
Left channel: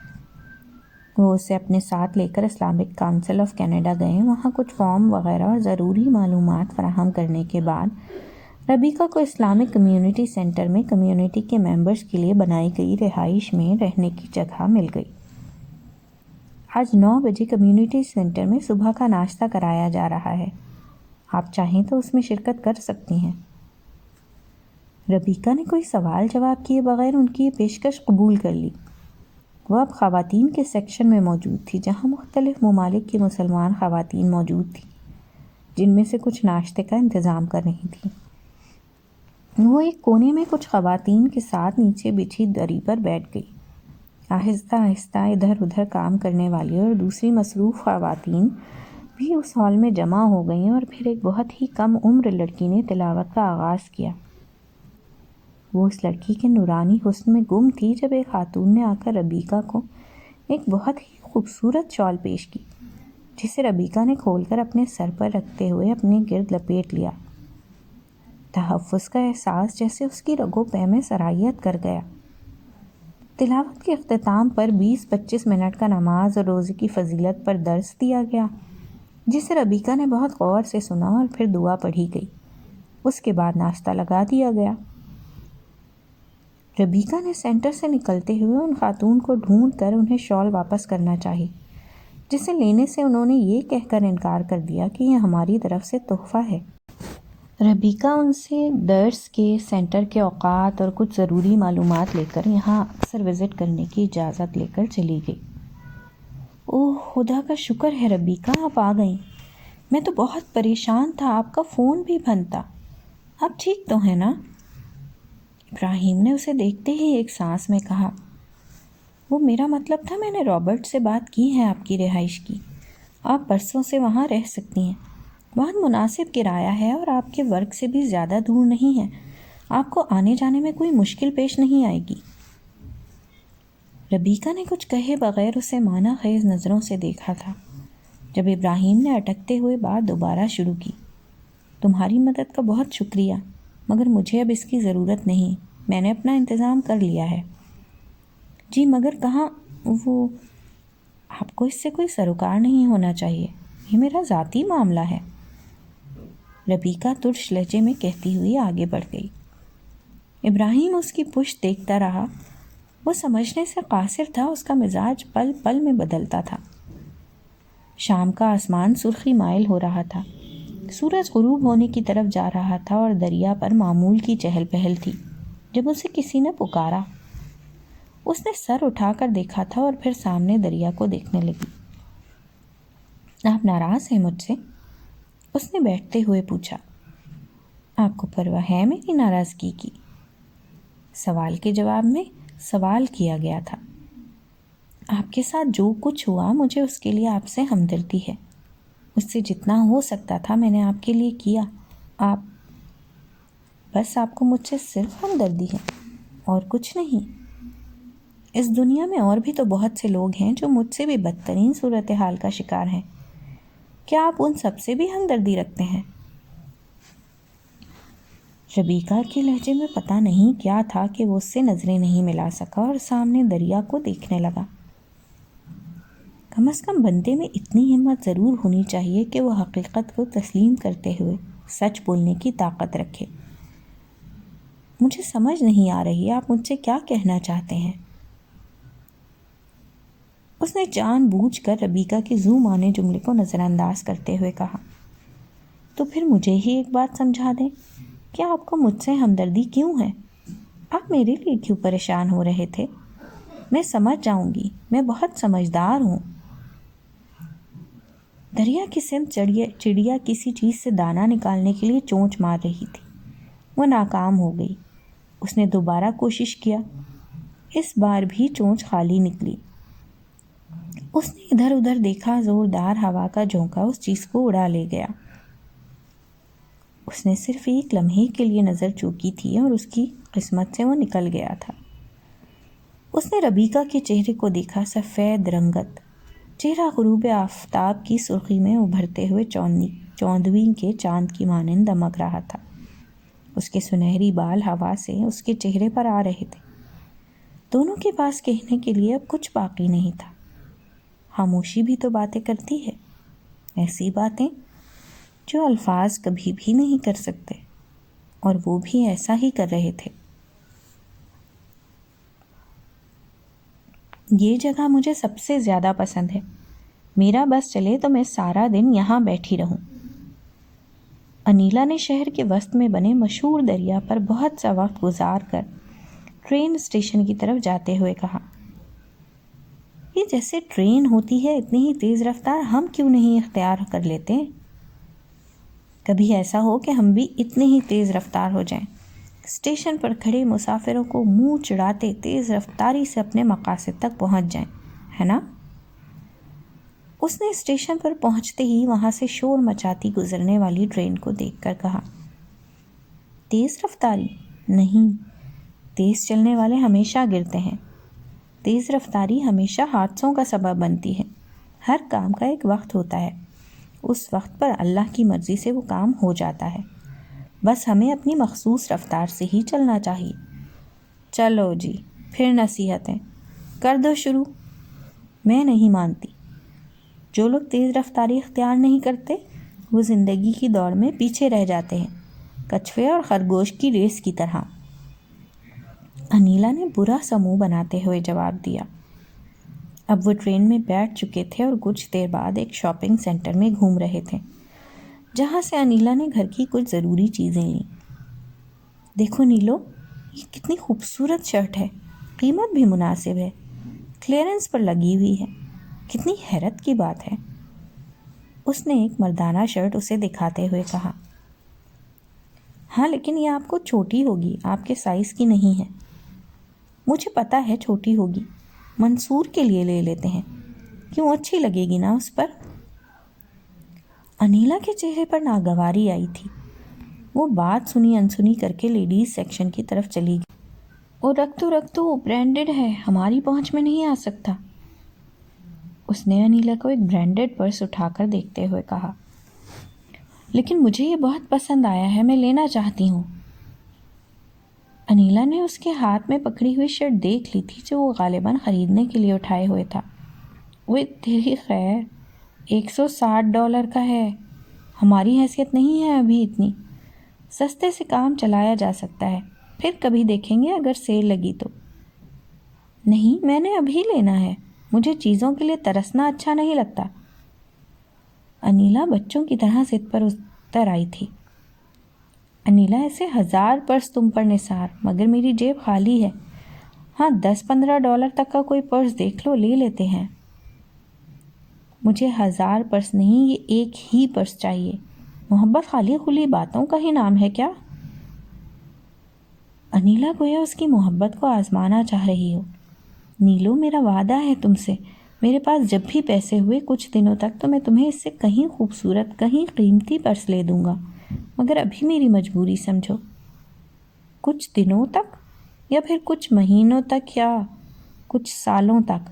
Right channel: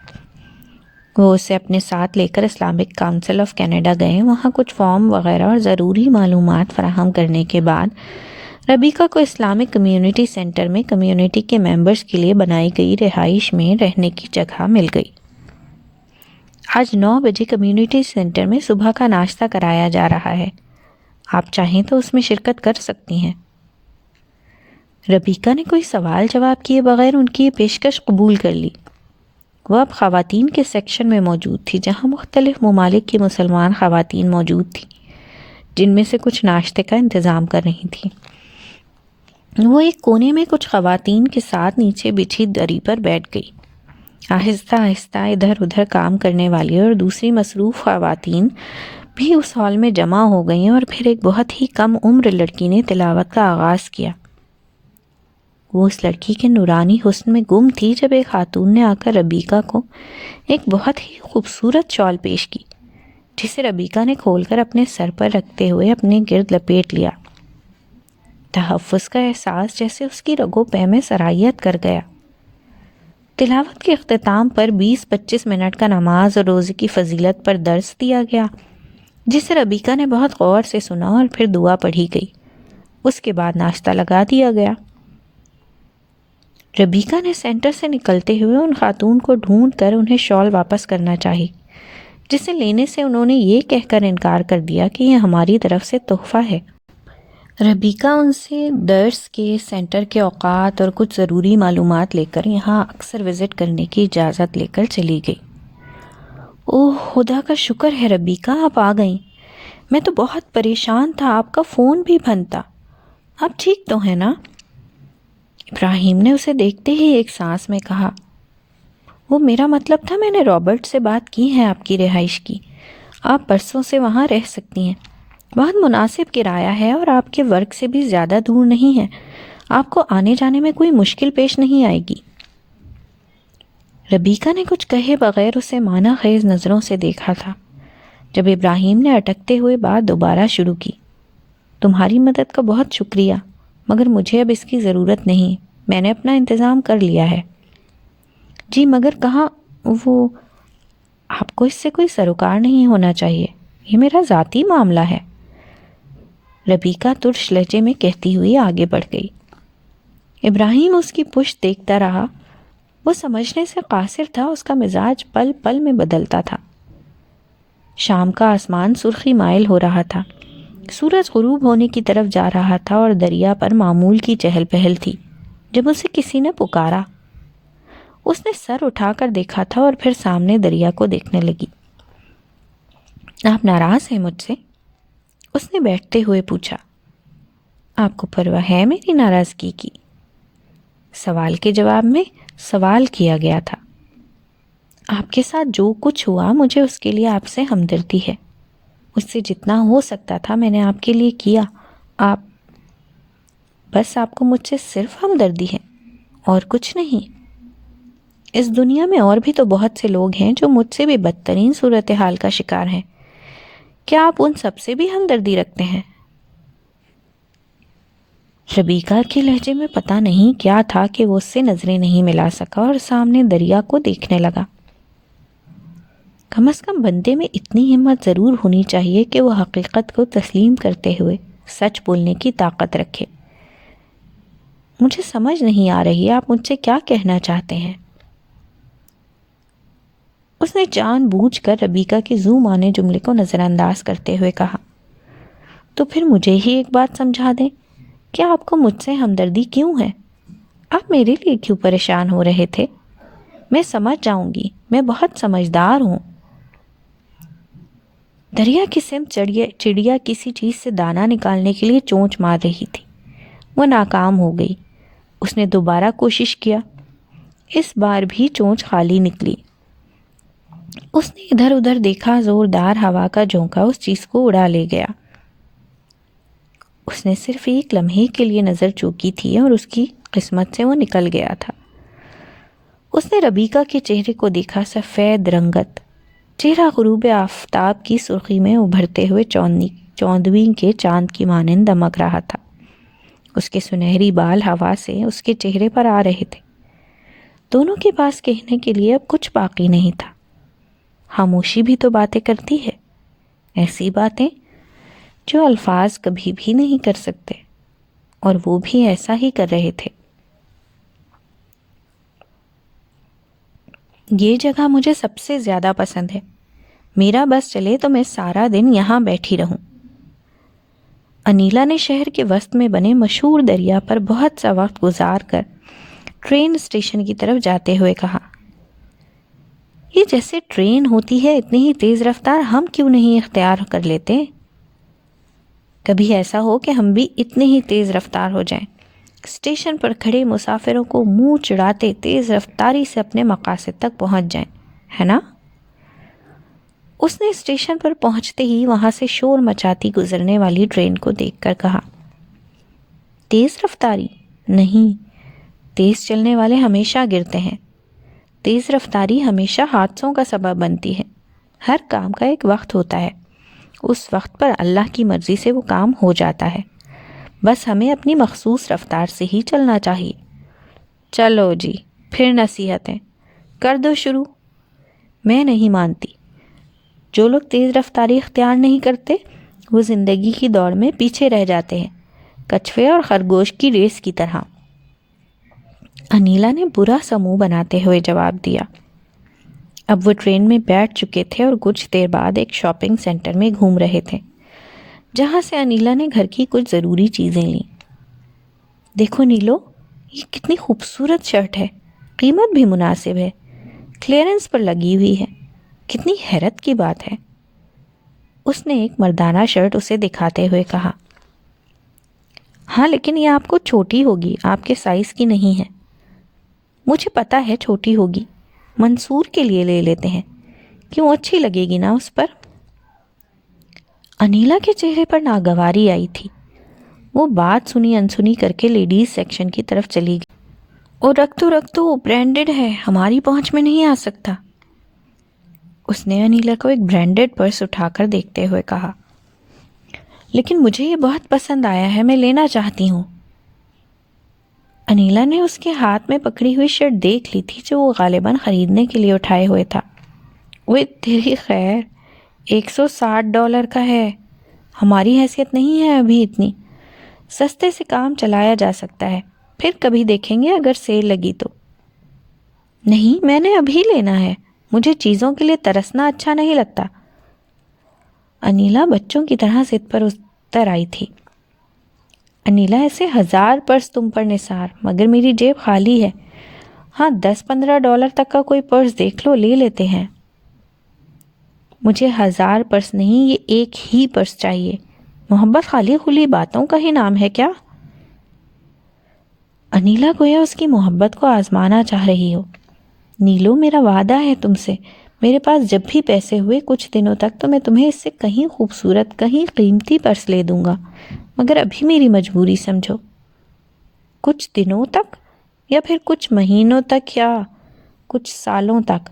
وہ اسے اپنے ساتھ لے کر اسلامک کونسل آف کینیڈا گئے۔ وہاں کچھ فارم وغیرہ اور ضروری معلومات فراہم کرنے کے بعد ربیکہ کو اسلامک کمیونٹی سینٹر میں کمیونٹی کے ممبرز کے لیے بنائی گئی رہائش میں رہنے کی جگہ مل گئی۔ آج 9 بجے کمیونٹی سینٹر میں صبح کا ناشتہ کرایا جا رہا ہے، آپ چاہیں تو اس میں شرکت کر سکتی ہیں۔ ربیکہ نے کوئی سوال جواب کیے بغیر ان کی یہ پیشکش قبول کر لی۔ وہ اب خواتین کے سیکشن میں موجود تھی، جہاں مختلف ممالک کی مسلمان خواتین موجود تھیں، جن میں سے کچھ ناشتے کا انتظام کر رہی تھیں۔ وہ ایک کونے میں کچھ خواتین کے ساتھ نیچے بچھی دری پر بیٹھ گئی۔ آہستہ آہستہ ادھر ادھر کام کرنے والی اور دوسری مصروف خواتین بھی اس ہال میں جمع ہو گئیں اور پھر ایک بہت ہی کم عمر لڑکی نے تلاوت کا آغاز کیا۔ وہ اس لڑکی کے نورانی حسن میں گم تھی جب ایک خاتون نے آ کر ربیکہ کو ایک بہت ہی خوبصورت شال پیش کی، جسے ربیکہ نے کھول کر اپنے سر پر رکھتے ہوئے اپنے گرد لپیٹ لیا۔ تحفظ کا احساس جیسے اس کی رگوں پے میں سرایت کر گیا۔ تلاوت کے اختتام پر 20-25 منٹ کا نماز اور روزے کی فضیلت پر درس دیا گیا، جسے ربیکہ نے بہت غور سے سنا اور پھر دعا پڑھی گئی۔ اس کے بعد ناشتہ لگا دیا گیا۔ ربیکہ نے سینٹر سے نکلتے ہوئے ان خاتون کو ڈھونڈ کر انہیں شال واپس کرنا چاہی، جسے لینے سے انہوں نے یہ کہہ کر انکار کر دیا کہ یہ ہماری طرف سے تحفہ ہے۔ ربیکہ ان سے درس کے، سینٹر کے اوقات اور کچھ ضروری معلومات لے کر یہاں اکثر وزٹ کرنے کی اجازت لے کر چلی گئی۔ اوہ خدا کا شکر ہے ربیکہ، آپ آ گئیں۔ میں تو بہت پریشان تھا، آپ کا فون بھی بند تھا۔ آپ ٹھیک تو ہیں نا؟ ابراہیم نے اسے دیکھتے ہی ایک سانس میں کہا۔ وہ میرا مطلب تھا، میں نے رابرٹ سے بات کی ہے آپ کی رہائش کی، آپ برسوں سے وہاں رہ سکتی ہیں، بہت مناسب کرایہ ہے اور آپ کے ورک سے بھی زیادہ دور نہیں ہے، آپ کو آنے جانے میں کوئی مشکل پیش نہیں آئے گی۔ ربیکہ نے کچھ کہے بغیر اسے معنی خیز نظروں سے دیکھا تھا۔ جب ابراہیم نے اٹکتے ہوئے بات دوبارہ شروع کی، تمہاری مدد کا بہت شکریہ، مگر مجھے اب اس کی ضرورت نہیں، میں نے اپنا انتظام کر لیا ہے۔ جی مگر کہاں وہ؟ آپ کو اس سے کوئی سروکار نہیں ہونا چاہیے، یہ میرا ذاتی معاملہ ہے، ربیکہ ترش لہجے میں کہتی ہوئی آگے بڑھ گئی۔ ابراہیم اس کی پشت دیکھتا رہا۔ وہ سمجھنے سے قاصر تھا، اس کا مزاج پل پل میں بدلتا تھا۔ شام کا آسمان سرخی مائل ہو رہا تھا، سورج غروب ہونے کی طرف جا رہا تھا اور دریا پر معمول کی چہل پہل تھی جب اسے کسی نے پکارا۔ اس نے سر اٹھا کر دیکھا تھا اور پھر سامنے دریا کو دیکھنے لگی۔ آپ ناراض ہیں مجھ سے؟ اس نے بیٹھتے ہوئے پوچھا۔ آپ کو پرواہ ہے میری ناراضگی کی؟ سوال کے جواب میں سوال کیا گیا تھا۔ آپ کے ساتھ جو کچھ ہوا، مجھے اس کے لیے آپ سے ہمدردی ہے۔ اس سے جتنا ہو سکتا تھا میں نے آپ کے لیے کیا۔ آپ کو مجھ سے صرف ہمدردی ہے اور کچھ نہیں۔ اس دنیا میں اور بھی تو بہت سے لوگ ہیں جو مجھ سے بھی بدترین صورتحال کا شکار ہیں۔ کیا آپ ان سب سے بھی ہمدردی رکھتے ہیں؟ ربیکہ کے لہجے میں پتہ نہیں کیا تھا کہ وہ اس سے نظریں نہیں ملا سکا اور سامنے دریا کو دیکھنے لگا۔ کم از کم بندے میں اتنی ہمت ضرور ہونی چاہیے کہ وہ حقیقت کو تسلیم کرتے ہوئے سچ بولنے کی طاقت رکھے۔ مجھے سمجھ نہیں آ رہی آپ مجھ سے کیا کہنا چاہتے ہیں؟ اس نے جان بوجھ کر ربیکہ کے زو مانے جملے کو نظر انداز کرتے ہوئے کہا، تو پھر مجھے ہی ایک بات سمجھا دیں کہ آپ کو مجھ سے ہمدردی کیوں ہے؟ آپ میرے لیے کیوں پریشان ہو رہے تھے؟ میں سمجھ جاؤں گی، میں بہت سمجھدار ہوں۔ دریا کی سمت چڑیا کسی چیز سے دانہ نکالنے کے لیے چونچ مار رہی تھی۔ وہ ناکام ہو گئی۔ اس نے دوبارہ کوشش کیا، اس بار بھی چونچ خالی نکلی۔ اس نے ادھر ادھر دیکھا، زوردار ہوا کا جھونکا اس چیز کو اڑا لے گیا۔ اس نے صرف ایک لمحے کے لیے نظر چوکی تھی اور اس کی قسمت سے وہ نکل گیا تھا۔ اس نے ربیکہ کے چہرے کو دیکھا، سفید رنگت، چہرہ غروب آفتاب کی سرخی میں ابھرتے ہوئے چوندویں کے چاند کی مانند دمک رہا تھا۔ اس کے سنہری بال ہوا سے اس کے چہرے پر آ رہے تھے۔ دونوں کے پاس کہنے کے لیے اب کچھ باقی نہیں تھا۔ خاموشی بھی تو باتیں کرتی ہے، ایسی باتیں جو الفاظ کبھی بھی نہیں کر سکتے، اور وہ بھی ایسا ہی کر رہے تھے۔ یہ جگہ مجھے سب سے زیادہ پسند ہے، میرا بس چلے تو میں سارا دن یہاں بیٹھی رہوں۔ انیلا نے شہر کے وسط میں بنے مشہور دریا پر بہت سا وقت گزار کر ٹرین اسٹیشن کی طرف جاتے ہوئے کہا، یہ جیسے ٹرین ہوتی ہے اتنی ہی تیز رفتار ہم کیوں نہیں اختیار کر لیتے؟ کبھی ایسا ہو کہ ہم بھی اتنے ہی تیز رفتار ہو جائیں، اسٹیشن پر کھڑے مسافروں کو منہ چڑھاتے تیز رفتاری سے اپنے مقاصد تک پہنچ جائیں، ہے نا؟ اس نے اسٹیشن پر پہنچتے ہی وہاں سے شور مچاتی گزرنے والی ٹرین کو دیکھ کر کہا، تیز رفتاری نہیں، تیز چلنے والے ہمیشہ گرتے ہیں، تیز رفتاری ہمیشہ حادثوں کا سبب بنتی ہے۔ ہر کام کا ایک وقت ہوتا ہے، اس وقت پر اللہ کی مرضی سے وہ کام ہو جاتا ہے، بس ہمیں اپنی مخصوص رفتار سے ہی چلنا چاہیے۔ چلو جی، پھر نصیحتیں کر دو شروع۔ میں نہیں مانتی۔ جو لوگ تیز رفتاری اختیار نہیں کرتے وہ زندگی کی دوڑ میں پیچھے رہ جاتے ہیں، کچھوے اور خرگوش کی ریس کی طرح۔ انیلا نے برا سا منہ بناتے ہوئے جواب دیا۔ اب وہ ٹرین میں بیٹھ چکے تھے اور کچھ دیر بعد ایک شاپنگ سینٹر میں گھوم رہے تھے، جہاں سے انیلا نے گھر کی کچھ ضروری چیزیں لیں۔ دیکھو نیلو، یہ کتنی خوبصورت شرٹ ہے، قیمت بھی مناسب ہے، کلیئرنس پر لگی ہوئی ہے، کتنی حیرت کی بات ہے۔ اس نے ایک مردانہ شرٹ اسے دکھاتے ہوئے کہا، ہاں لیکن یہ آپ کو چھوٹی ہوگی، آپ کے سائز کی نہیں ہے۔ مجھے پتہ ہے چھوٹی ہوگی، منصور کے لیے لے لیتے ہیں، کیوں اچھی لگے گی نا اس پر۔ انیلا کے چہرے پر ناگواری آئی تھی۔ وہ بات سنی انسنی کر کے لیڈیز سیکشن کی طرف چلی گئی۔ اور رکھ تو برانڈڈ ہے، ہماری پہنچ میں نہیں آ سکتا۔ اس نے انیلا کو ایک برانڈڈ پرس اٹھا کر دیکھتے ہوئے کہا، لیکن مجھے یہ بہت پسند آیا ہے، میں لینا چاہتی ہوں۔ انیلا نے اس کے ہاتھ میں پکڑی ہوئی شرٹ دیکھ لی تھی جو وہ غالباً خریدنے کے لیے اٹھائے ہوئے تھا۔ وہ تیری خیر، $160 کا ہے، ہماری حیثیت نہیں ہے ابھی اتنی، سستے سے کام چلایا جا سکتا ہے، پھر کبھی دیکھیں گے اگر سیل لگی تو۔ نہیں، میں نے ابھی لینا ہے، مجھے چیزوں کے لیے ترسنا اچھا نہیں لگتا۔ انیلا بچوں کی طرح ضد پر اتر آئی تھی۔ انیلا، ایسے 1000 پرس تم پر نثار، مگر میری جیب خالی ہے۔ ہاں، $10-15 تک کا کوئی پرس دیکھ لو، لے لیتے ہیں۔ مجھے 1000 پرس نہیں، یہ ایک ہی پرس چاہیے۔ محبت خالی خلی باتوں کا ہی نام ہے کیا؟ انیلا گویا اس کی محبت کو آزمانا چاہ رہی ہو۔ نیلو، میرا وعدہ ہے تم سے، میرے پاس جب بھی پیسے ہوئے کچھ دنوں تک تو میں تمہیں اس سے کہیں خوبصورت، کہیں قیمتی پرس لے دوں گا، مگر ابھی میری مجبوری سمجھو۔ کچھ دنوں تک، یا پھر کچھ مہینوں تک، یا کچھ سالوں تک؟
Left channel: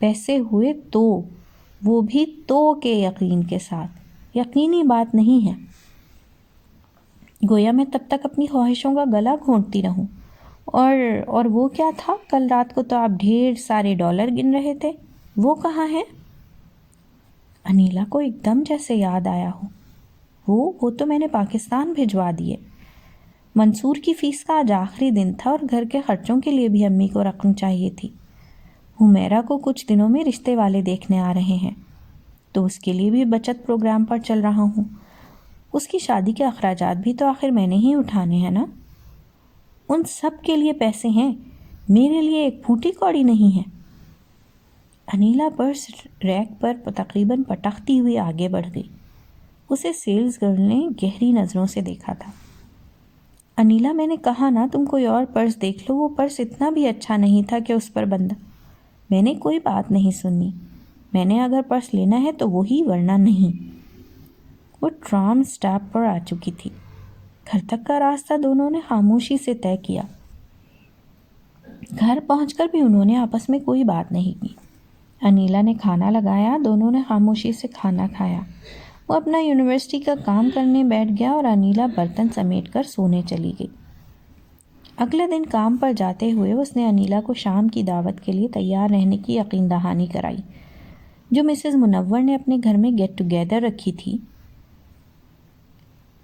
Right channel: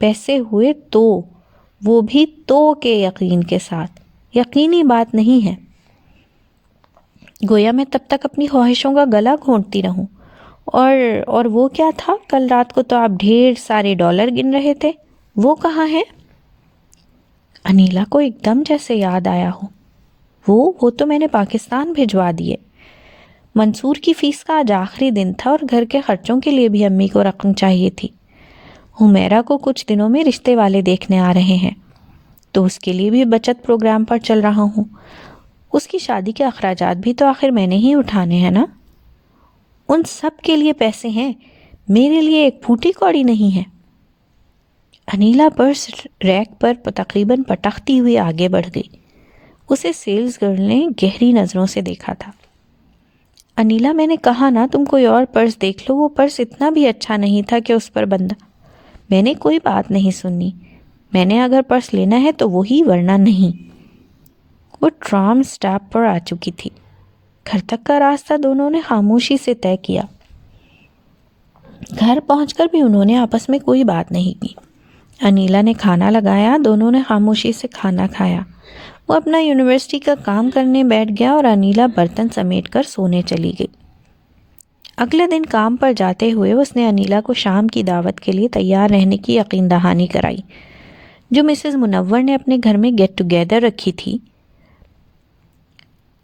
پیسے ہوئے تو، وہ بھی تو کے یقین کے ساتھ، یقینی بات نہیں ہے۔ گویا میں تب تک اپنی خواہشوں کا گلا گھونٹتی رہوں۔ اور وہ کیا تھا؟ کل رات کو تو آپ ڈھیر سارے ڈالر گن رہے تھے، وہ کہاں ہے؟ انیلا کو ایک دم جیسے یاد آیا ہو۔ وہ تو میں نے پاکستان بھجوا دیے۔ منصور کی فیس کا آج آخری دن تھا اور گھر کے خرچوں کے لیے بھی امی کو رقم چاہیے تھی۔ حمیرہ کو کچھ دنوں میں رشتے والے دیکھنے آ رہے ہیں، تو اس کے لیے بھی بچت پروگرام پر چل رہا ہوں۔ اس کی شادی کے اخراجات بھی تو آخر میں نے ہی اٹھانے ہیں نا۔ ان سب کے لیے پیسے ہیں، میرے لیے ایک پھوٹی کوڑی نہیں ہے۔ انیلا پرس ریک پر تقریباً پٹکتی ہوئی آگے بڑھ گئی۔ اسے سیلز گرل نے گہری نظروں سے دیکھا تھا۔ انیلا، میں نے کہا نا تم کوئی اور پرس دیکھ لو، وہ پرس اتنا بھی اچھا نہیں تھا کہ اس پر بندہ۔ میں نے کوئی بات نہیں سنی، میں نے اگر پرس لینا ہے تو وہی، ورنہ نہیں۔ وہ ٹرام سٹاپ پر آ چکی تھی۔ گھر تک کا راستہ دونوں نے خاموشی سے طے کیا۔ گھر پہنچ کر بھی انہوں نے آپس میں کوئی بات نہیں کی۔ انیلا نے کھانا لگایا، دونوں نے خاموشی سے کھانا کھایا۔ وہ اپنا یونیورسٹی کا کام کرنے بیٹھ گیا اور انیلا برتن سمیٹ کر سونے چلی گئی۔ اگلے دن کام پر جاتے ہوئے اس نے انیلا کو شام کی دعوت کے لیے تیار رہنے کی یقین دہانی کرائی، جو مسز منور نے اپنے گھر میں گیٹ ٹوگیدر رکھی تھی۔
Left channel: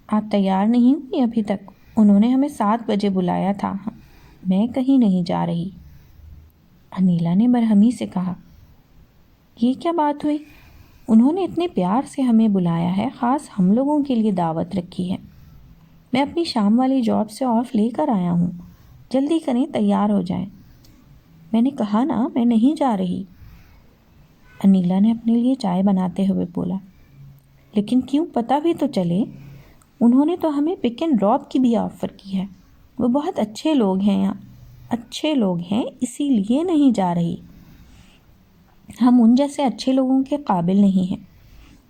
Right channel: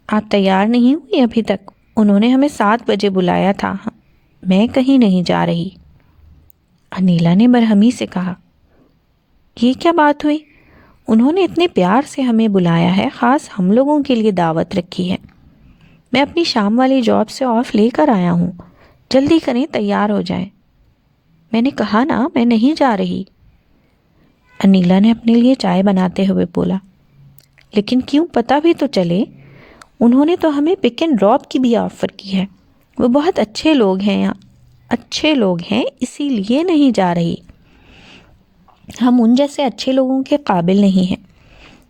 آپ تیار نہیں ہوئی ابھی تک؟ انہوں نے ہمیں 7 بجے بلایا تھا، میں کہیں نہیں جا رہی۔ انیلا نے برہمی سے کہا، یہ کیا بات ہوئی؟ انہوں نے اتنے پیار سے ہمیں بلایا ہے، خاص ہم لوگوں کے لیے دعوت رکھی ہے۔ میں اپنی شام والی جاب سے آف لے کر آیا ہوں، جلدی کریں، تیار ہو جائیں۔ میں نے کہا نا میں نہیں جا رہی۔ انیلا نے اپنے لیے چائے بناتے ہوئے بولا، لیکن کیوں، پتہ بھی تو چلے۔ انہوں نے تو ہمیں پک اینڈ ڈراپ کی بھی آفر کی ہے، وہ بہت اچھے لوگ ہیں، اسی لیے نہیں جا رہی۔ ہم ان جیسے اچھے لوگوں کے قابل نہیں ہیں۔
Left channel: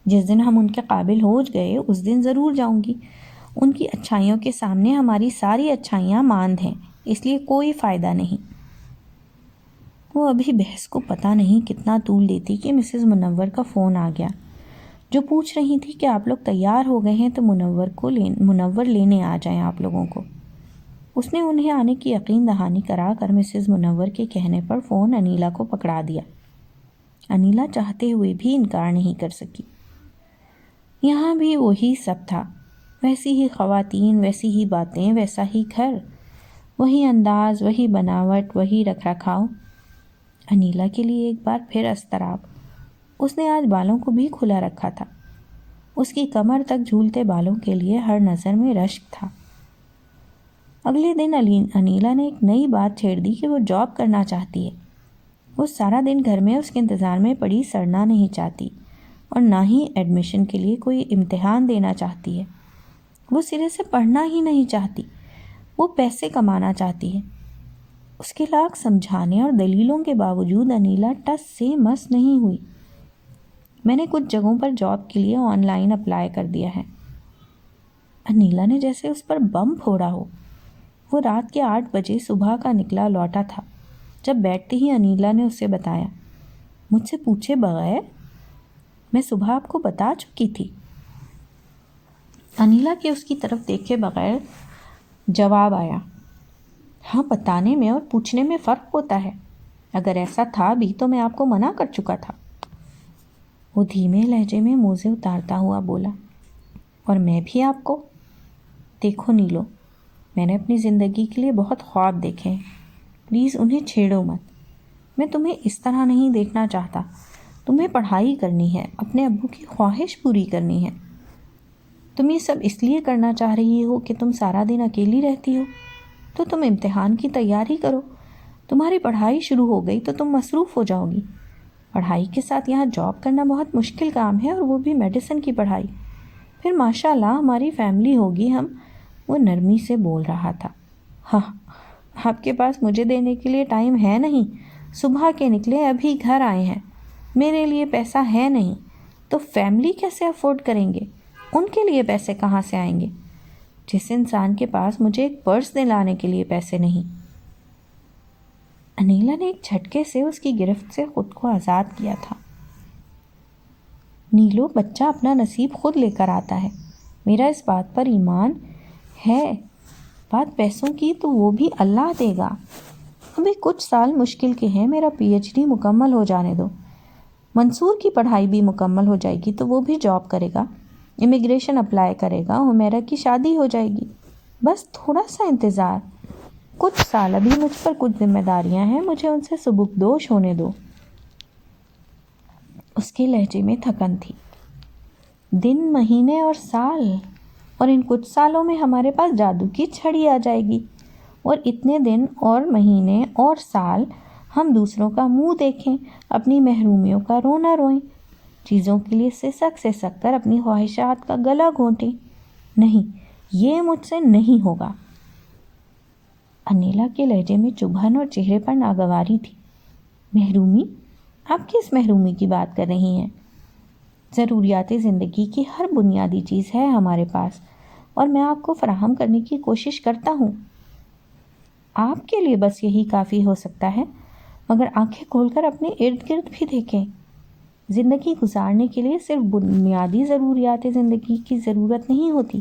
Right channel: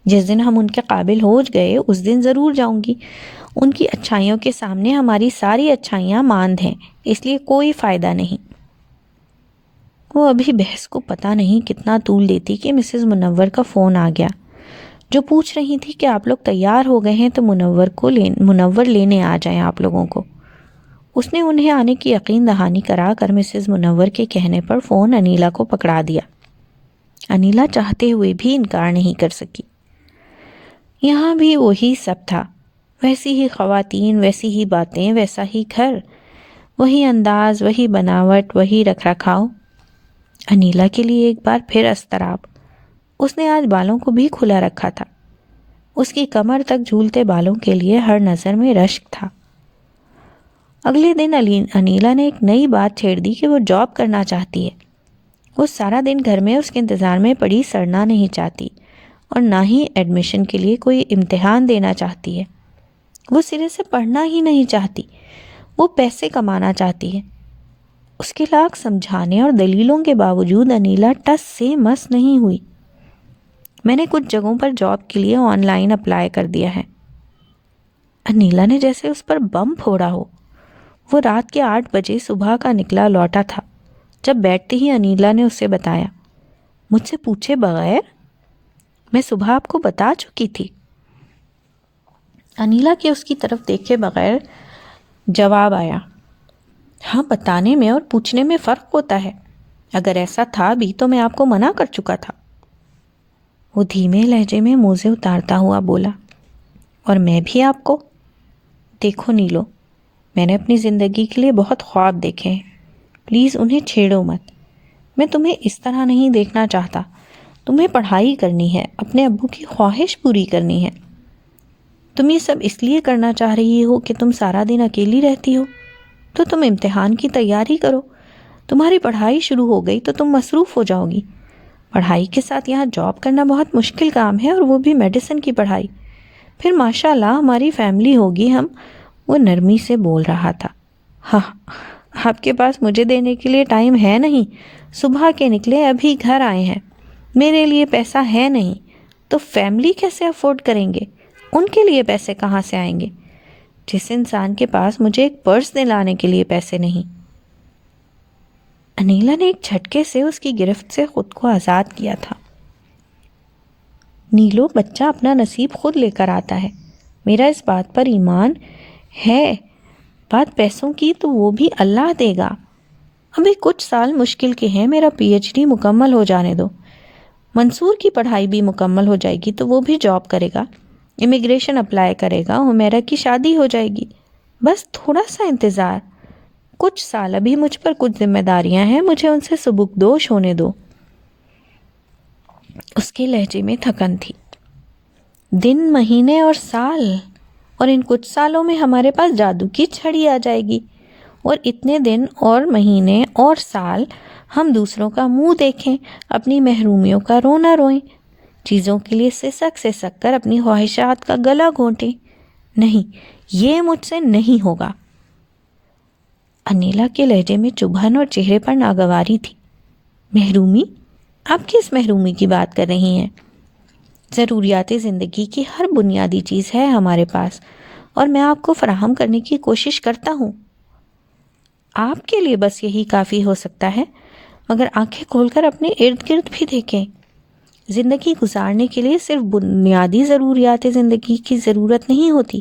جس دن ہم ان کے قابل ہو گئے اس دن ضرور جاؤں گی۔ ان کی اچھائیوں کے سامنے ہماری ساری اچھائیاں ماند ہیں، اس لیے کوئی فائدہ نہیں۔ وہ ابھی بحث کو پتہ نہیں کتنا طول دیتی کہ مسز منور کا فون آ گیا، جو پوچھ رہی تھی کہ آپ لوگ تیار ہو گئے ہیں تو منور لینے آ جائیں آپ لوگوں کو۔ اس نے انہیں آنے کی یقین دہانی کرا کر مسز منور کے کہنے پر فون انیلا کو پکڑا دیا۔ انیلا چاہتے ہوئے بھی انکار نہیں کر سکی۔ یہاں بھی وہی سب تھا، ویسی ہی خواتین، ویسی ہی باتیں، ویسا ہی گھر، وہی انداز، وہی بناوٹ، وہی رکھ رکھاؤ۔ انیلا کے لیے ایک بار پھر اضطراب۔ اس نے آج بالوں کو بھی کھلا رکھا تھا۔ اس کی کمر تک جھولتے بالوں کے لیے ہر نظر میں رشک تھا۔ اگلے دن انیلا نے ایک نئی بات چھیڑ دی کہ وہ جاب کرنا چاہتی ہے۔ وہ سارا دن گھر میں اس کے انتظار میں پڑی سڑنا نہیں چاہتی، اور نہ ہی ایڈمیشن کے لیے کوئی امتحان دینا چاہتی ہے۔ وہ سرے سے پڑھنا ہی نہیں چاہتی، وہ پیسے کمانا چاہتی ہے۔ اس کے لاکھ سمجھانے اور دلیلوں کے باوجود انیلا ٹس سے مس نہیں ہوئی۔ میں نے کچھ جگہوں پر جاب کے لیے آن لائن اپلائی کر دیا ہے۔ انیلا نے جیسے اس پر بم پھوڑا ہو۔ وہ رات کے 8 بجے صبح کا نکلا لوٹا تھا۔ جب بیٹھتے ہی انیلا نے اسے بتایا، مجھ سے پوچھے بغیر؟ میں صبح آپ کو بتا چکی تھی۔ انیلا کے اس کی طرف دیکھے بغیر جواب آیا، ہاں، بتانے میں اور پوچھنے میں فرق ہوتا ہے۔ اگر ایسا تھا بھی تو میں آپ کو منع کر چکا تھا۔ وہ دھیمے لہجے میں موزے اتارتا ہوا بولا، اور میں بھی آپ کو؟ دیکھو نیلو، میں نے اپنی زندگی کے لیے بہت خواب دیکھے ہیں، پلیز انہیں چھیڑو مت۔ میں تمہیں اس طرح نہیں دیکھنا چاہتا۔ تمہیں پڑھائی کرنی ہے، اپنے ابو کی خواہش پوری کرنی ہے۔ تم یہ سب اس لیے کرنا چاہ رہی ہو کہ تم سارا دن اکیلی رہتی ہو، تو تم امتحان کی تیاری کرو۔ تمہاری پڑھائی شروع ہو گئی تو تم مصروف ہو جاؤ گی۔ پڑھائی کے ساتھ یہاں جاب کرنا بہت مشکل کام ہے، اور وہ بھی میڈیسن کی پڑھائی۔ پھر ماشاء اللہ ہماری فیملی ہوگی۔ وہ نرمی سے بول رہا تھا۔ ہاں، آپ کے پاس مجھے دینے کے لیے ٹائم ہے نہیں۔ صبح کے نکلے ابھی گھر آئے ہیں، میرے لیے پیسہ ہے نہیں، تو فیملی کیسے افورڈ کریں گے؟ ان کے لیے پیسے کہاں سے آئیں گے؟ جس انسان کے پاس مجھے ایک پرس دلانے کے لیے پیسے نہیں۔ انیلا نے ایک جھٹکے سے اس کی گرفت سے خود کو آزاد کیا تھا۔ نیلو، بچہ اپنا نصیب خود لے کر آتا ہے، میرا اس بات پر ایمان ہے۔ بات پیسوں کی تو وہ بھی اللہ دے گا۔ ابھی کچھ سال مشکل کے ہیں، میرا پی ایچ ڈی مکمل ہو جانے دو۔ منصور کی پڑھائی بھی مکمل ہو جائے گی تو وہ بھی جاب کرے گا، امیگریشن اپلائی کرے گا، عمیرہ کی شادی ہو جائے گی۔ بس تھوڑا سا انتظار، کچھ سال۔ ابھی مجھ پر کچھ ذمہ داریاں ہیں، مجھے ان سے سبکدوش ہونے دو۔ اس کے لہجے میں تھکن تھی۔ دن، مہینے اور سال، اور ان کچھ سالوں میں ہمارے پاس جادو کی چھڑی آ جائے گی، اور اتنے دن اور مہینے اور سال ہم دوسروں کا منہ دیکھیں، اپنی محرومیوں کا رونا روئیں، چیزوں کے لیے سسک کر اپنی خواہشات کا گلا گھونٹیں۔ نہیں، یہ مجھ سے نہیں ہوگا۔ انیلا کے لہجے میں چبھن اور چہرے پر ناگواری تھی۔ محرومی؟ آپ کس محرومی کی بات کر رہی ہیں؟ ضروریات زندگی کی ہر بنیادی چیز ہے ہمارے پاس، اور میں آپ کو فراہم کرنے کی کوشش کرتا ہوں۔ آپ کے لیے بس یہی کافی ہو سکتا ہے، مگر آنکھیں کھول کر اپنے ارد گرد بھی دیکھیں۔ زندگی گزارنے کے لیے صرف بنیادی ضروریات زندگی کی ضرورت نہیں ہوتی،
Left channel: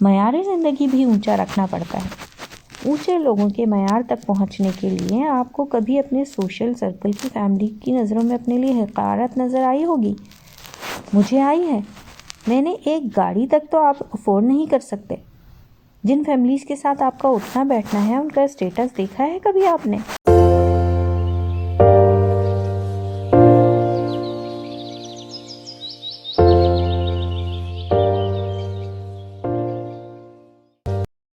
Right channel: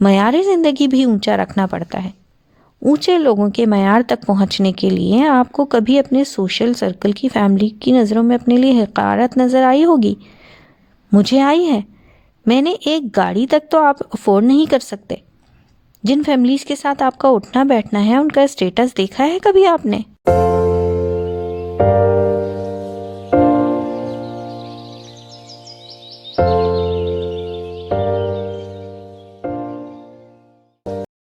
معیار زندگی بھی اونچا رکھنا پڑتا ہے۔ اونچے لوگوں کے معیار تک پہنچنے کے لیے آپ کو کبھی اپنے سوشل سرکل کی فیملی کی نظروں میں اپنے لیے حقارت نظر آئی ہوگی۔ مجھے آئی ہے۔ میں نے ایک گاڑی تک تو آپ افورڈ نہیں کر سکتے۔ جن فیملیز کے ساتھ آپ کا اٹھنا بیٹھنا ہے، ان کا اسٹیٹس دیکھا ہے کبھی آپ نے؟